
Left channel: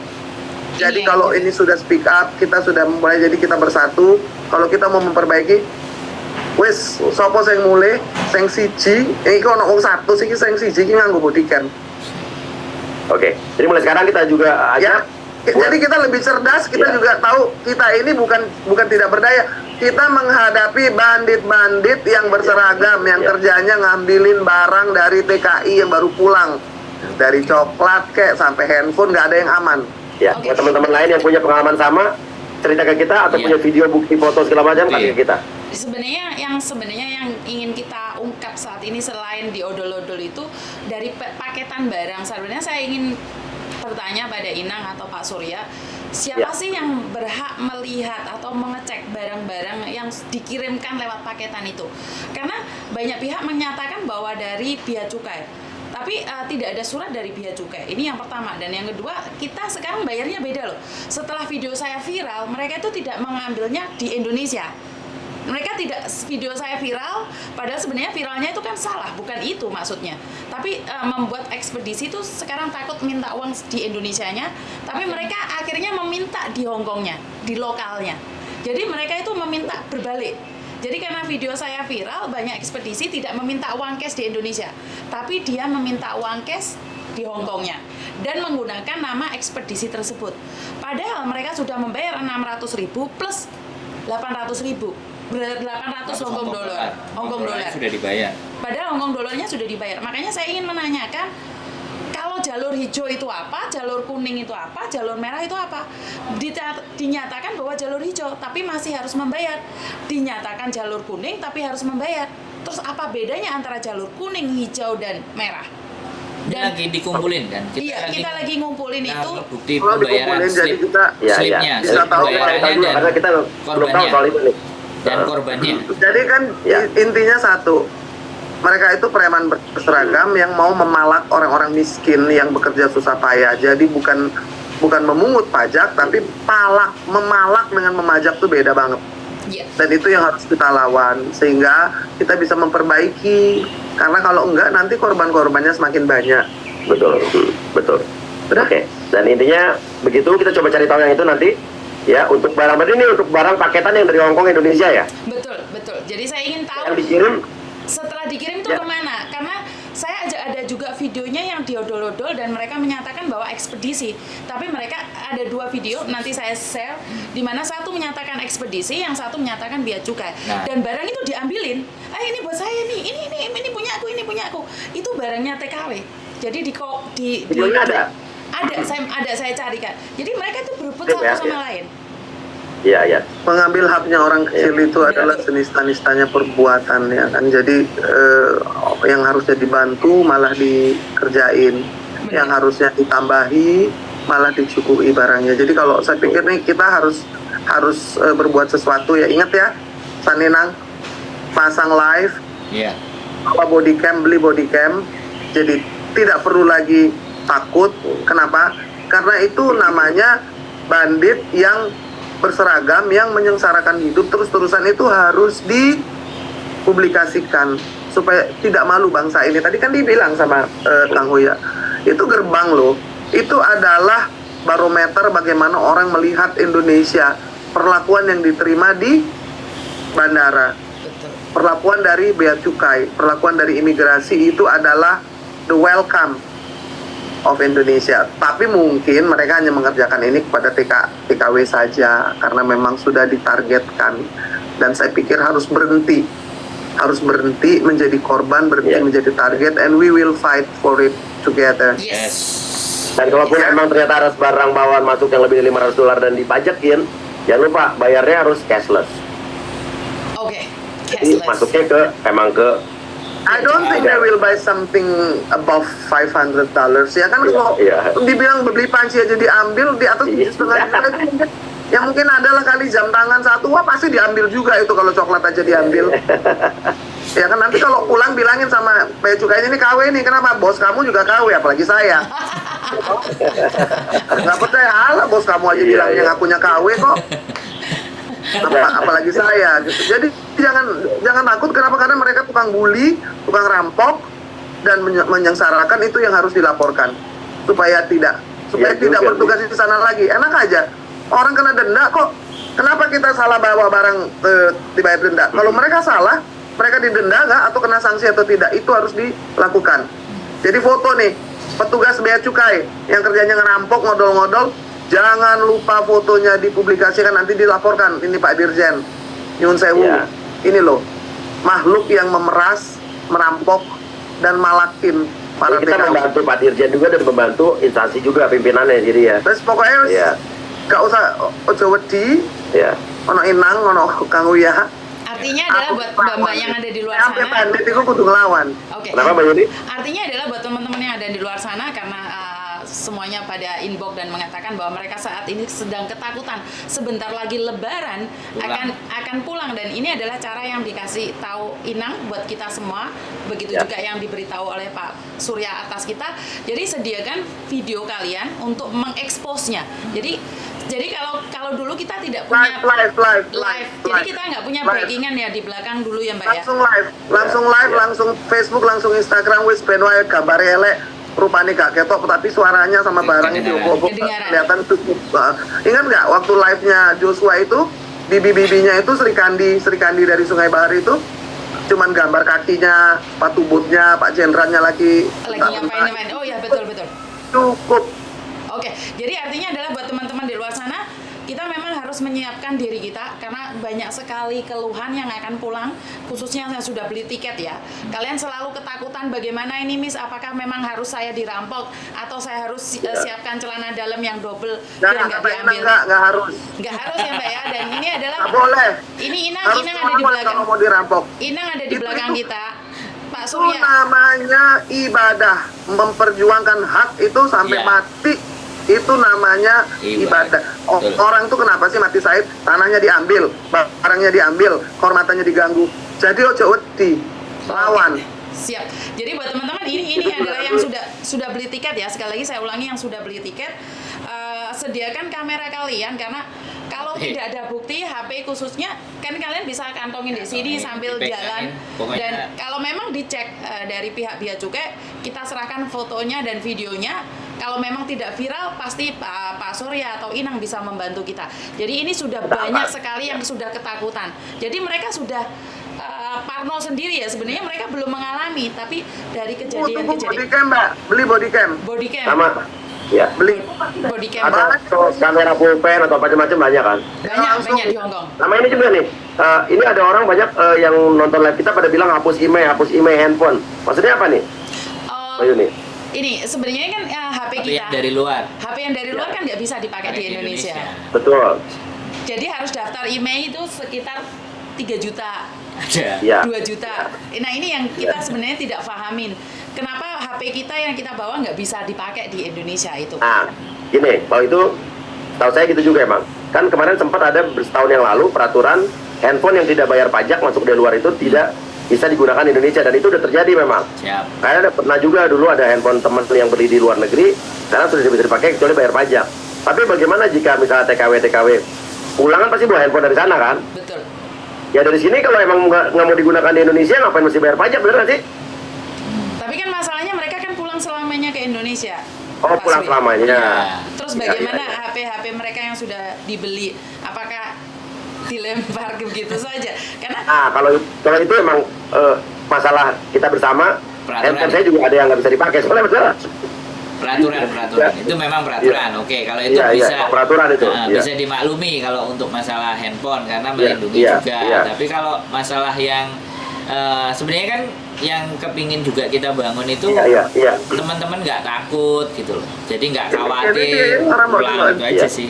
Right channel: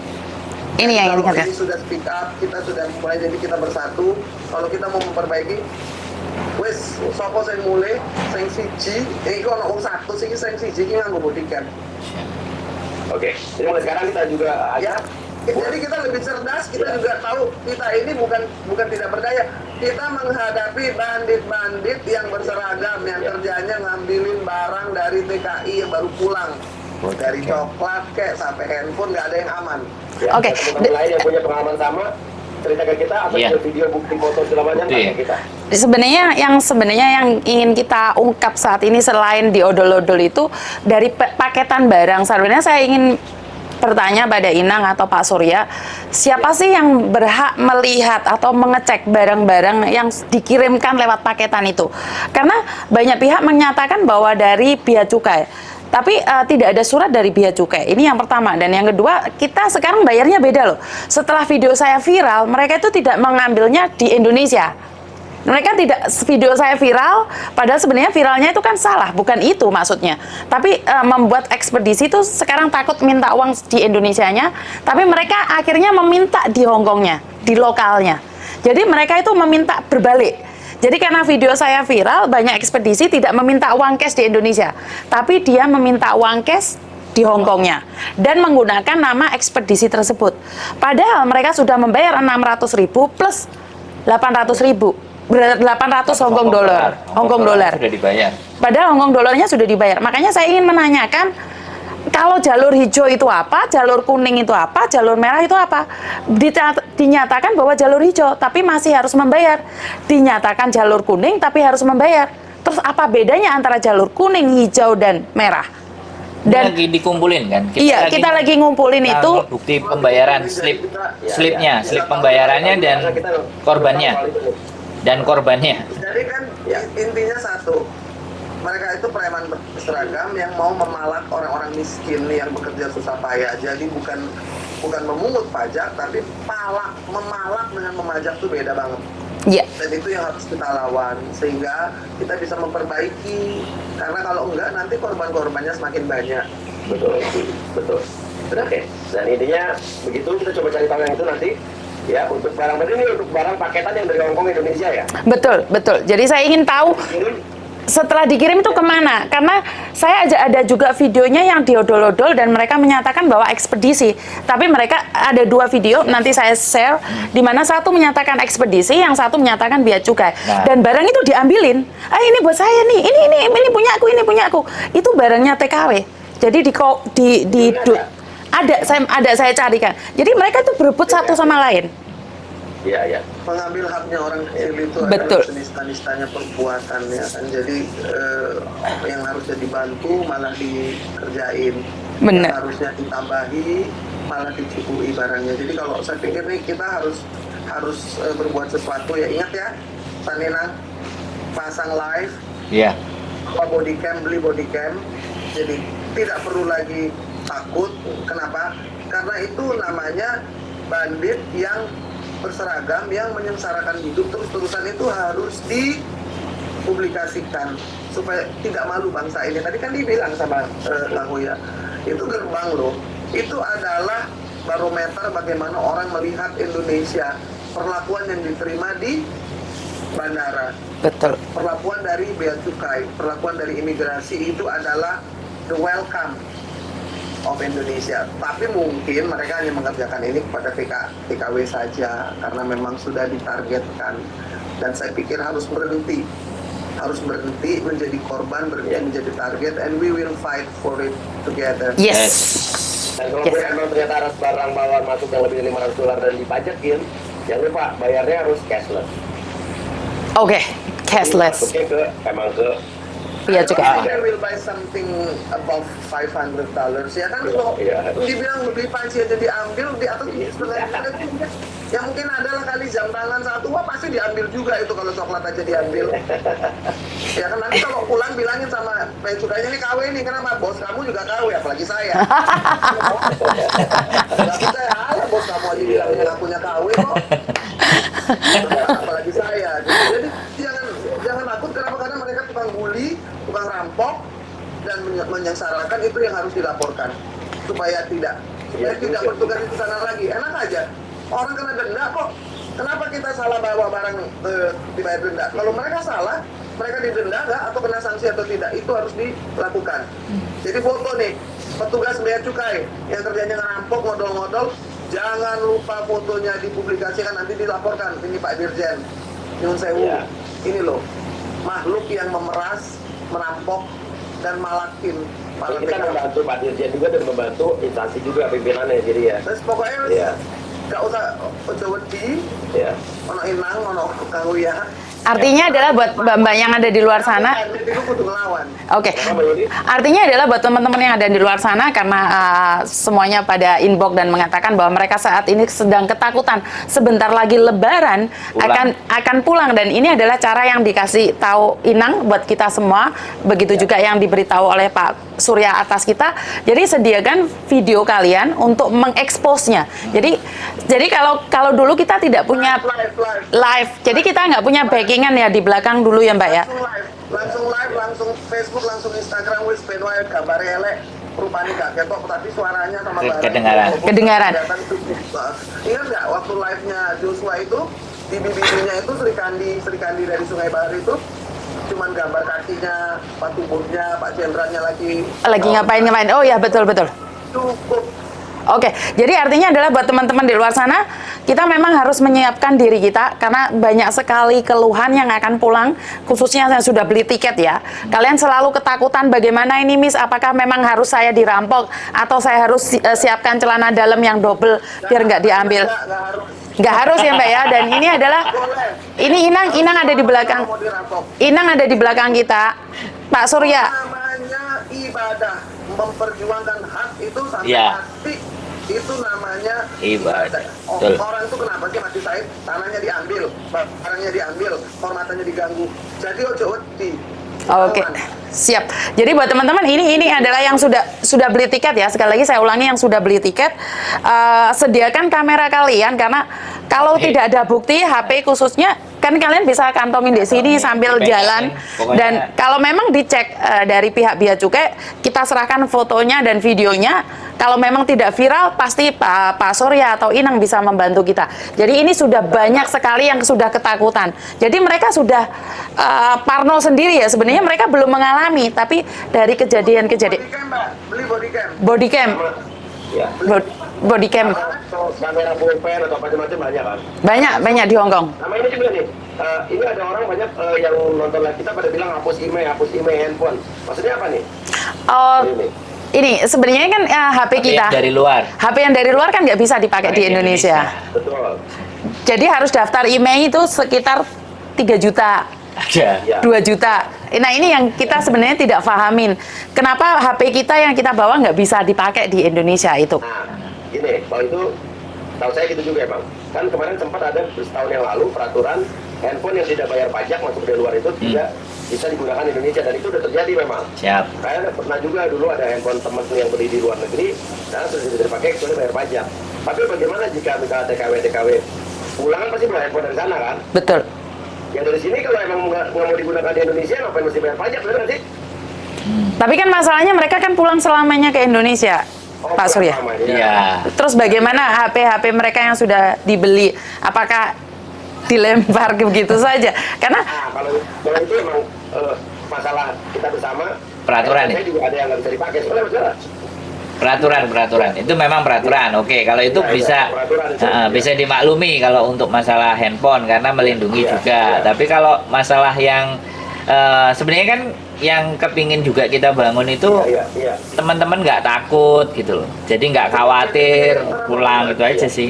Jadi yang kalau kita- ini sudah speak up, kita sudah mulai, jadi kita bersatu. Kalau kita mau memperbaiki, wes sopo sing mulai, sing siji, ini kalau ngomong satu sih, sing siji ini nganggo body cam. Oke. Jadi mulai sekarang kita juga Ya, jadi kita lebih cerdas, kita Ya. juga tahu kita ini bukan tidak berdaya. Kita menghadapi bandit-bandit yang berseragam, yang kerjanya ngambilin barang dari TKI yang baru pulang. Dari coklat kek sampai handphone, nggak ada yang aman. Ya, Oke. buat teman-teman lain yang punya pengalaman sama, cerita ke kita atau Iya. punya video, bukti, foto segala macam, Iya. kasih ke kita. Sebenarnya yang ingin kita ungkap saat ini selain diodol-odol itu dari paketan barang. Sebenarnya saya ingin bertanya pada Inang atau Pak Surya, siapa sih yang berhak melihat atau mengecek barang-barang yang dikirimkan lewat paketan itu? Karena banyak pihak menyatakan bahwa dari Bea Cukai, tapi tidak ada surat dari Bea Cukai. Ini yang pertama. Dan yang kedua, kita sekarang bayarnya beda loh. Setelah video saya viral, mereka itu tidak mengambilnya di Indonesia. Mereka tidak, video saya viral, padahal sebenarnya viralnya itu kan salah, bukan itu maksudnya. Tapi membuat ekspedisi itu sekarang takut minta uang di Indonesianya, tapi mereka akhirnya meminta di Hongkongnya, di lokalnya. Jadi mereka itu meminta berbalik. Jadi karena video saya viral, banyak ekspedisi tidak meminta uang cash di Indonesia, tapi dia meminta uang cash di Hongkongnya dan menggunakan nama ekspedisi tersebut. Padahal mereka sudah membayar 600.000 plus 800.000. 800 Hongkong dolar. Hongkong dolar. Sudah dibayar. Padahal Hongkong dolarnya sudah dibayar. Makanya saya ingin menanyakan, kalau jalur hijau itu apa, jalur kuning itu apa, jalur merah itu apa? Dinyatakan bahwa jalur hijau, tapi masih harus membayar. Dinyatakan jalur kuning, tapi harus membayar. Terus apa bedanya antara jalur kuning, hijau, dan merah? Dan lagi dikumpulin kan? Iya, kita lagi ngumpulin itu. Bukti pembayaran, slipnya, slip pembayarannya dan korbannya. Dan korbannya. Jadi kan intinya satu, mereka itu preman berseragam yang mau memalak orang-orang miskin yang bekerja susah payah. Jadi bukan memungut pajak, tapi memalak dengan memajak tuh beda banget. Iya. Dan itu yang harus kita lawan sehingga kita bisa memperbaiki. Karena kalau enggak nanti korban-korbannya semakin banyak. Betul. Oke. Dan intinya begitu, kita coba cari tahu yang itu nanti. Ya, untuk barang ini untuk barang paketan yang dari Hongkong Indonesia ya. Betul. Jadi saya ingin tahu setelah dikirim itu kemana? Karena saya ada juga videonya yang diodol-odol dan mereka menyatakan bahwa ekspedisi. Tapi mereka ada dua video, nanti saya share, di mana satu menyatakan ekspedisi, yang satu menyatakan Bea Cukai. Nah. Dan barang itu diambilin. Ini buat saya nih, ini punya aku. Itu barangnya TKW. Jadi ada saya carikan. Jadi mereka itu berebut satu sama lain. Iya. Mengambil haknya orang kecil itu adalah senista-nistanya perbuatan ya kan. Jadi yang harusnya dibantu malah dikerjain. Benar. Yang harusnya ditambahi malah dicukupi barangnya. Jadi kalau saya pikir nih kita harus berbuat sesuatu ya. Ingat ya, Saninang pasang live, Iya. body cam, beli body cam. Jadi tidak perlu lagi takut. Kenapa? Karena itu namanya bandit yang berseragam yang menyengsarakan hidup terus-terusan. Itu harus dipublikasikan supaya tidak malu bangsa ini. Tadi kan dibilang sama Kang Hoya, itu gerbang loh. Itu adalah barometer bagaimana orang melihat Indonesia, perlakuan yang diterima di bandara, Betul. perlakuan dari Bea Cukai, perlakuan dari imigrasi, itu adalah the welcome of Indonesia. Tapi mungkin mereka hanya mengerjakan ini kepada TKW saja karena memang sudah ditargetkan. Dan saya pikir harus berhenti menjadi korban, berhenti menjadi target, and we will fight for it together. Yes. Dan kalaupun emang ternyata ada barang bawaan masuk yang lebih dari $500 dan dipajakin, jangan lupa bayarnya harus cashless. Oke, Jadi cashless. masuknya ke I Iya don't juga. think they will buy something above $500 ya kan. Kalau dibilang beli panci aja diambil di atas 7,5 juta itu mungkin, yang mungkin adalah kali jam tangan satu, wah pasti diambil juga itu kalau coklat aja diambil. Ya kan nanti kalau pulang bilangin sama bea cukainya, ini KW nih, kenapa? Bos kamu juga KW, apalagi saya. Nggak percaya, alah bos kamu aja bilangnya ngakunya KW kok. Apalagi saya gitu. Jadi jangan takut, kenapa? Karena mereka tukang bully, tukang rampok, dan menyengsarakan, itu yang harus dilaporkan supaya tidak bertugas di sana lagi. Enak aja, orang kena denda kok, kenapa kita salah bawa barang dibayar denda? Kalau mereka salah, mereka didenda nggak atau kena sanksi atau tidak, itu harus dilakukan. Jadi foto nih, petugas bea cukai yang kerjanya ngerampok, ngodol-ngodol, jangan lupa fotonya dipublikasikan, nanti dilaporkan. Ini Pak Dirjen, nyun sewu, ini loh, makhluk yang memeras, merampok, dan malakin para kita TKW. membantu Pak Dirjen juga dan membantu instansi juga pimpinannya, jadi ya. Terus pokoknya gak usah ojo wedi, ono Inang, ono Kang Uya. Artinya adalah buat mbak-mbak yang ada di luar sana. Itu kudu ngelawan. Oke. Kenapa Mbak Yuni? Artinya adalah buat teman-teman yang ada di luar sana, karena semuanya pada inbox dan mengatakan bahwa mereka saat ini sedang ketakutan sebentar lagi Lebaran akan pulang, dan ini adalah cara yang dikasih tahu Inang buat kita semua, begitu juga yang diberitahu oleh Pak Surya atas kita. Jadi sediakan video kalian untuk mengeksposnya. Jadi kalau dulu kita tidak punya live. Jadi kita nggak punya backingan ya di belakang dulu ya Mbak ya. Langsung live, langsung Facebook, langsung Instagram, wis ben wae gambar elek, rupanya gak ketok, tapi suaranya sama barang Kedengaran. kelihatan cukup. Ingat nggak waktu live-nya Joshua itu, bibi-bibinya itu Sri Kandi dari Sungai Bahar itu, cuman gambar kakinya, sepatu bootnya, Pak Jenderalnya lagi ngapain. Oh ya, betul. Cukup. Oke, jadi artinya adalah buat teman-teman di luar sana, kita memang harus menyiapkan diri kita, karena banyak sekali keluhan yang akan pulang, khususnya yang sudah beli tiket ya. Kalian selalu ketakutan, bagaimana ini Miss, apakah memang harus saya dirampok, atau saya harus siapkan celana dalam yang double biar nggak diambil. Nggak harus ya Mbak ya, dan ini adalah, ini Inang ada di belakang, Inang ada di belakang kita, Pak Surya. Namanya ibadah, memperjuangkan hak itu sampai mati. Itu namanya ibadah. Orang tuh kenapa sih mati syahid? Tanahnya diambil, barangnya diambil, kehormatannya diganggu. Jadi ojo wedi. Oke, siap. Jadi buat teman-teman, ini adalah yang sudah beli tiket ya. Sekali lagi saya ulangi, yang sudah beli tiket, sediakan kamera kalian, karena kalau tidak ada bukti HP khususnya, kan kalian bisa kantongin di sini sambil jalan. Dan kalau memang dicek dari pihak bea cukai, kita serahkan fotonya dan videonya. Kalau memang tidak viral, pasti Pak Surya atau Inang bisa membantu kita. Jadi ini sudah banyak sekali yang sudah ketakutan. Jadi mereka sudah parno sendiri ya. Sebenarnya mereka belum mengalami, tapi dari kejadian-kejadian. Bodycam Mbak, beli bodycam. Bodycam. Sama, ya. Bodycam. Kamera pulpen atau macam-macam banyak kan? Banyak di Hong Kong. Sama ini juga nih, ini ada orang banyak yang nonton live kita pada bilang hapus email handphone. Maksudnya apa nih? Ayo nih. Ini sebenarnya kan HP kita. Yang dari luar. HP yang dari luar kan nggak bisa dipakai di Indonesia. Betul. Jadi harus daftar email itu sekitar 3 juta. Ada. 2 juta. Nah ini yang kita sebenarnya tidak pahamin. Kenapa HP kita yang kita bawa nggak bisa dipakai di Indonesia itu? Nah, gini, kalau itu tahu saya gitu juga emang. Kan kemarin sempat ada setahun yang lalu peraturan handphone yang tidak bayar pajak masuk dari luar itu tidak bisa digunakan di Indonesia, dan itu udah terjadi memang. Siap. Kayak pernah juga dulu ada handphone teman yang beli di luar negeri, sekarang sudah bisa dipakai kecuali bayar pajak. Tapi bagaimana jika misalnya TKW pulang kan pasti bawa handphone dari sana kan? Betul. Ya dari sini kalau emang nggak mau digunakan di Indonesia, ngapain mesti bayar pajak, bener nggak sih? Tapi kan masalahnya mereka kan pulang selamanya ke Indonesia, Oh, Pak pulang Surya. selamanya. Ya. Terus bagaimana HP mereka yang sudah dibeli? Apakah dilempar begitu saja? Karena Kalau itu emang masalah kita bersama. Peraturan. Handphone saya juga ada yang nggak bisa dipakai, soalnya masalah. Peraturan itu memang peraturan. Oke, kalau itu Iya, bisa peraturan itu. bisa dimaklumi kalau untuk masalah handphone karena melindungi juga. Tapi kalau masalah yang sebenarnya kan yang kepingin juga kita bangun itu teman-teman nggak takut gitu loh. Jadi nggak khawatir pulang itu aja sih.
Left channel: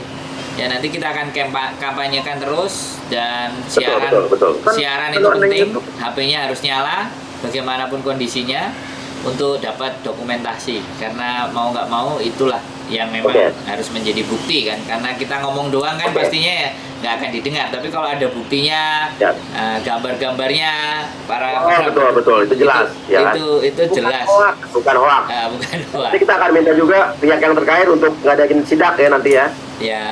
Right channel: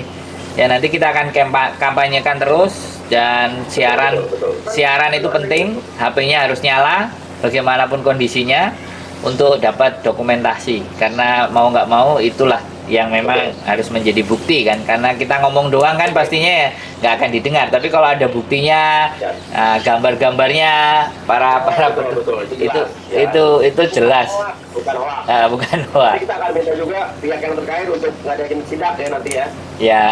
Ya nanti kita akan kampanyekan terus, dan siaran Betul. siaran itu penting. HP-nya harus nyala. bagaimanapun kondisinya untuk dapat dokumentasi, karena mau nggak mau itulah yang memang harus menjadi bukti kan, karena kita ngomong doang kan pastinya ya nggak akan didengar, tapi kalau ada buktinya, gambar-gambarnya para betul itu jelas itu jelas, bukan hoax. Bukan hoax. Nanti kita akan minta juga pihak yang terkait untuk ngadain sidak ya nanti ya. Ya.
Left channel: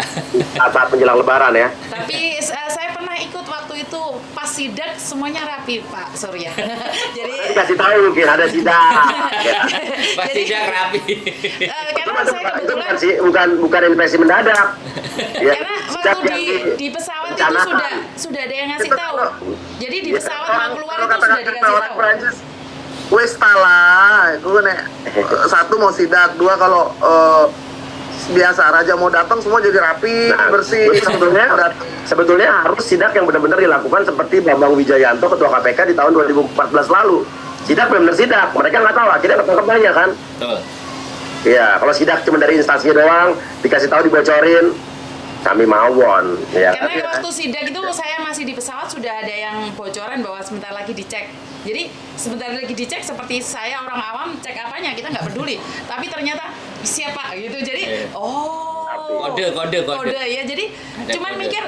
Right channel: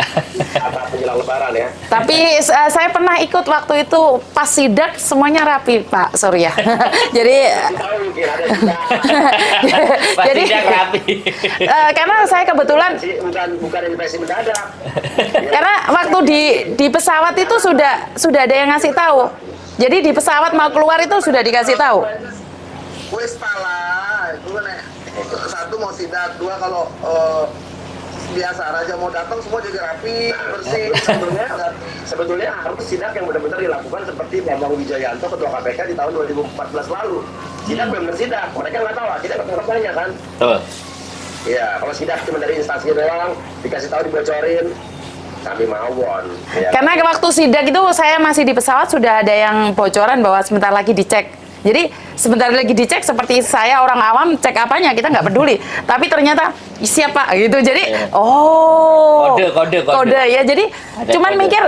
Saat menjelang Lebaran ya. Tapi saya pernah ikut waktu itu pas sidak semuanya rapi Pak Surya. Jadi Kasih tahu mungkin ada sidak. jadi Sidak rapi. karena saya kebetulan bukan investasi mendadak. Ya. karena waktu di pesawat itu sudah ada yang ngasih tahu. Jadi di pesawat mau keluar itu sudah dikasih tahu. Wes lah, itu nek satu mau sidak, dua kalau biasa raja mau datang semua jadi rapi, bersih. Sebetulnya harus sidak yang benar-benar dilakukan seperti Bambang Wijayanto ketua KPK di tahun 2014 lalu. Sidak benar-benar sidak, mereka nggak tahu, akhirnya ketangkep banyak kan. Betul. Ya, kalau sidak cuma dari instansi doang, dikasih tahu dibocorin, kami mawon. Ya, Karena waktu sidak itu saya masih di pesawat sudah ada yang bocoran bahwa sebentar lagi dicek. Jadi sebentar lagi dicek seperti saya orang awam cek apanya kita nggak peduli. Tapi ternyata siapa gitu. Jadi kode ya. Jadi Ada cuman kode. mikir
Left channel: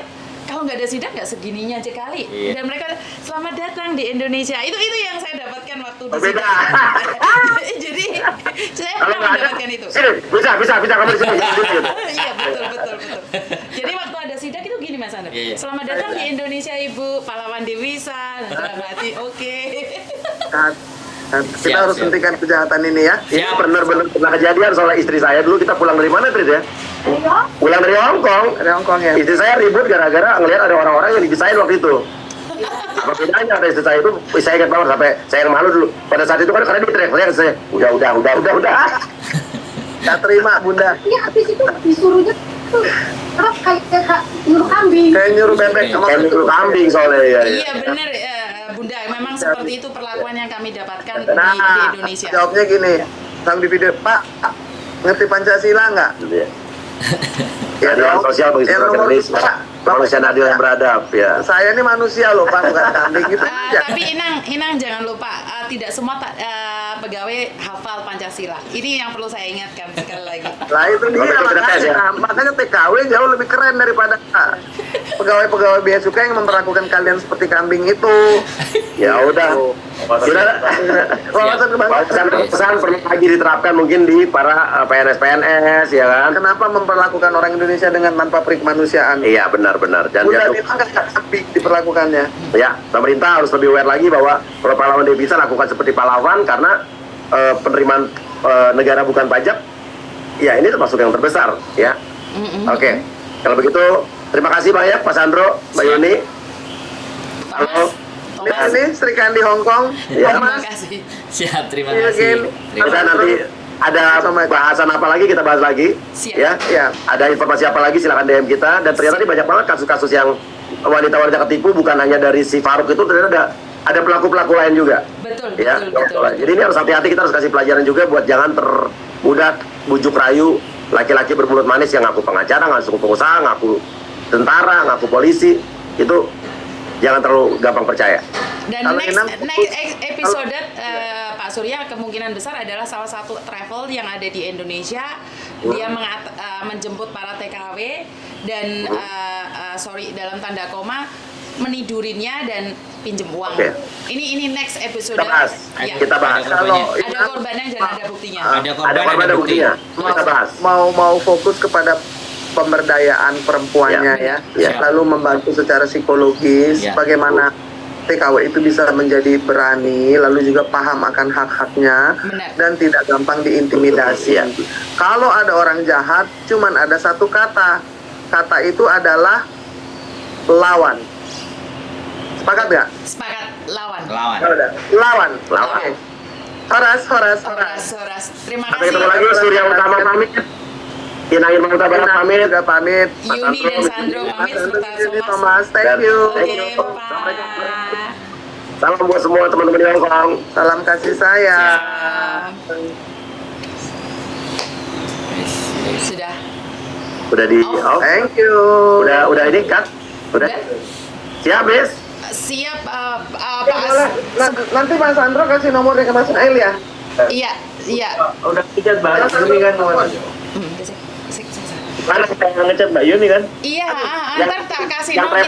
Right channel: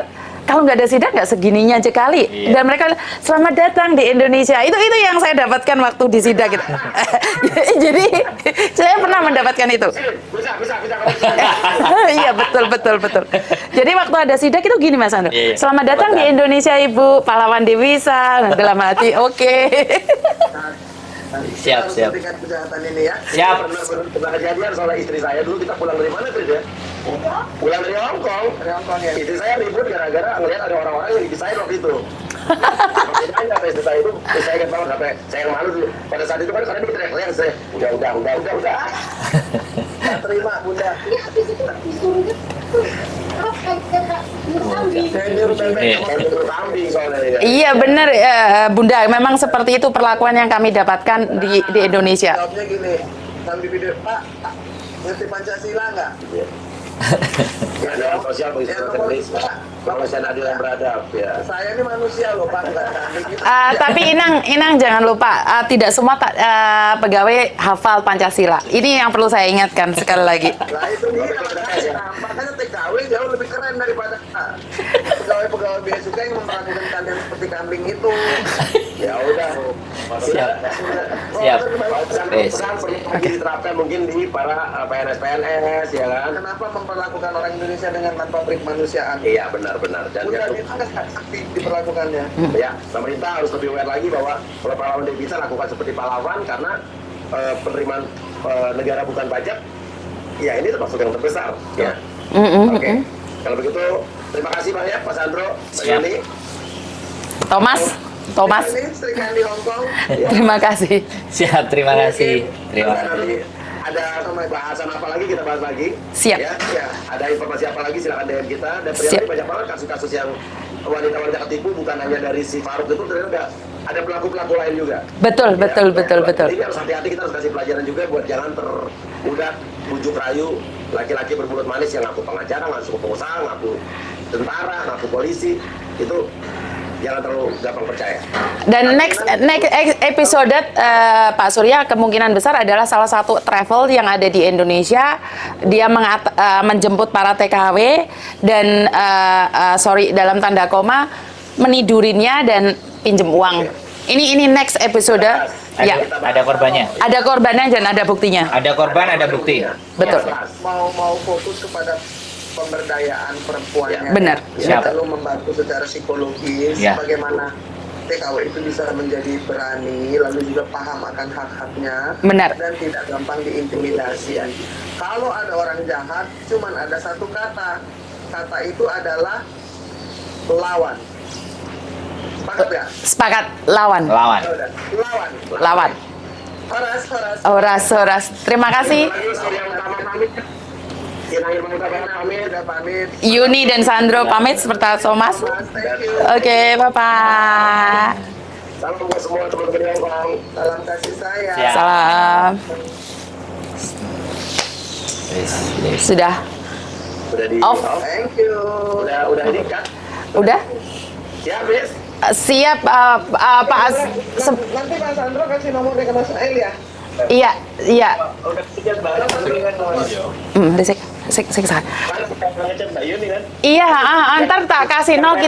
kalau nggak ada sidak nggak segininya aja kali. Dan mereka selamat datang di Indonesia. Itu yang saya dapatkan waktu di sidak gitu. Jadi saya pernah mendapatkan itu. Sini, bisa kamu di sini. Iya betul. Jadi waktu ada sidak itu gini Mas Andro. Iya. Selamat datang di Indonesia Ibu, pahlawan Devisa. Nah, dalam hati oke. Kita harus hentikan kejahatan ini ya. Ya benar-benar pernah kejadian soal istri saya dulu, kita pulang dari mana Trid ya? Pulang dari Hong Kong. Dari Hong Kong ya. Istri saya ribut gara-gara ngelihat ada orang-orang yang dipisahin waktu itu. Apa bedanya ada istri saya itu? Saya ingat banget sampai saya yang malu dulu. Pada saat itu kan karena dia teriak-teriak saya, udah. Nggak terima Bunda. Iya, habis itu disuruhnya tuh kerap kayak nyuruh kambing. Kayak nyuruh bebek Iya. sama Kayak mikro kambing soalnya ya. Iya benar Bunda, memang seperti itu perlakuan yang kami dapatkan di Indonesia. Jawabnya gini, sambil video, Pak, ngerti Pancasila nggak? Ya, dalam sosial begitu Yang nomor akademis, dua, kemanusiaan adil yang beradab ya. Saya ini manusia loh Pak, bukan kambing gitu. Tapi Inang jangan lupa tidak semua pegawai hafal Pancasila. Ini yang perlu saya ingatkan sekali lagi. Lah itu dia, Kalau kita tes ya. makanya TKW jauh lebih keren daripada pegawai-pegawai bea cukai yang memperlakukan kalian seperti kambing itu. Ya udah. Sudah. Wawasan kebangsaan. Pesan perlu lagi diterapkan mungkin di para PNS ya kan. Kenapa memperlakukan orang Indonesia dengan tanpa perikemanusiaan? Iya benar. Dan Udah jatuh. itu nggak sepi diperlakukannya. Ya, pemerintah harus lebih aware lagi bahwa kalau pahlawan devisa lakukan seperti pahlawan karena penerimaan negara bukan pajak. Ya ini termasuk yang terbesar ya. Oke. Kalau begitu terima kasih banyak Pak Sandro, Mbak Siap. Yuni. Thomas. Ini Sri Kandi Hong Kong. Terima kasih. Siap, terima Iya, kasih. Gil. Dan nanti ada bahasan apa lagi kita bahas lagi. Siap. Ya. Ada informasi apa lagi silakan DM kita. Dan ternyata Siap. ini banyak banget kasus-kasus yang wanita-wanita ketipu bukan hanya dari si Faruk itu, ternyata ada pelaku-pelaku lain juga. Betul. Jadi ini harus hati-hati, kita harus kasih pelajaran juga buat jangan termudah bujuk rayu laki-laki bermulut manis yang ngaku pengacara, ngaku pengusaha, ngaku tentara, ngaku polisi. Itu jangan terlalu gampang percaya. Dan Kalau next episode Pak Surya kemungkinan besar adalah salah satu travel yang ada di Indonesia. Dia menjemput para TKW dan dalam tanda koma menidurinnya dan pinjem uang. Oke. Ini next episode. Kita bahas. Ya. Kita bahas. Ada korbannya. Ada korbannya dan ada buktinya. Ada korban, ada bukti. buktinya. Betul. Kita bahas. Mau fokus kepada pemberdayaan perempuannya Ya, benar. ya. Siap. Lalu membantu secara psikologis Ya. bagaimana TKW itu bisa menjadi berani lalu juga paham akan hak-haknya Benar. dan tidak gampang diintimidasi. Kalau ada orang jahat cuman ada satu kata itu adalah lawan. Sepakat nggak? Sepakat, lawan. Lawan. Ya udah. Lawan. Horas. Terima kasih. Lagi Surya Utama pamit. Inangin Bang Utama pamit. Sudah pamit. Yuni dan Sandro pamit serta Thomas. Thank you. Oke, Bapak. Salam buat semua teman-teman di Hong Kong. Salam kasih sayang. Siap. Salam. Yes. Sudah. Udah di Off. off. Thank you. Udah ini kan? Udah? Siap, Miss. Siap, Pak Nanti Mas Sandro kasih nomornya ke Mas Nail ya. Iya, iya. Udah tiket Mbak Yuni kan namanya. Udah saya kesana. Mana kita ngechat Mbak Yuni kan? Iya, ntar tak kasih no